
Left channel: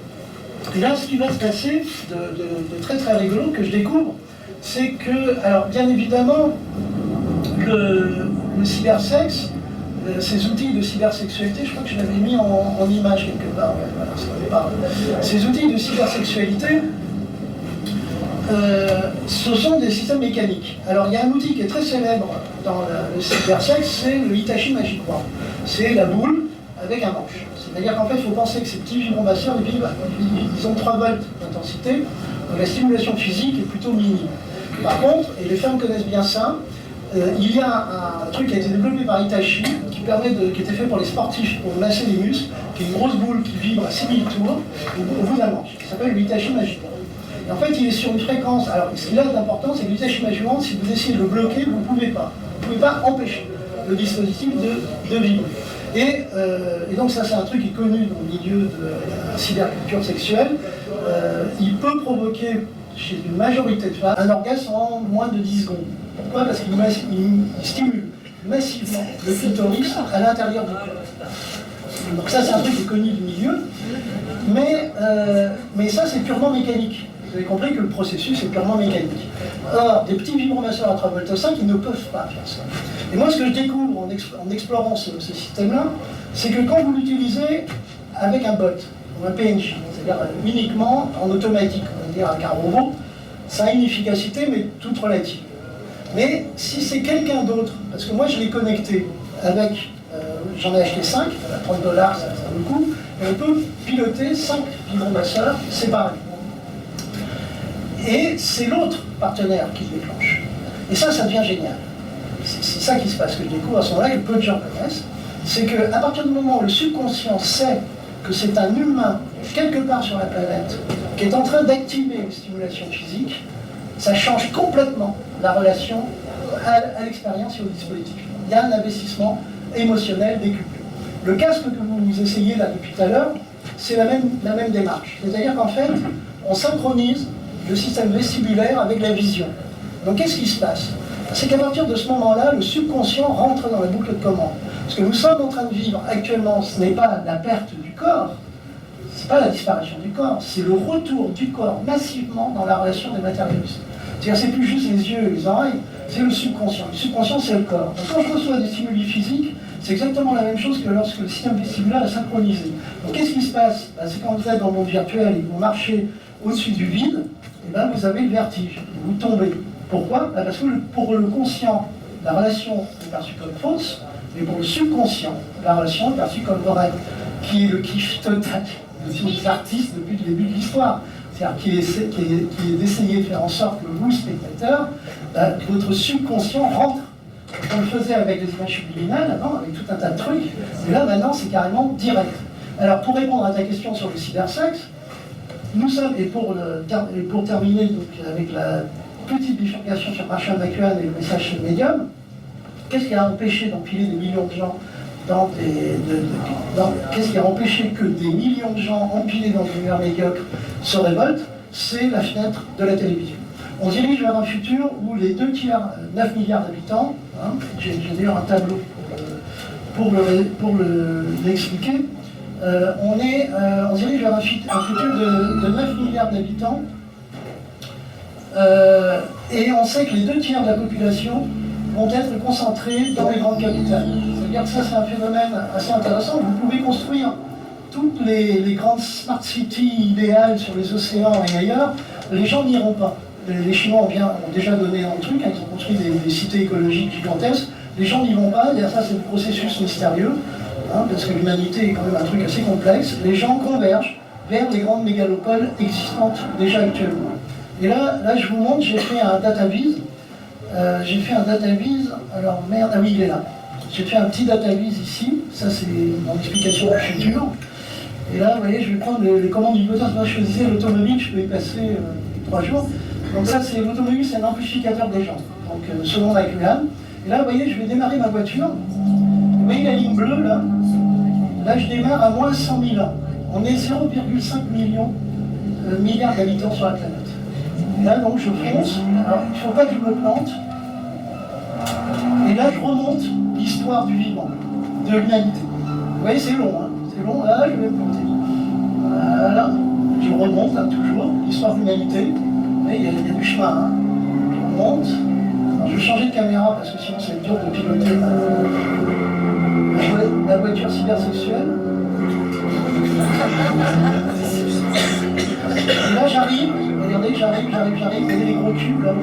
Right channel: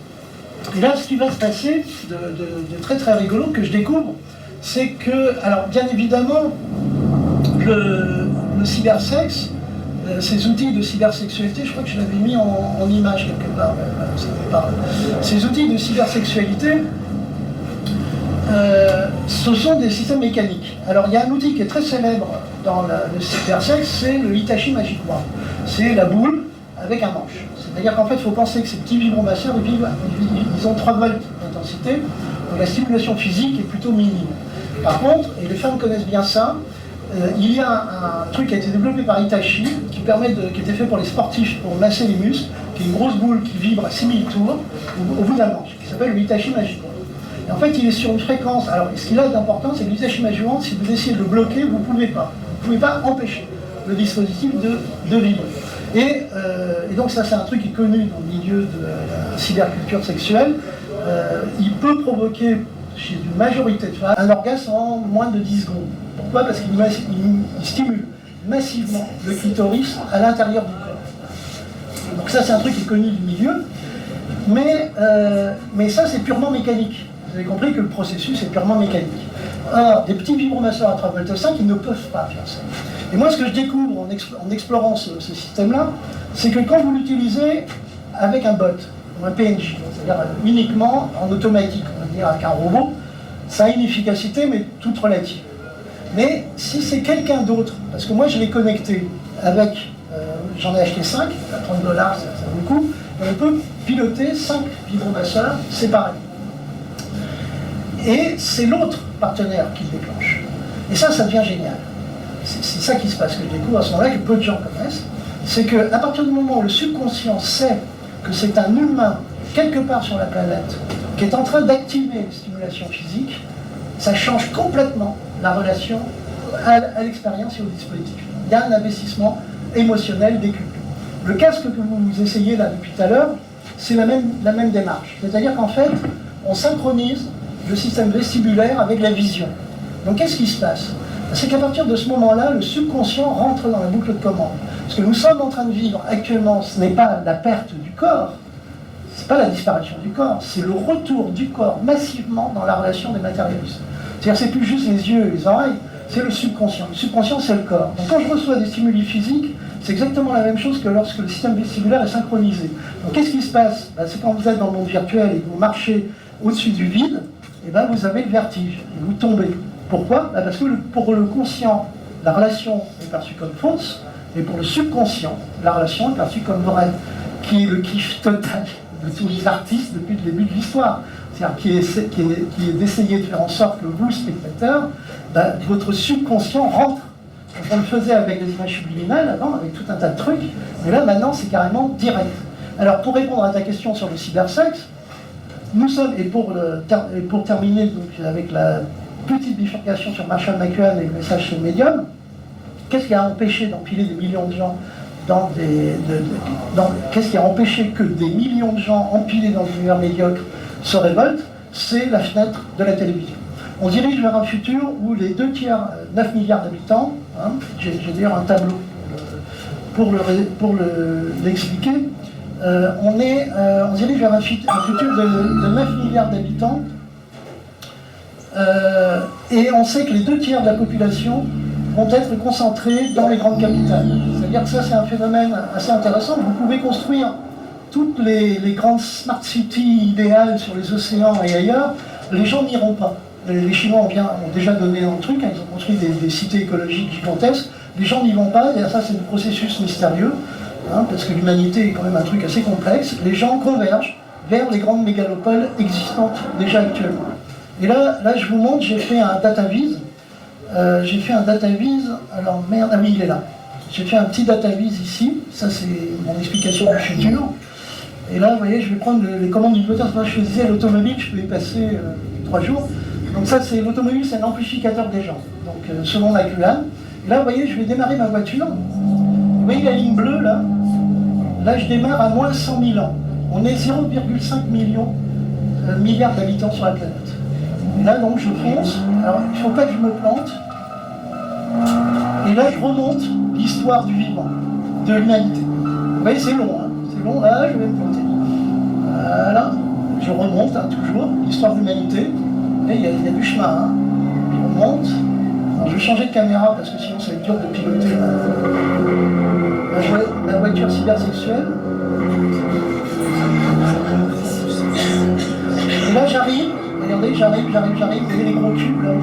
Et là, ce qui va se passer de très très rigolo que je découvre, c'est que, alors bien évidemment, le cybersexe, ces outils de cybersexualité, je crois que je l'avais mis en image quelque part, voilà, ça me parle. Ces outils de cybersexualité, ce sont des systèmes mécaniques. Alors il y a un outil qui est très célèbre dans le cybersexe, c'est le Hitachi Magic Wand. C'est la boule avec un manche. C'est-à-dire qu'en fait, il faut penser que ces petits vibromasseurs, ils ont 3 volts d'intensité, donc la stimulation physique est plutôt minime. Par contre, et les femmes connaissent bien ça, il y a un truc qui a été développé par Hitachi, qui était fait pour les sportifs, pour masser les muscles, qui est une grosse boule qui vibre à 6000 tours au bout d'un manche, qui s'appelle le Hitachi Magic Wand. Et en fait, il est sur une fréquence. Alors, ce qu'il a d'important, c'est que l'Hitachi Magic Wand, si vous essayez de le bloquer, vous ne pouvez pas. Vous ne pouvez pas empêcher le dispositif de vibrer. Et donc ça, c'est un truc qui est connu dans le milieu de la cyberculture sexuelle. Il peut provoquer, chez une majorité de femmes, un orgasme en moins de 10 secondes. Pourquoi? Parce qu'il stimule massivement le clitoris à l'intérieur du corps. Donc ça, c'est un truc qui est connu du milieu. Mais ça, c'est purement mécanique. Vous avez compris que le processus est purement mécanique. Or, des petits vibromasseurs à 3,5 volts, ils ne peuvent pas faire ça. Et moi, ce que je découvre en explorant ce système-là, c'est que quand vous l'utilisez avec un bot, ou un PNJ, c'est-à-dire uniquement en automatique, on va dire avec un robot, ça a une efficacité, mais toute relative. Mais si c'est quelqu'un d'autre, parce que moi je l'ai connecté avec, j'en ai acheté 5, à $30, ça vaut le coup, et on peut piloter 5 vibromasseurs séparés. Et c'est l'autre partenaire qui le déclenche. Et ça devient génial. C'est ça qui se passe, que je découvre à ce moment-là, que peu de gens connaissent. C'est qu'à partir du moment où le subconscient sait que c'est un humain, quelque part sur la planète, qui est en train d'activer une stimulation physique, ça change complètement la relation à l'expérience et au dispositif. Il y a un investissement émotionnel décuplé. Le casque que vous essayez là depuis tout à l'heure, c'est la même démarche. C'est-à-dire qu'en fait, on synchronise le système vestibulaire avec la vision. Donc qu'est-ce qui se passe? C'est qu'à partir de ce moment-là, le subconscient rentre dans la boucle de commande. Ce que nous sommes en train de vivre actuellement, ce n'est pas la perte du corps, ce n'est pas la disparition du corps, c'est le retour du corps massivement dans la relation des matérialistes. C'est-à-dire c'est plus juste les yeux et les oreilles, c'est le subconscient. Le subconscient, c'est le corps. Donc quand je reçois des stimuli physiques, c'est exactement la même chose que lorsque le système vestibulaire est synchronisé. Donc qu'est-ce qui se passe? C'est quand vous êtes dans le monde virtuel et que vous marchez au-dessus du vide, et ben vous avez le vertige, et vous tombez. Pourquoi? Parce que pour le conscient, la relation est perçue comme fausse, mais pour le subconscient, la relation est perçue comme vraie, qui est le kiff total de tous les artistes depuis le début de l'histoire. C'est-à-dire qui est d'essayer de faire en sorte que vous, spectateur, votre subconscient rentre. On le faisait avec des images subliminales avant, avec tout un tas de trucs, mais là maintenant c'est carrément direct. Alors pour répondre à ta question sur le cybersexe, nous sommes, et pour terminer donc, avec la petite bifurcation sur Marshall McLuhan et le message sur le médium, qu'est-ce qui a empêché d'empiler des millions de gens qu'est-ce qui a empêché que des millions de gens empilés dans une univers médiocre se révoltent? C'est la fenêtre de la télévision. On dirige vers un futur où les 2 tiers, 9 milliards d'habitants, hein, j'ai d'ailleurs un tableau pour l'expliquer, on dirige vers un futur de 9 milliards d'habitants, et on sait que les 2 tiers de la population vont être concentrés dans les grandes capitales. C'est-à-dire que ça, c'est un phénomène assez intéressant. Vous pouvez construire toutes les grandes smart cities idéales sur les océans et ailleurs, les gens n'iront pas. Les Chinois ont déjà donné un truc, hein, ils ont construit des cités écologiques gigantesques, les gens n'y vont pas, et ça c'est le processus mystérieux, hein, parce que l'humanité est quand même un truc assez complexe. Les gens convergent vers les grandes mégalopoles existantes déjà actuellement. Et là je vous montre, j'ai fait un data viz. Alors merde, ah oui, il est là. J'ai fait un petit data viz ici, ça c'est mon explication du futur. Et là, vous voyez, je vais prendre les commandes du moteur. Moi, je faisais l'automobile, je peux y passer 3 jours. Donc ça, c'est l'automobile, c'est un amplificateur des gens. Donc selon la QAM. Et là, vous voyez, je vais démarrer ma voiture. Vous voyez la ligne bleue, là? Là, je démarre à moins 100 000 ans. On est 0,5 milliards d'habitants sur la planète. Et là, donc, je fonce. Alors, il ne faut pas que je me plante. Et là, je remonte l'histoire du vivant, de l'humanité. Vous voyez, c'est long, hein. C'est long, là, je vais me planter. Voilà. Je remonte, hein, toujours, l'histoire de l'humanité. Et il y a du chemin, hein. Je remonte. Alors, je vais changer de caméra parce que sinon, ça va être dur de piloter la voiture cybersexuelle. Et là, j'arrive. Regardez, j'arrive. Vous voyez les gros cubes, là.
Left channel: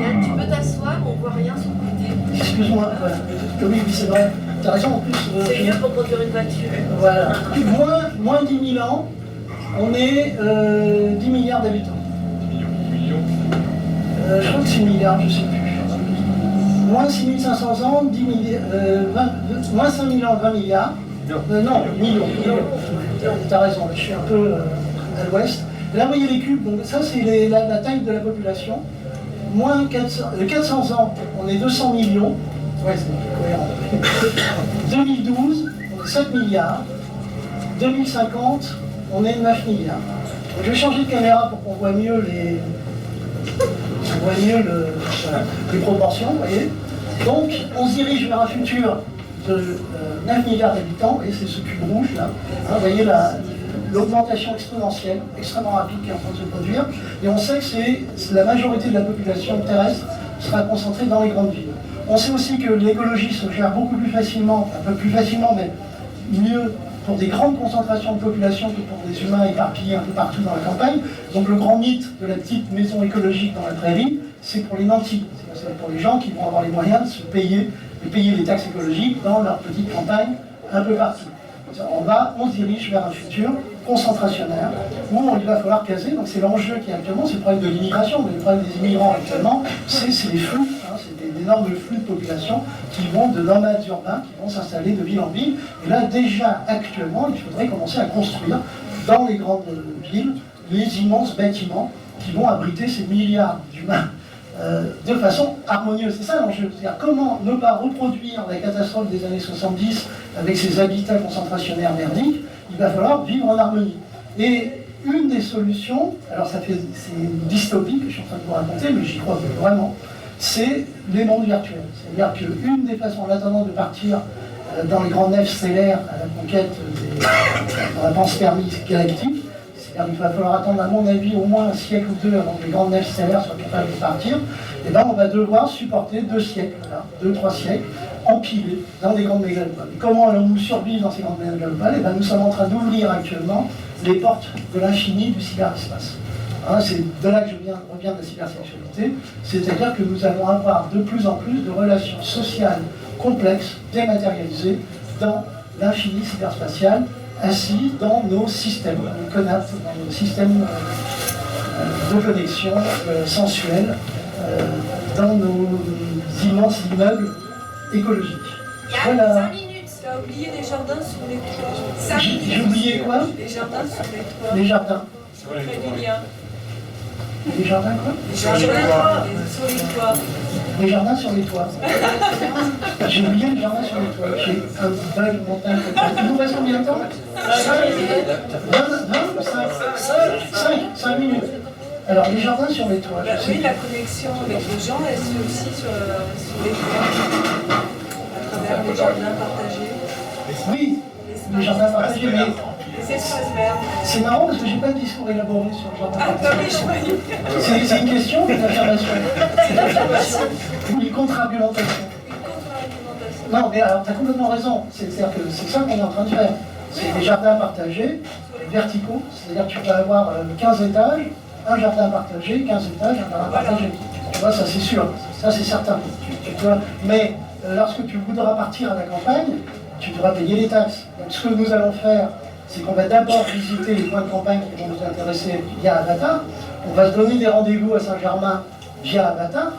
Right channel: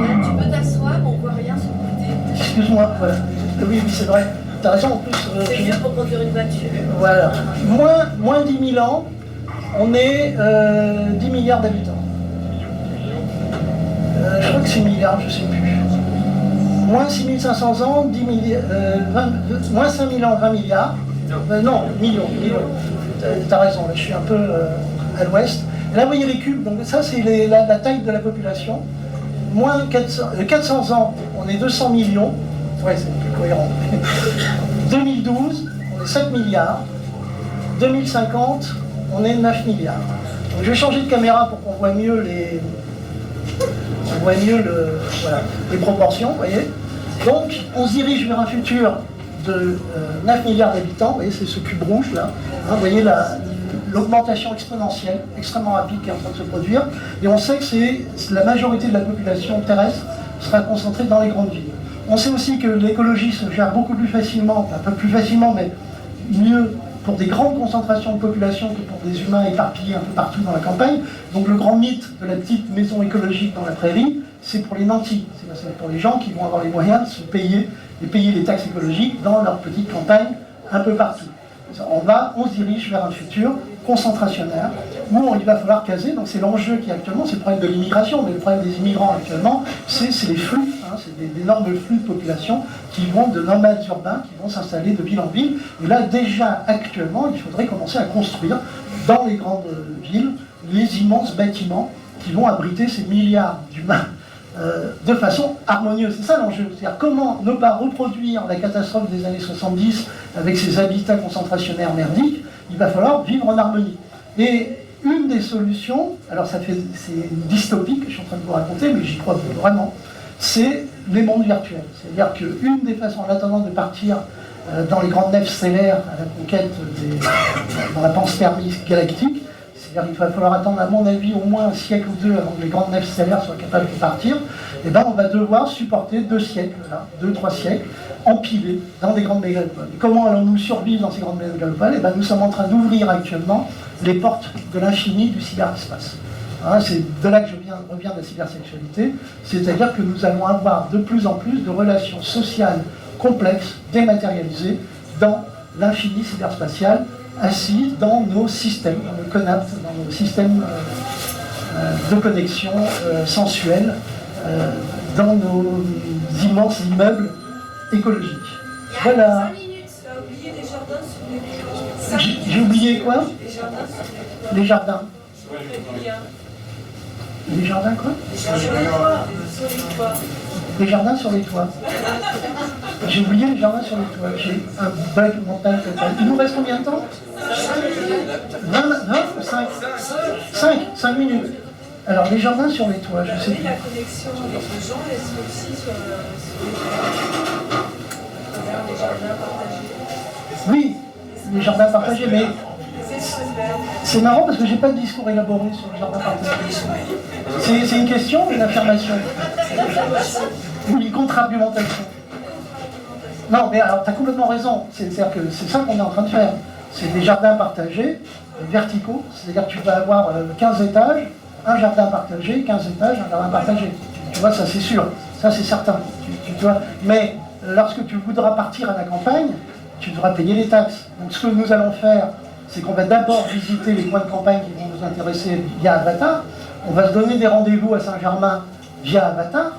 Yann, tu peux t'asseoir, on voit rien sur le côté. Excuse-moi, ouais. Oui, c'est vrai. T'as raison, en plus. C'est mieux pour conduire une voiture. Voilà. Moins 10 000 ans, on est 10 milliards d'habitants. Je crois que c'est milliards, je ne sais plus. Moins 6500 ans, 10 milliards, moins 5000 ans, 20 milliards. Non, millions. T'as raison, je suis un peu à l'ouest. Là, vous voyez les cubes, donc ça c'est la taille de la population. Moins 400 ans, on est 200 millions. Ouais, c'est plus cohérent. 2012, on est 7 milliards. 2050, on est 9 milliards. Donc, je vais changer de caméra pour qu'on voit mieux les proportions, vous voyez. Donc, on se dirige vers un futur de 9 milliards d'habitants, vous voyez, c'est ce cube rouge là. Hein, vous voyez l'augmentation exponentielle, extrêmement rapide qui est en train de se produire. Et on sait que la majorité de la population terrestre sera concentrée dans les grandes villes. On sait aussi que l'écologie se gère beaucoup plus facilement, un peu plus facilement, mais mieux pour des grandes concentrations de population que pour des humains éparpillés un peu partout dans la campagne. Donc le grand mythe de la petite maison écologique dans la prairie, c'est pour les nantis, c'est pour les gens qui vont avoir les moyens de se payer les taxes écologiques dans leur petite campagne un peu partout. On se dirige vers un futur concentrationnaire où il va falloir caser, donc c'est l'enjeu qui est actuellement, c'est le problème de l'immigration, mais le problème des immigrants actuellement, c'est les flux, hein, c'est des énormes flux de population qui vont de nomades urbains, qui vont s'installer de ville en ville. Et là, déjà actuellement, il faudrait commencer à construire dans les grandes villes les immenses bâtiments qui vont abriter ces milliards d'humains de façon harmonieuse. C'est ça l'enjeu. C'est-à-dire comment ne pas reproduire la catastrophe des années 70 avec ses habitats concentrationnaires merdiques. Il va falloir vivre en harmonie. Et une des solutions, alors c'est dystopique que je suis en train de vous raconter, mais j'y crois vraiment, c'est les mondes virtuels. C'est-à-dire qu'une des façons, en attendant de partir dans les grandes nefs stellaires à la conquête dans la panspermie galactique, c'est-à-dire qu'il va falloir attendre, à mon avis, au moins un siècle ou deux avant que les grandes nefs stellaires soient capables de partir, et bien on va devoir supporter 2 siècles, 2-3 siècles, empilés dans des grandes mégalopoles. Et comment allons-nous survivre dans ces grandes mégalopoles? Et bien nous sommes en train d'ouvrir actuellement les portes de l'infini du cyberespace. Hein, c'est de là que je reviens de la cybersexualité, c'est-à-dire que nous allons avoir de plus en plus de relations sociales complexes, dématérialisées, dans l'infini cyberspatial, assis dans nos systèmes, dans nos CONAP, dans nos systèmes de connexion sensuelle, dans nos immenses immeubles écologiques. Voilà. 5 minutes, tu as oublié les jardins sous les... J'ai oublié quoi? Les jardins sous les... Les jardins. Des jardins quoi? Sur les toits. Sur les toits. Des jardins sur les toits. J'ai oublié les jardins sur les toits. J'ai un bug montagne. Il nous reste combien de temps? 5 minutes. Alors, les jardins sur les toits, je sais. Oui, la connexion avec les gens, elle se fait aussi sur les toits. À travers les jardins partagés. Oui, les jardins partagés, mais Les espaces verts. c'est marrant parce que j'ai pas de discours élaboré sur le jardin partagé. C'est une question ou une affirmation? Ou une contre-argumentation? Non, mais alors, tu as complètement raison. C'est-à-dire que c'est ça qu'on est en train de faire. C'est des jardins partagés, verticaux, c'est-à-dire que tu vas avoir 15 étages, un jardin partagé, 15 étages, un jardin partagé. Tu vois, ça c'est sûr, ça c'est certain. Tu vois. Mais lorsque tu voudras partir à la campagne, tu devras payer les taxes. Donc ce que nous allons faire, c'est qu'on va d'abord visiter les points de campagne qui vont nous intéresser via Avatar. On va se donner des rendez-vous à Saint-Germain via Avatar,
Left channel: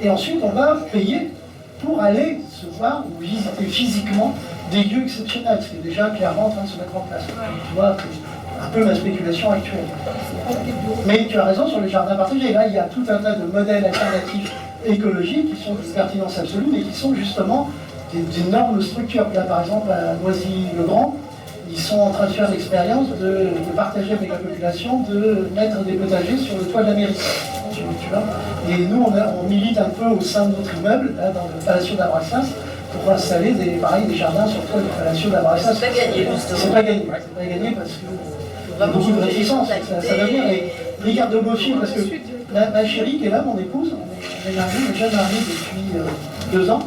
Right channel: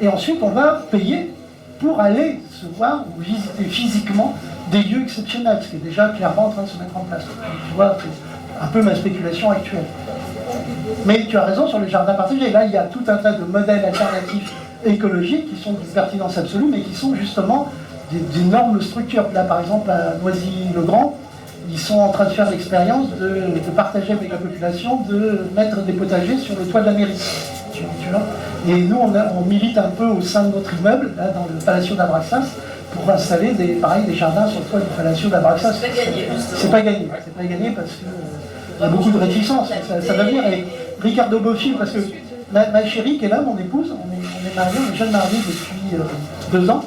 et ensuite on va payer pour aller se voir ou visiter physiquement des lieux exceptionnels, ce qui est déjà clairement en train de se mettre en place. Tu vois, c'est un peu ma spéculation actuelle. Mais tu as raison sur les jardins partagés. Là, il y a tout un tas de modèles alternatifs écologiques qui sont d'une pertinence absolue, mais qui sont justement d'énormes structures. Là, par exemple, à Noisy-le-Grand, ils sont en train de faire l'expérience de partager avec la population, de mettre des potagers sur le toit de la mairie. Tu vois. Et nous, on milite un peu au sein de notre immeuble, là, dans le Palacio d'Abraxas, pour installer des jardins sur le toit du Palacio d'Abraxas. C'est pas gagné, justement. C'est pas gagné. C'est pas gagné parce que il y a beaucoup de réticence. Ça va venir. Et Ricardo Bofill, parce que ma chérie qui est là, mon épouse, on est mariés, on est jeunes mariés depuis 2 ans.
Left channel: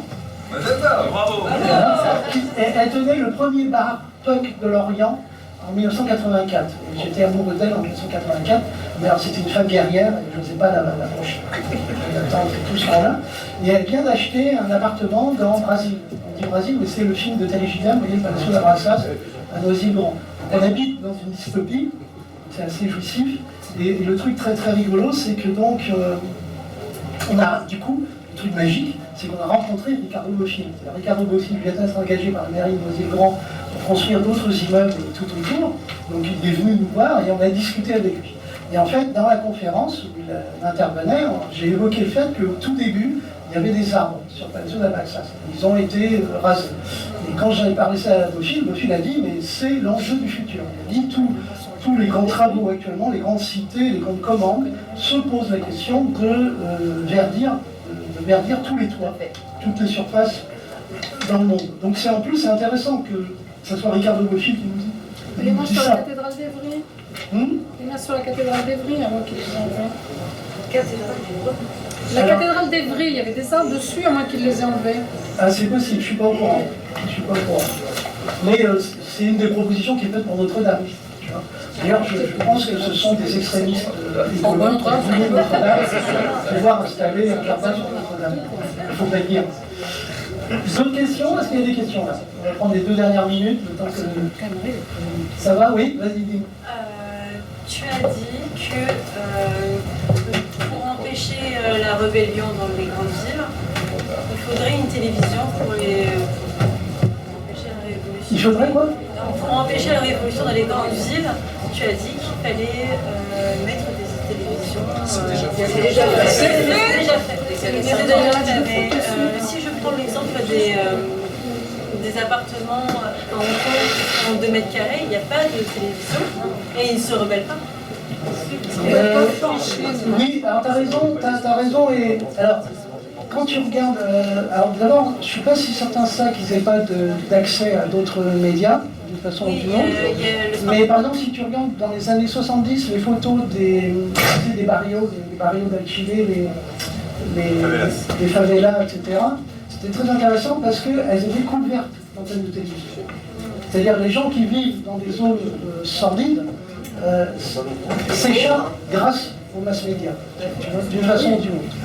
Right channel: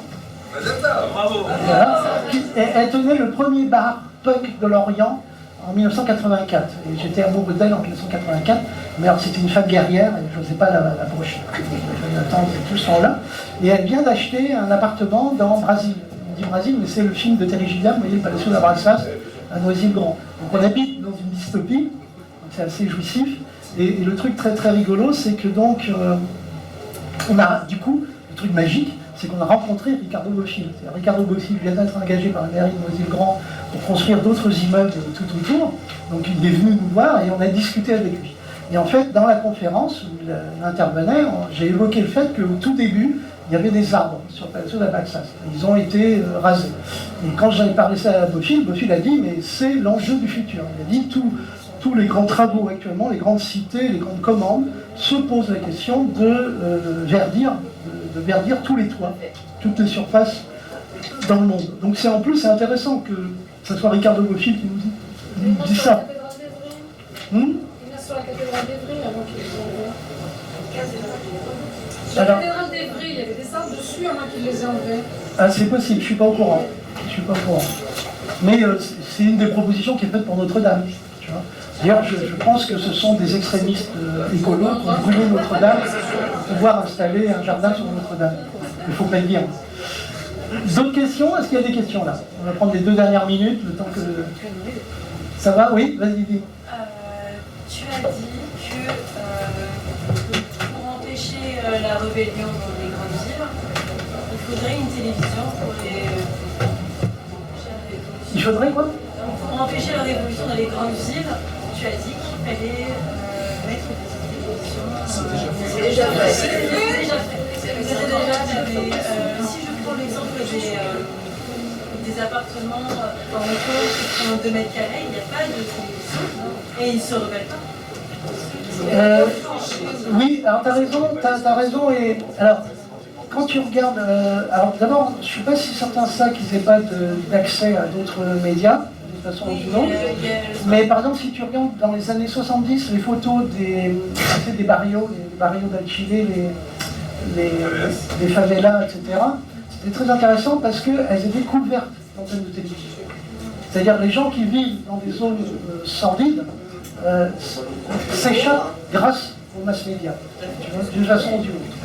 Bravo. Voilà. Elle tenait le premier bar punk de Lorient en 1984. Et j'étais amoureux d'elle en 1984. Mais alors c'était une femme guerrière, et je n'osais pas l'approcher. J'attends tout ce temps-là. Et elle vient d'acheter un appartement dans Brasil. On dit Brasil, mais c'est le film de Terry Gilliam, vous voyez, le Palacio d'Abraxas, à Noisy-le-Grand. Donc on habite dans une dystopie, c'est assez jouissif. Et le truc très très rigolo, c'est que donc, on a du coup, le truc magique, c'est qu'on a rencontré Ricardo Bofill. Ricardo Bofill vient d'être engagé par la mairie de Noisy-le-Grand pour construire d'autres immeubles tout autour. Donc il est venu nous voir et on a discuté avec lui. Et en fait, dans la conférence où il intervenait, j'ai évoqué le fait qu'au tout début, il y avait des arbres sur le Palacio d'Abraxas. Ils ont été rasés. Et quand j'en ai parlé ça à Bofill a dit, mais c'est l'enjeu du futur. Il a dit, tous les grands travaux actuellement, les grandes cités, les grandes commandes, se posent la question de verdir tous les toits, toutes les surfaces dans le monde. Donc c'est en plus, c'est intéressant que ce soit Ricardo Bofill qui nous dit ça. Il y en a sur la cathédrale d'Evry avant qu'ils les enlèvent. La cathédrale d'Evry, il y avait des arbres dessus avant qu'ils les aient enlevés. Ah, c'est possible, je suis pas au courant. Mais c'est une des propositions qui est faite pour Notre-Dame. D'ailleurs, je pense que ce sont des extrémistes écolos qui ont voulu Notre-Dame pour pouvoir installer un jardin sur Notre-Dame. Il faut pas le dire. D'autres questions? Est-ce qu'il y a des questions là? On va prendre les 2 dernières minutes, le temps que... Ça va? Oui, vas-y, dis. Tu as dit que pour empêcher la rébellion dans les grandes villes, il faudrait une télévision pour empêcher la révolution. Il faudrait quoi? Pour empêcher la révolution dans les grandes villes, tu as dit qu'il fallait mettre des télévisions. C'est déjà fait. C'est déjà fait. C'est déjà fait. Mais si je prends l'exemple des appartements en Hong Kong qui font 2 mètres carrés, il n'y a pas de télévision et ils ne se rebellent pas. Oui, alors t'as raison. Et alors, quand tu regardes, alors d'abord, je ne suis pas si certain de ça qu'ils n'aient pas d'accès à d'autres médias, de toute façon ou d'une autre. Mais par exemple, si tu regardes dans les années 70, les photos des barrios, les barrios d'Alchile, les favelas, etc., c'était très intéressant parce qu'elles étaient couvertes d'antennes de télévision. C'est-à-dire les gens qui vivent dans des zones sordides s'échappent grâce aux mass médias, d'une façon ou d'une autre.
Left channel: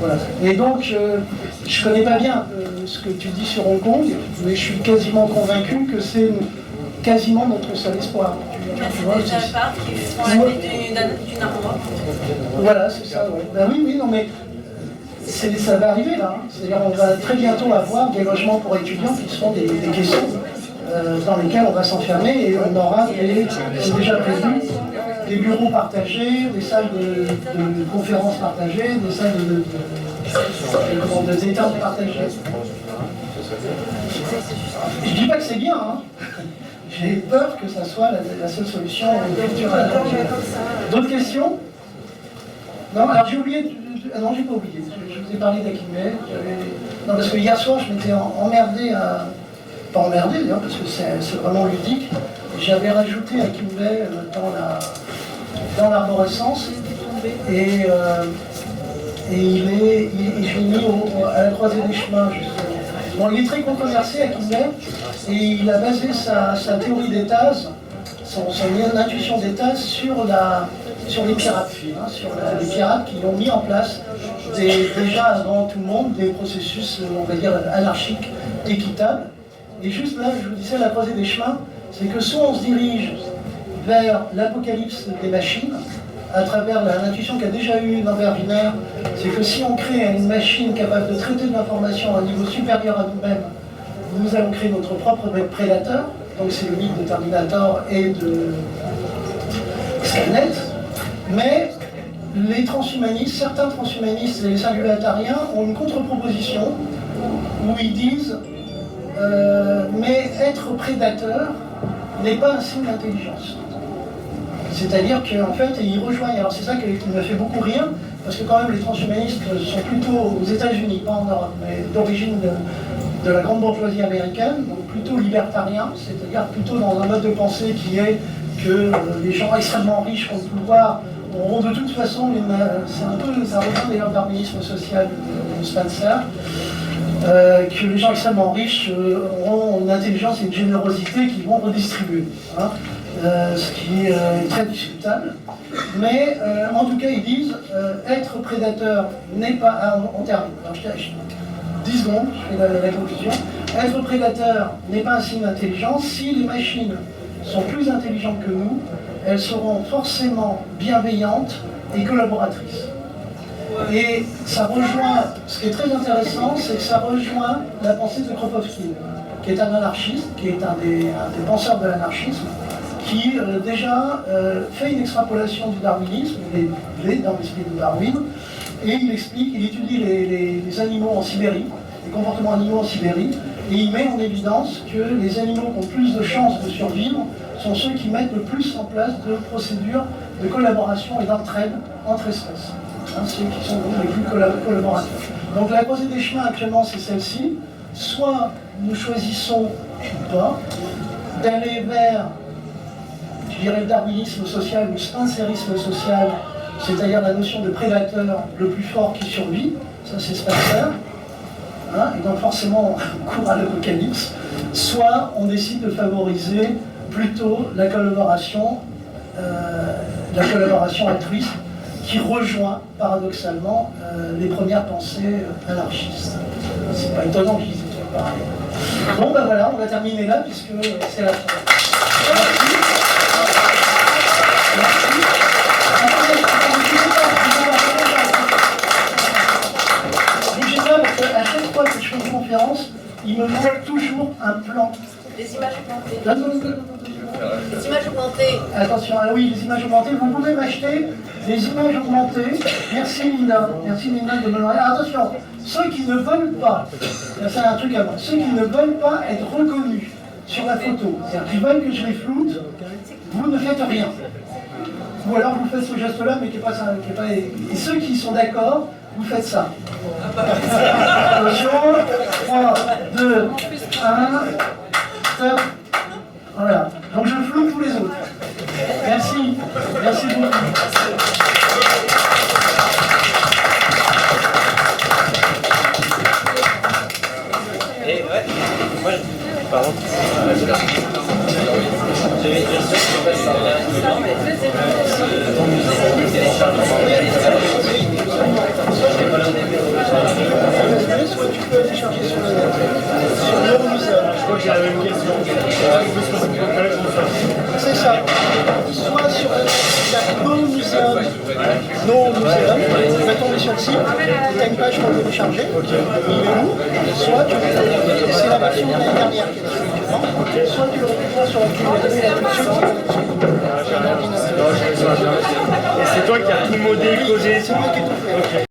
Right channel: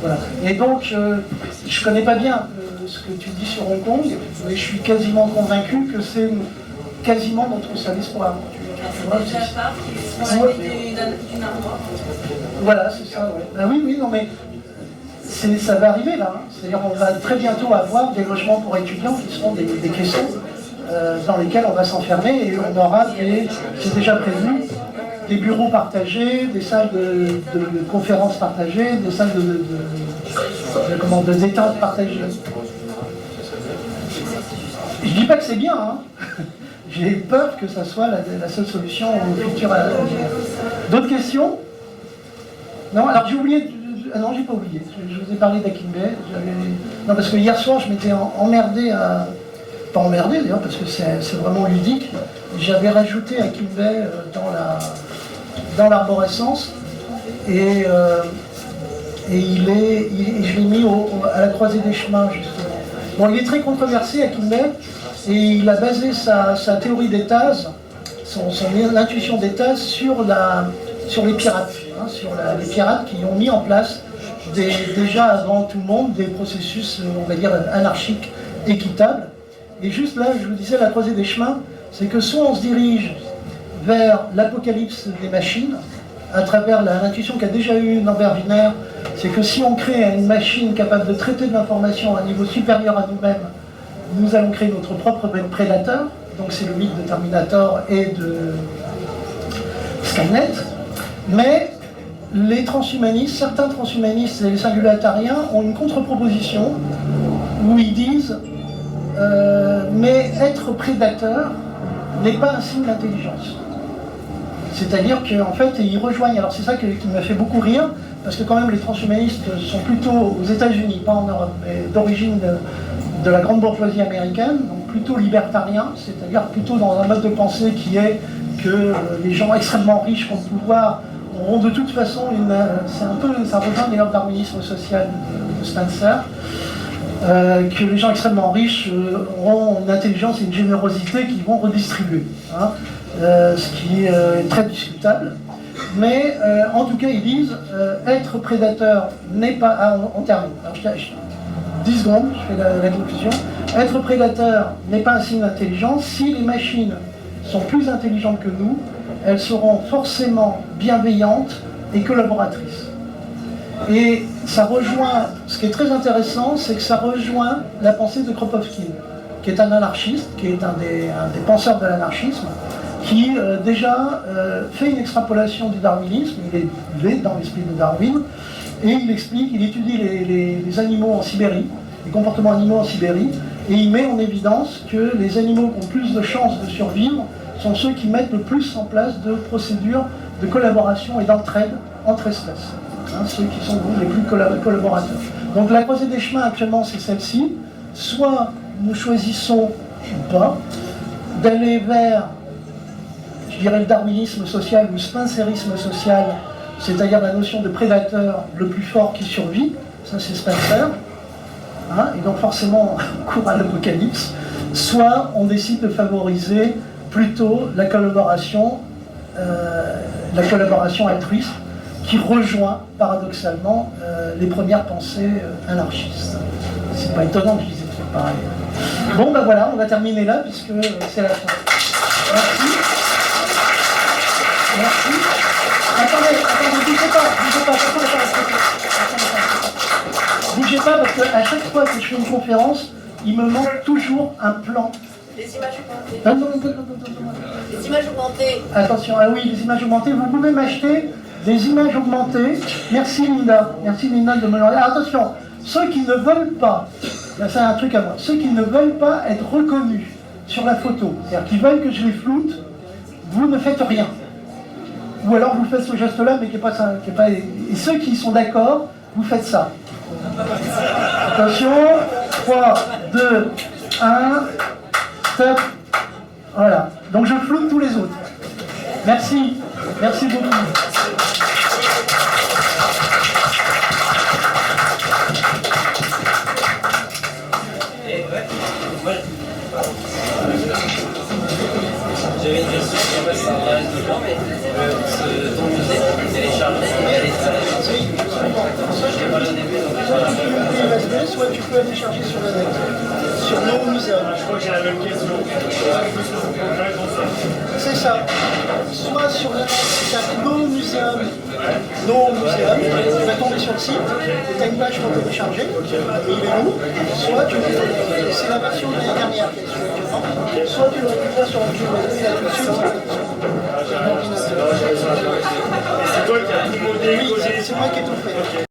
Voilà. Et donc, je ne connais pas bien ce que tu dis sur Hong Kong, mais je suis quasiment convaincu que c'est quasiment notre seul espoir. Tu vois, voilà, c'est ça. Ouais. Ben oui, non, mais ça va arriver là. C'est-à-dire qu'on va très bientôt avoir des logements pour étudiants qui seront des caissons dans lesquels on va s'enfermer et on aura c'est déjà prévu, des bureaux partagés, des salles de conférences partagées, des salles de détente partagées. Je dis pas que c'est bien, hein. J'ai peur que ça soit la seule solution au futur. D'autres questions? Non, alors j'ai oublié. Non, j'ai pas oublié. Je vous ai parlé d'Akimbe. Non, parce que hier soir, je m'étais emmerdé à. Pas emmerdé d'ailleurs, parce que c'est vraiment ludique. J'avais rajouté Akimbe dans l'arborescence. Et je l'ai mis à la croisée des chemins, justement. Bon, il est très controversé, Akimbe, et il a basé sa théorie des tases, son intuition des tases, sur les pirates, hein, sur les pirates qui ont mis en place déjà avant tout le monde des processus, on va dire, anarchiques, équitables. Et juste là, je vous disais, la croisée des chemins, c'est que soit on se dirige vers l'apocalypse des machines, à travers l'intuition qu'a déjà eue Norbert Wiener, c'est que si on crée une machine capable de traiter de l'information à un niveau supérieur à nous-mêmes, nous allons créer notre propre prédateur. Donc c'est le mythe de Terminator et de Skynet. Mais les transhumanistes, certains transhumanistes et les singulatariens ont une contre-proposition où ils disent mais être prédateur n'est pas un signe d'intelligence. C'est-à-dire qu'en fait, ils rejoignent, alors c'est ça qui m'a fait beaucoup rire, parce que quand même les transhumanistes sont plutôt aux États-Unis, pas en Europe, mais d'origine de la grande bourgeoisie américaine, donc plutôt libertariens, c'est-à-dire plutôt dans un mode de pensée qui est que les gens extrêmement riches qui ont le pouvoir auront de toute façon c'est un peu, ça rejoint d'ailleurs le darwinisme social de Spencer, que les gens extrêmement riches auront une intelligence et une générosité qui vont redistribuer. Hein. Ce qui est très discutable. Mais en tout cas, ils disent être prédateur n'est pas. On termine. Alors, 10 secondes, je fais la conclusion. Être prédateur n'est pas un signe d'intelligence. Si les machines sont plus intelligentes que nous, elles seront forcément bienveillantes et collaboratrices. Et ça rejoint, ce qui est très intéressant, c'est que ça rejoint la pensée de Kropotkin, qui est un anarchiste, qui est un des penseurs de l'anarchisme, qui déjà fait une extrapolation du darwinisme, il est dans l'esprit de Darwin, et il explique, il étudie les animaux en Sibérie, les comportements animaux en Sibérie, et il met en évidence que les animaux qui ont plus de chances de survivre sont ceux qui mettent le plus en place de procédures de collaboration et d'entraide entre espèces. Hein, ceux qui sont les plus collaborateurs. Donc la croisée des chemins actuellement c'est celle-ci, soit nous choisissons ou pas d'aller vers, je dirais, le darwinisme social ou le spencerisme social, c'est-à-dire la notion de prédateur le plus fort qui survit, ça c'est Spencer, hein, et donc forcément on court à l'apocalypse, soit on décide de favoriser plutôt la collaboration altruiste qui rejoint paradoxalement les premières pensées anarchistes. C'est pas étonnant que je dise des trucs pareils. Bon ben voilà, on va terminer là puisque c'est la fin. Merci. Merci. Bougez pas parce qu'à chaque fois que je fais une conférence, il me manque toujours un plan. Les images augmentées. Les images augmentées. Attention, ah oui, les images augmentées. Vous pouvez m'acheter des images augmentées. Merci Linda. Merci Linda de me l'envoyer. Attention, ceux qui ne veulent pas, là c'est un truc à moi, ceux qui ne veulent pas être reconnus sur la photo, c'est-à-dire qui veulent que je les floute, vous ne faites rien. Ou alors vous faites ce geste-là, mais qui n'est pas... Et ceux qui sont d'accord, vous faites ça. Attention, 3, 2, 1, stop. Voilà. Donc je floute tous les autres. Merci. Merci beaucoup. Et ouais, moi, pardon. J'avais une question qui en fait ça revient un peu mais ton musée, on peut télécharger, il y a les traductions. Soit je l'ai pas au début, donc soit tu peux télécharger sur le net. Sur No Museum. Je crois que j'ai la même question. C'est ça. Soit sur le net, No Museum. No Museum. Tu vas tomber sur le site, tu as une page pour télécharger. Il est lourd. Soit c'est la version de l'année dernière qui est dessus actuellement. Soit tu le récupères sur la clé USB là tout de suite. qui a tout modé, causé. C'est moi qui ai tout fait. Ok.